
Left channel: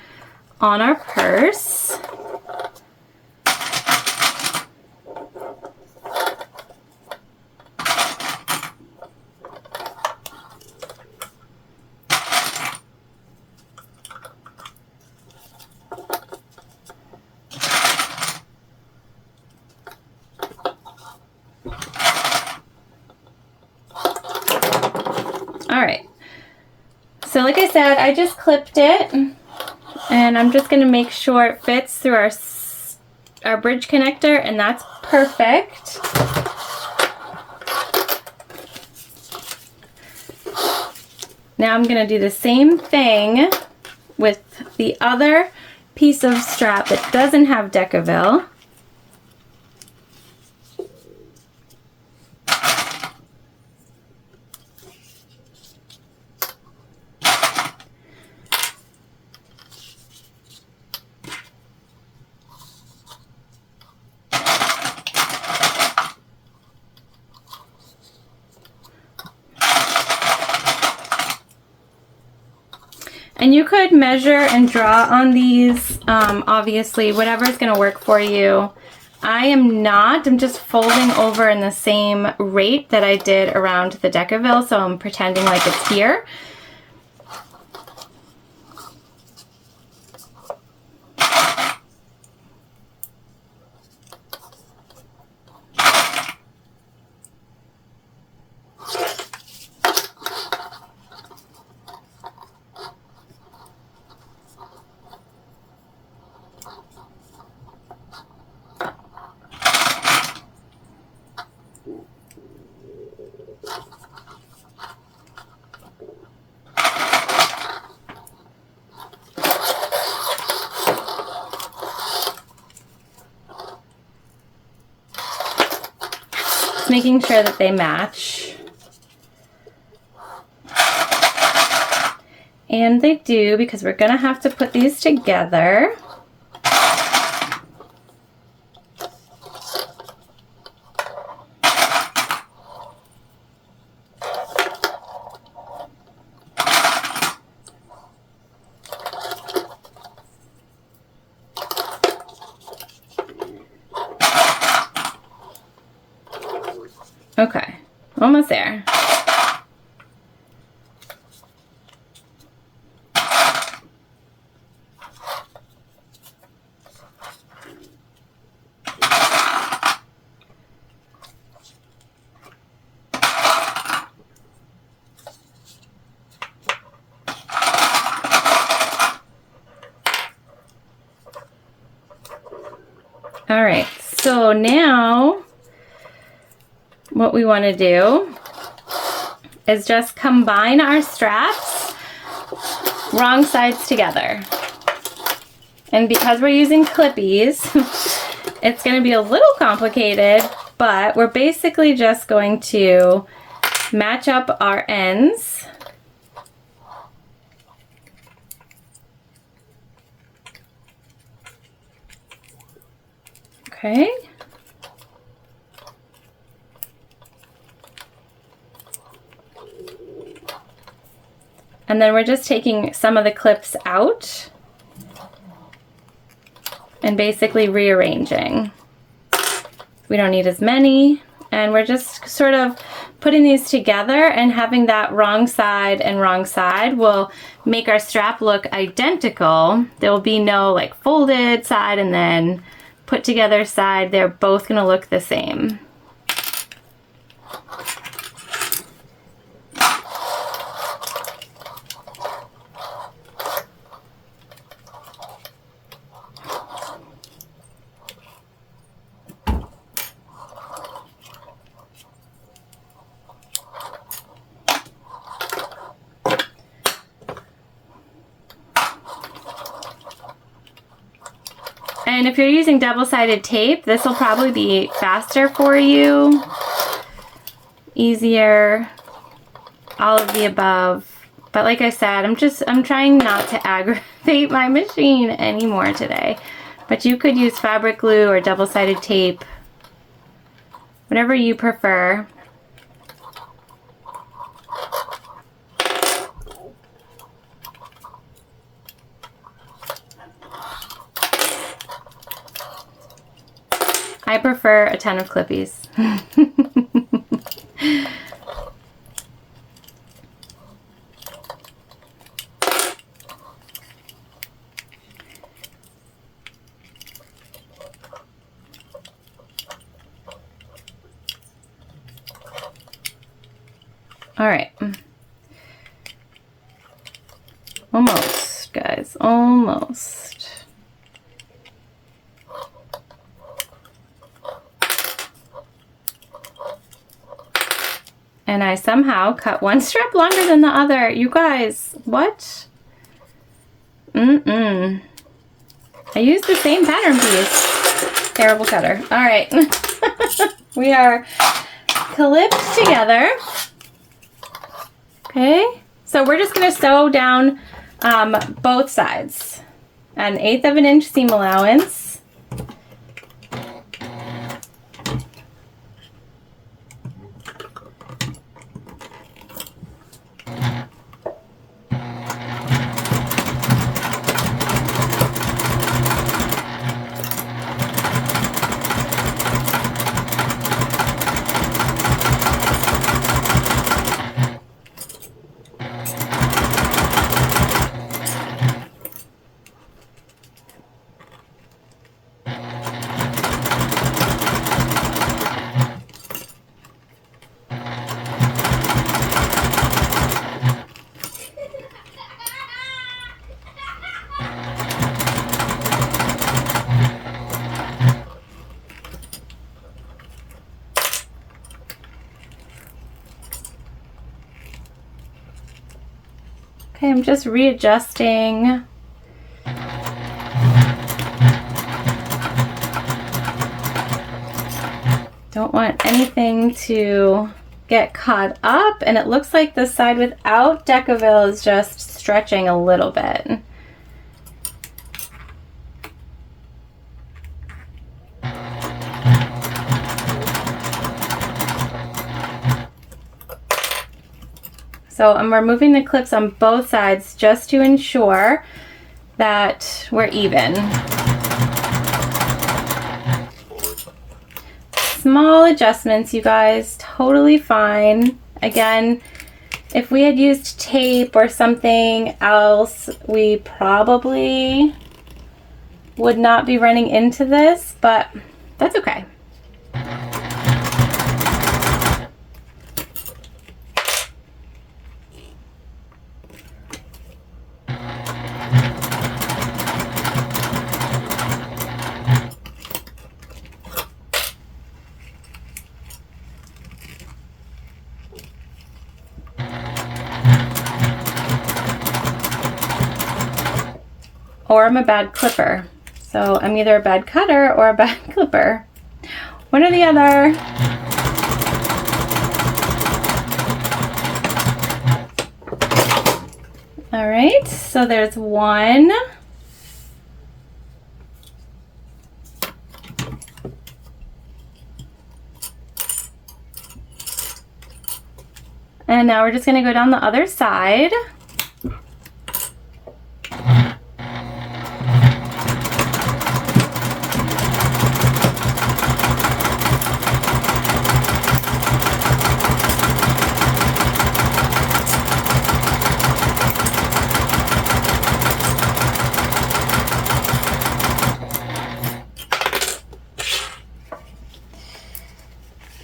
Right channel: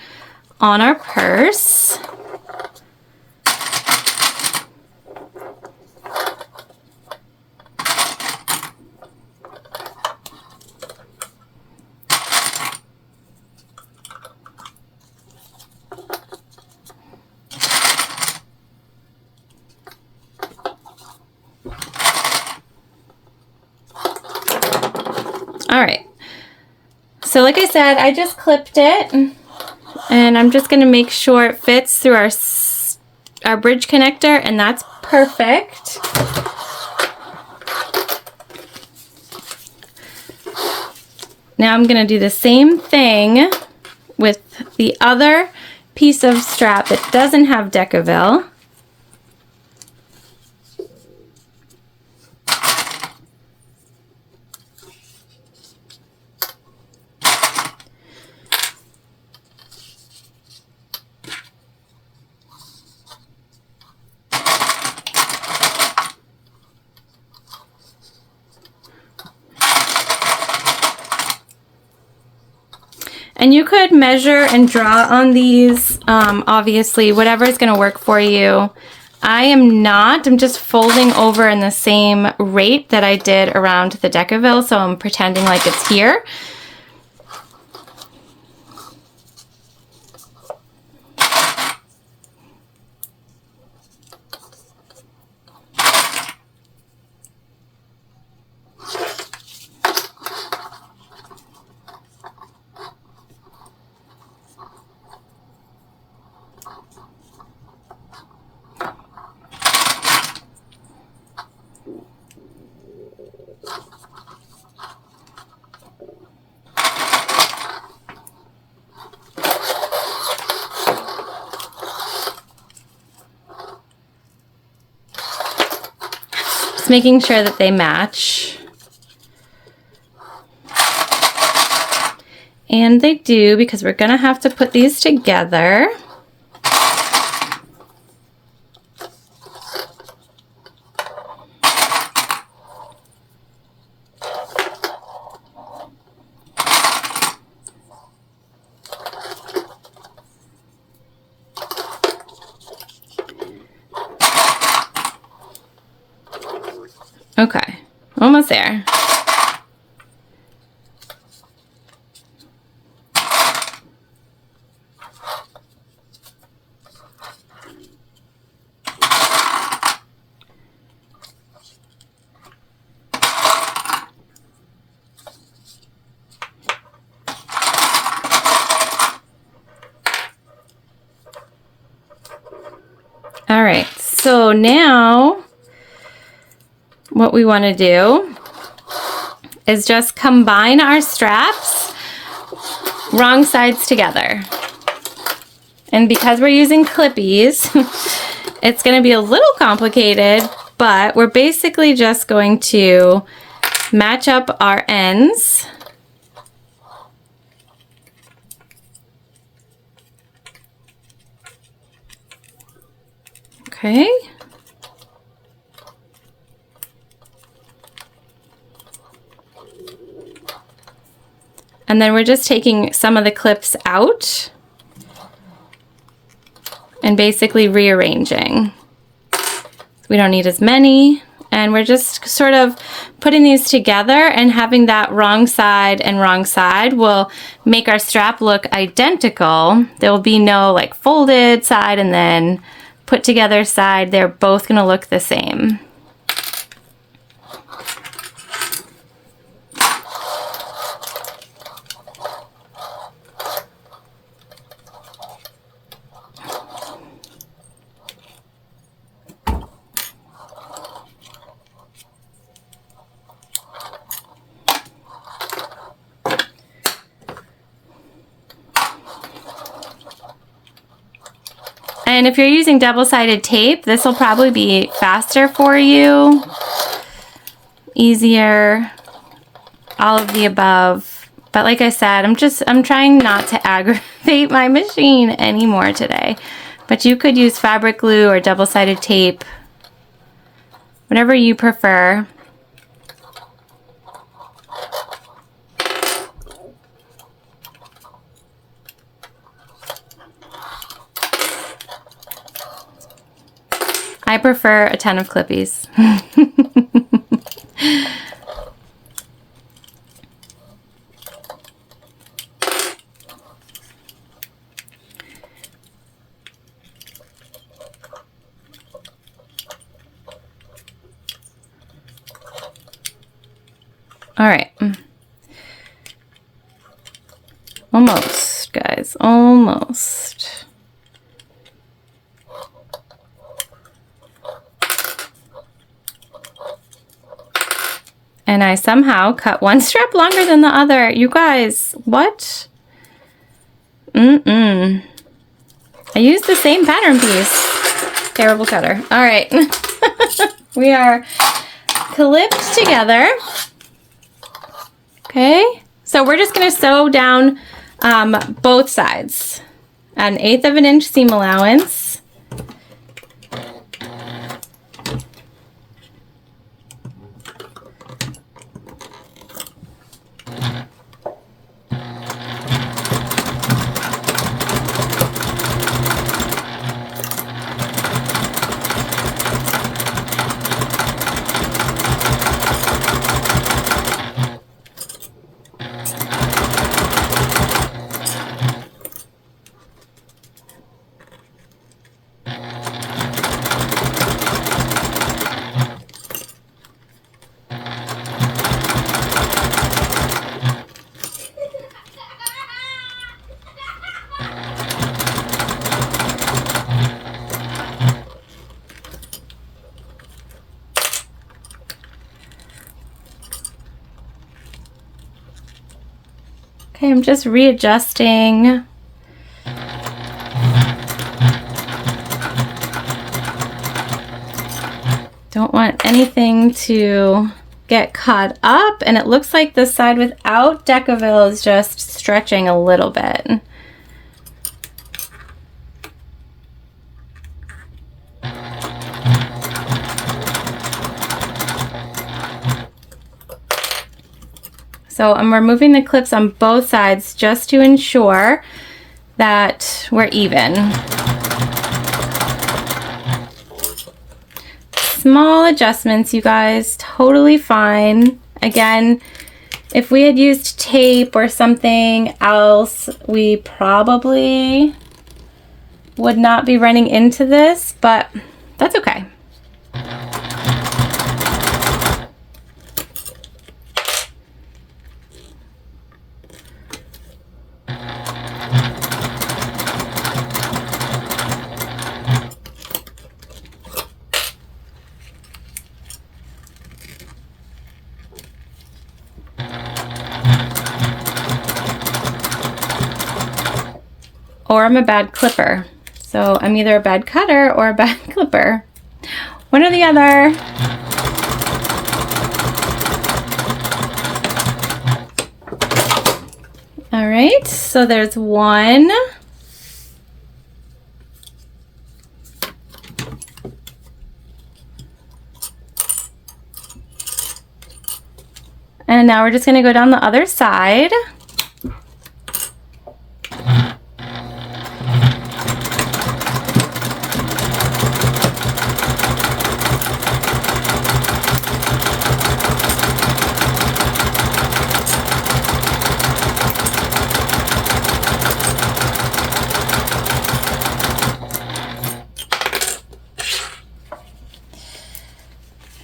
on our purse. All right, so like I said, I just clipped it, and I'm just gonna make sure it fits through our bridge connector, and that's perfect. Now I'm gonna do the same thing with the other piece of strap that doesn't have Decaville. And you could measure and draw on these, obviously, whatever is going to work for you. I am not. I'm just folding over in the same rate that I did around the Decaville, so I'm pretending like it's here. Making sure that they match. And they do, because we're gonna have to put these together. Okay, almost there. All right, so now what we want to do is just combine our straps, wrong sides together. And because we're using clippies, it's going to be a little complicated, but we're basically just going to match up our ends. Okay. And then we're just taking some of the clips out and basically rearranging. We don't need as many, and we're just sort of putting these together, and having that wrong side and wrong side will make our strap look identical. There will be no like folded side and then put together side. They're both gonna look the same. And if you're using double-sided tape, this will probably be faster for you, easier, all of the above. But like I said, I'm trying not to aggravate my machine anymore today. But you could use fabric glue or double-sided tape, whatever you prefer. I prefer a ton of clippies. All right. Almost, guys, almost. And I somehow cut one strap longer than the other. You guys, what? I used the same pattern piece. Terrible cutter. All right. We are clipped together. Okay. So we're just going to sew down both sides. An 1/8 of an inch seam allowance. Okay, I'm just readjusting. Don't want anything to get caught up, and it looks like the side without Decaville is just stretching a little bit. So I'm removing the clips on both sides just to ensure that we're even. Small adjustments, you guys, totally fine. Again, if we had used tape or something else, we probably would not be running into this, but that's okay. or I'm a bad clipper. So I'm either a bad cutter or a bad clipper. One or the other. All right, so there's one. And now we're just gonna go down the other side.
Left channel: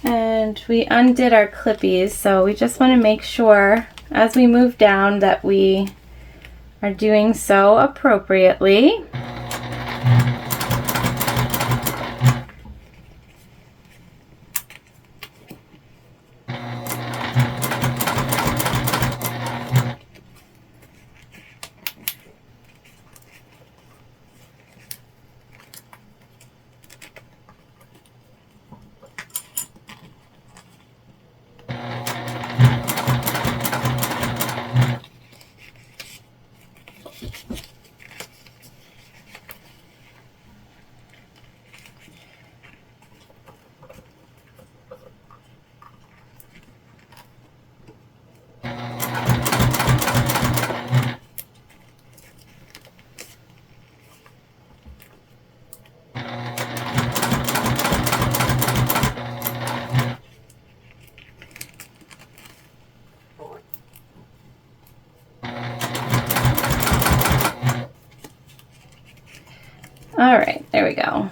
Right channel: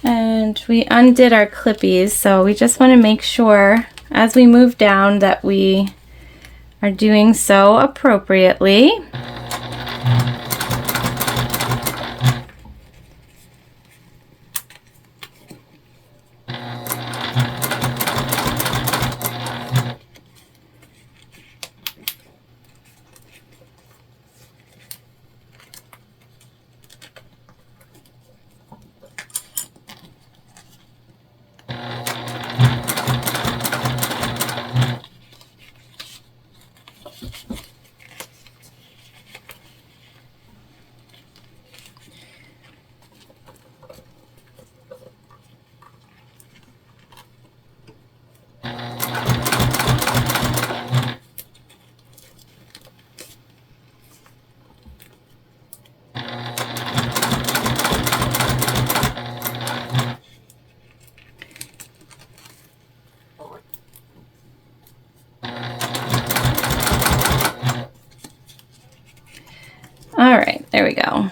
And we undid our clippies, so we just want to make sure as we move down that we are doing so appropriately. All right, there we go.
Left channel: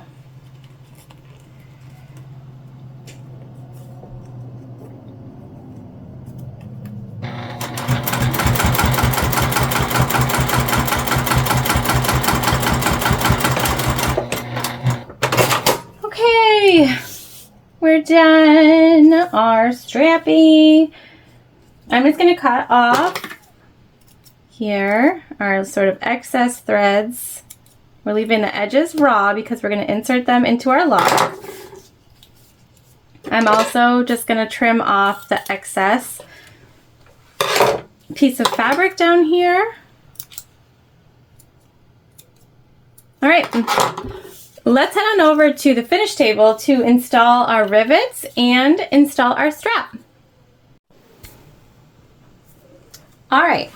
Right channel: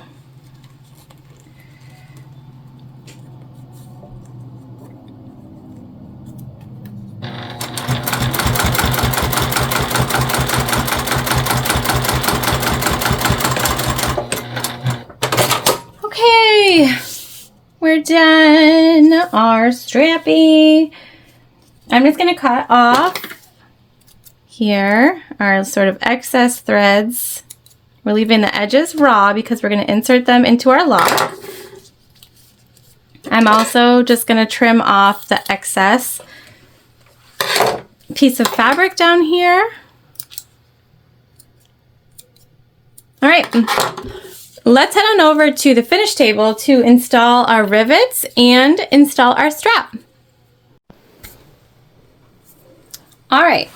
Okay, we're done our strappy. I'm just gonna cut off here our sort of excess threads. We're leaving the edges raw because we're going to insert them into our lock. I'm also just going to trim off the excess piece of fabric down here. All right, let's head on over to the finish table to install our rivets and install our strap. All right.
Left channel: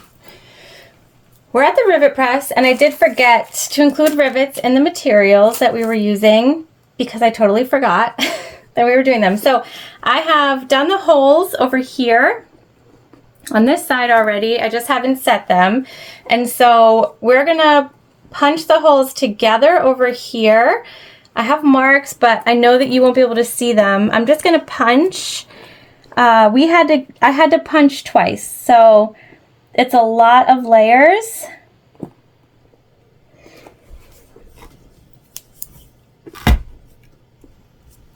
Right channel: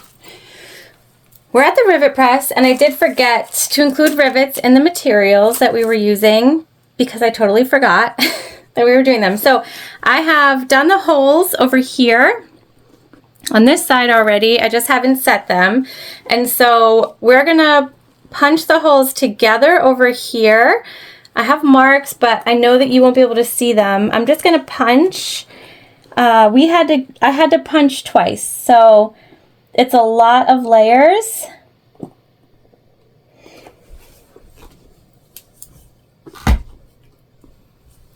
We're at the rivet press, and I did forget to include rivets in the materials that we were using because I totally forgot that we were doing them. So I have done the holes over here on this side already. I just haven't set them. And so we're gonna punch the holes together over here. I have marks, but I know that you won't be able to see them. I'm just gonna punch. I had to punch twice, so it's a lot of layers.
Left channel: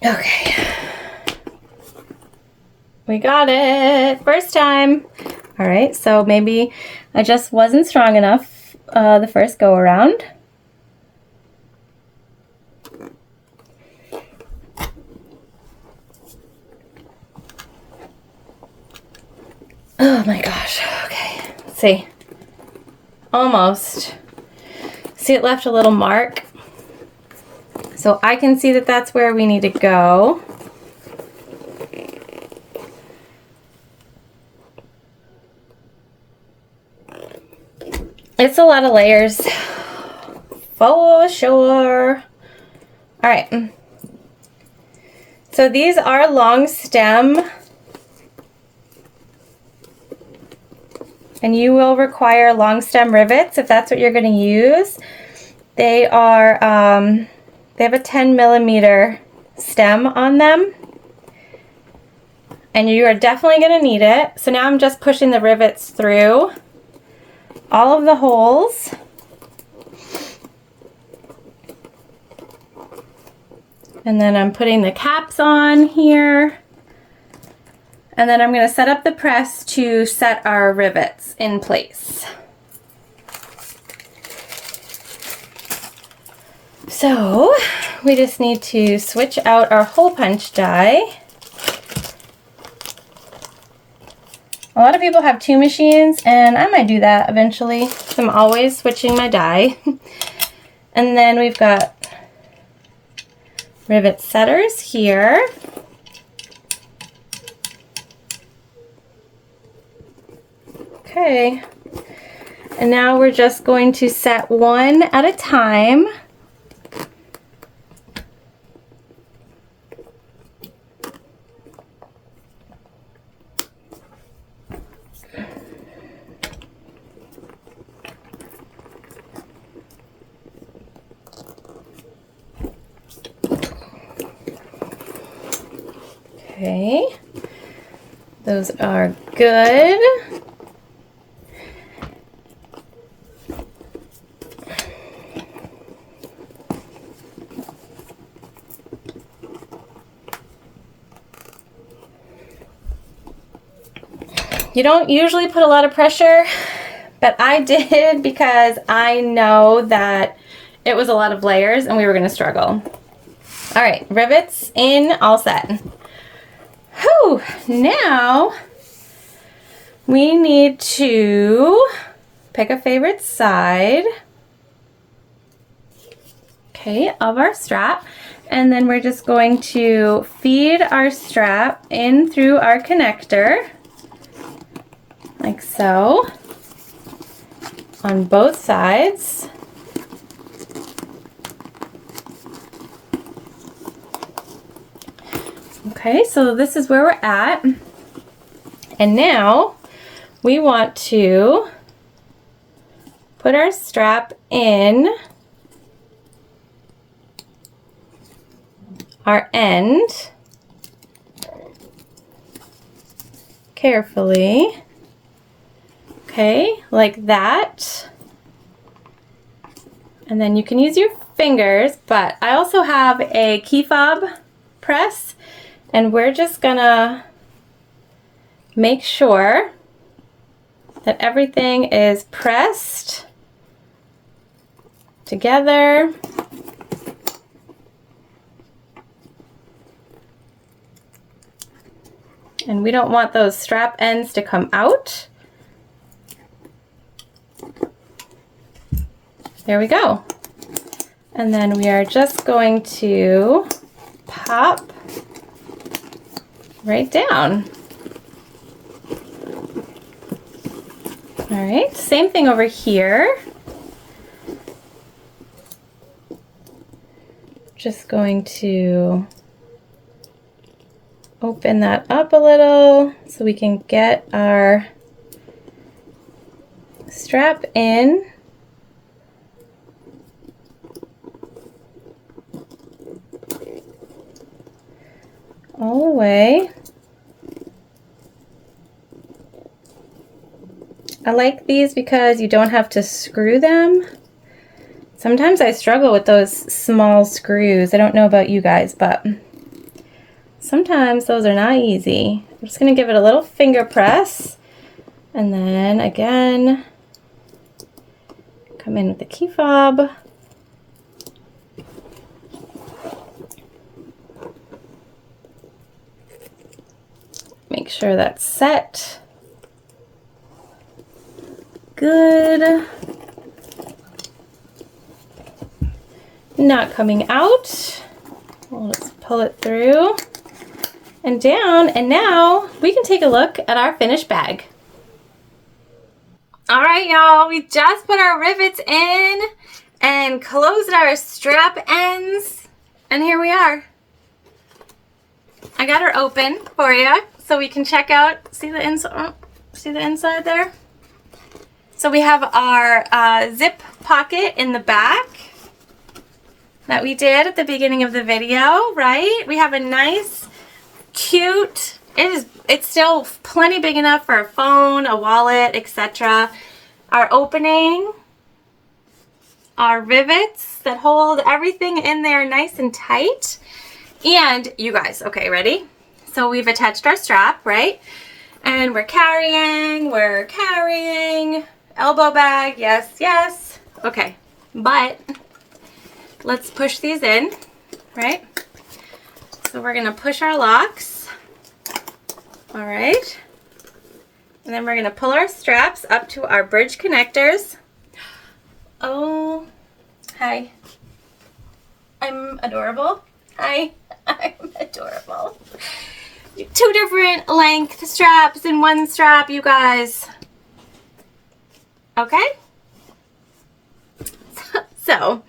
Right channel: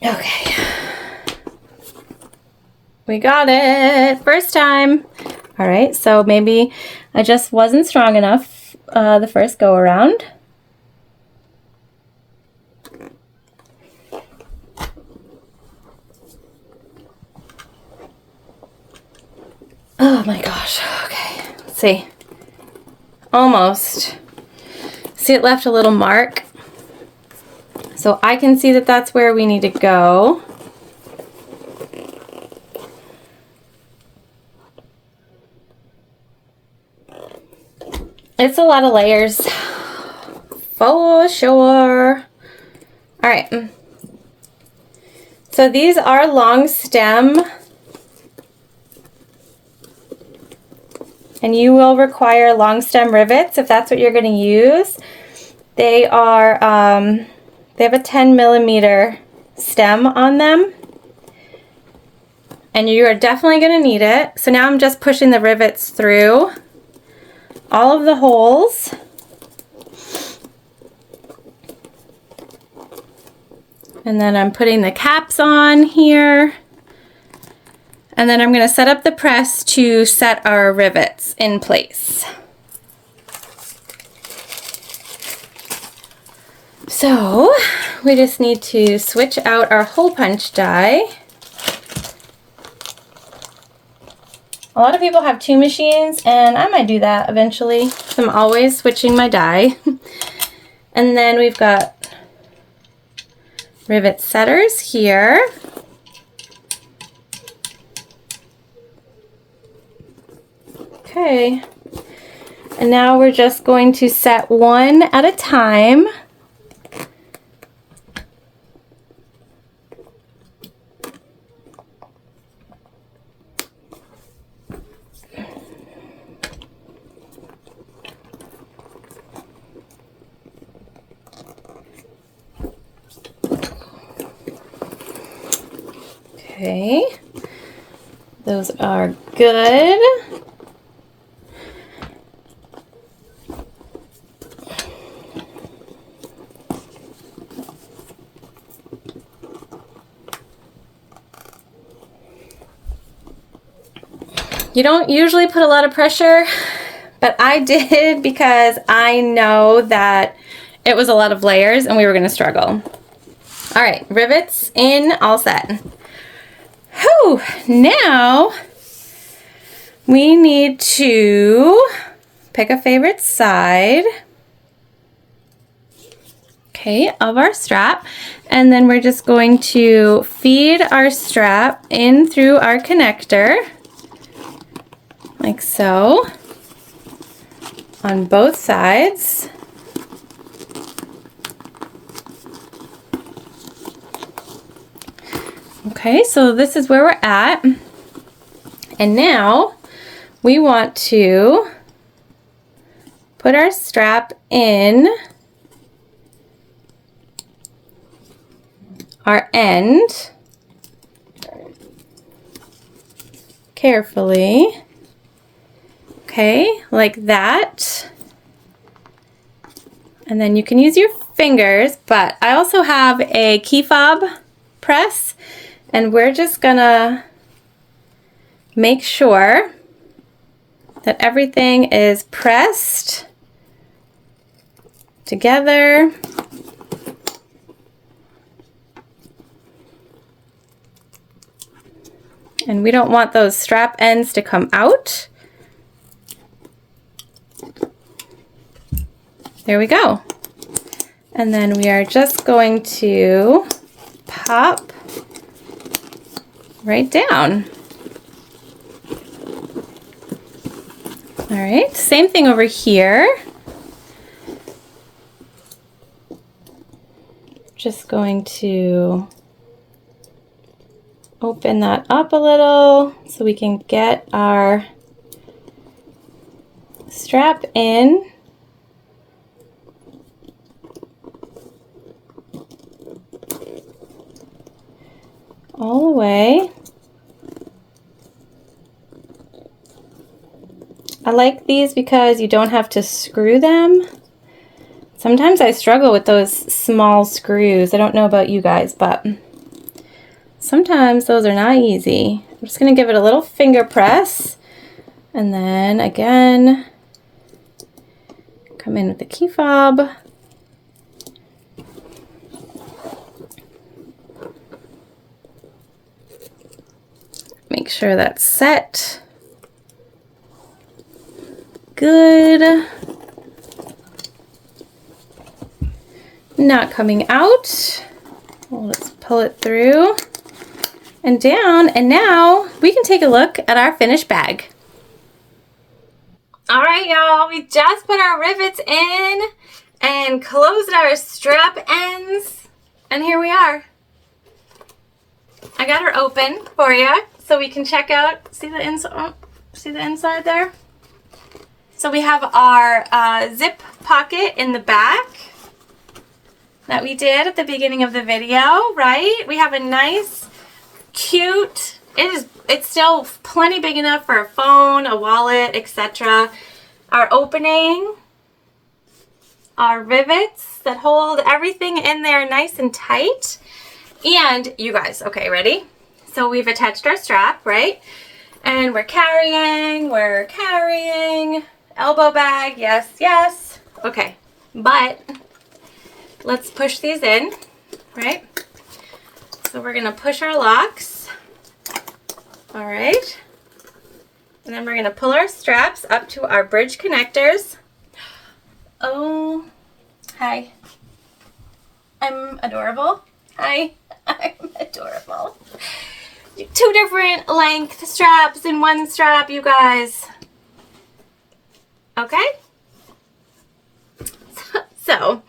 Okay. We got it. First time. All right, so maybe I just wasn't strong enough the first go around. Oh my gosh. Okay. Let's see. Almost. See, it left a little mark. So I can see that that's where we need to go. It's a lot of layers, for sure. All right. So these are long stem. And you will require long stem rivets if that's what you're going to use. They are, they have a 10mm stem on them. And you are definitely going to need it. So now I'm just pushing the rivets through all of the holes. And then I'm putting the caps on here. And then I'm going to set up the press to set our rivets in place. So we just need to switch out our hole punch die. A lot of people have 2 machines, and I might do that eventually. I'm always switching my die. And then we've got rivet setters here. Okay. And now we're just going to set one at a time. Okay, those are good. You don't usually put a lot of pressure, but I did because I know that it was a lot of layers and we were going to struggle. All right, rivets in, all set. Whew, now we need to pick a favorite side, okay, of our strap, and then we're just going to feed our strap in through our connector, like so, on both sides. Okay, so this is where we're at. And now we want to put our strap in our end carefully. Okay, like that. And then you can use your fingers, but I also have a key fob press, and we're just gonna make sure that everything is pressed together. And we don't want those strap ends to come out. There we go. And then we are just going to pop right down. All right, same thing over here. Just going to open that up a little so we can get our strap in. All the way. I like these because you don't have to screw them. Sometimes I struggle with those small screws. I don't know about you guys, but sometimes those are not easy. I'm just going to give it a little finger press, and then again come in with the key fob. Make sure that's set. Good. Not coming out. Well, let's pull it through and down, and now we can take a look at our finished bag. All right, y'all, we just put our rivets in and closed our strap ends, and here we are. I got her open for you so we can check out, see the inside there? So we have our zip pocket in the back that we did at the beginning of the video, right? We have a nice, cute, it's still plenty big enough for a phone, a wallet, etc. Our opening, our rivets that hold everything in there nice and tight. And you guys, okay, ready? So we've attached our strap, right? And we're carrying, elbow bag, yes, yes. Okay, but let's push these in, right? So we're gonna push our locks. All right. And then we're gonna pull our straps up to our bridge connectors. Oh, hi. I'm adorable. Hi, I'm adorable. 2 different length straps in one strap, you guys. Okay? So,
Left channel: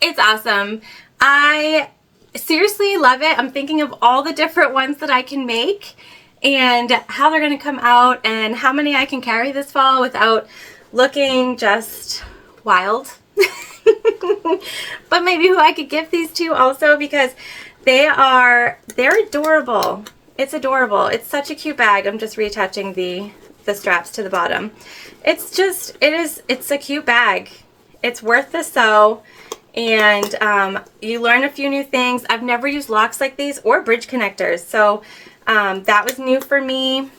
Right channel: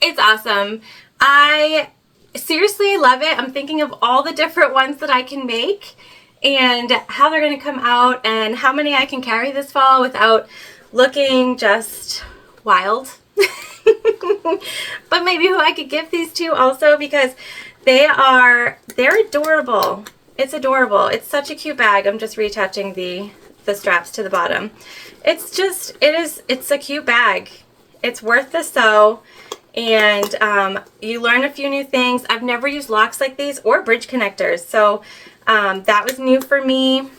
it's awesome. I seriously love it. I'm thinking of all the different ones that I can make and how they're going to come out and how many I can carry this fall without looking just wild. But maybe who I could give these to also, because they're adorable. It's adorable. It's such a cute bag. I'm just reattaching the straps to the bottom. It's a cute bag. It's worth the sew, and you learn a few new things. I've never used locks like these or bridge connectors, so that was new for me.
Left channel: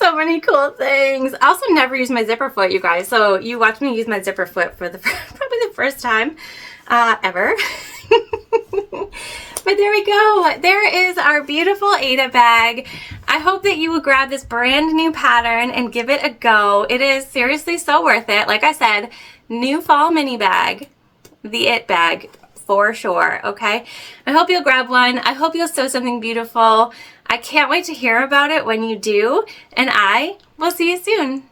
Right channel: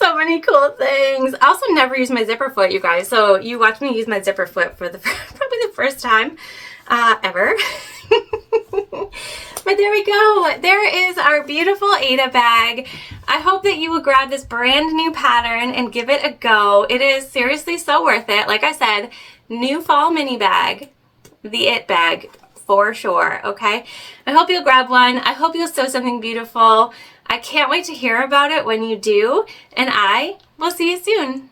So many cool things. I also never used my zipper foot, you guys. So you watched me use my zipper foot for probably the first time ever. But there we go. There is our beautiful Aida bag. I hope that you will grab this brand new pattern and give it a go. It is seriously so worth it. Like I said, new fall mini bag, the it bag for sure. Okay. I hope you'll grab one. I hope you'll sew something beautiful. I can't wait to hear about it when you do, and I will see you soon.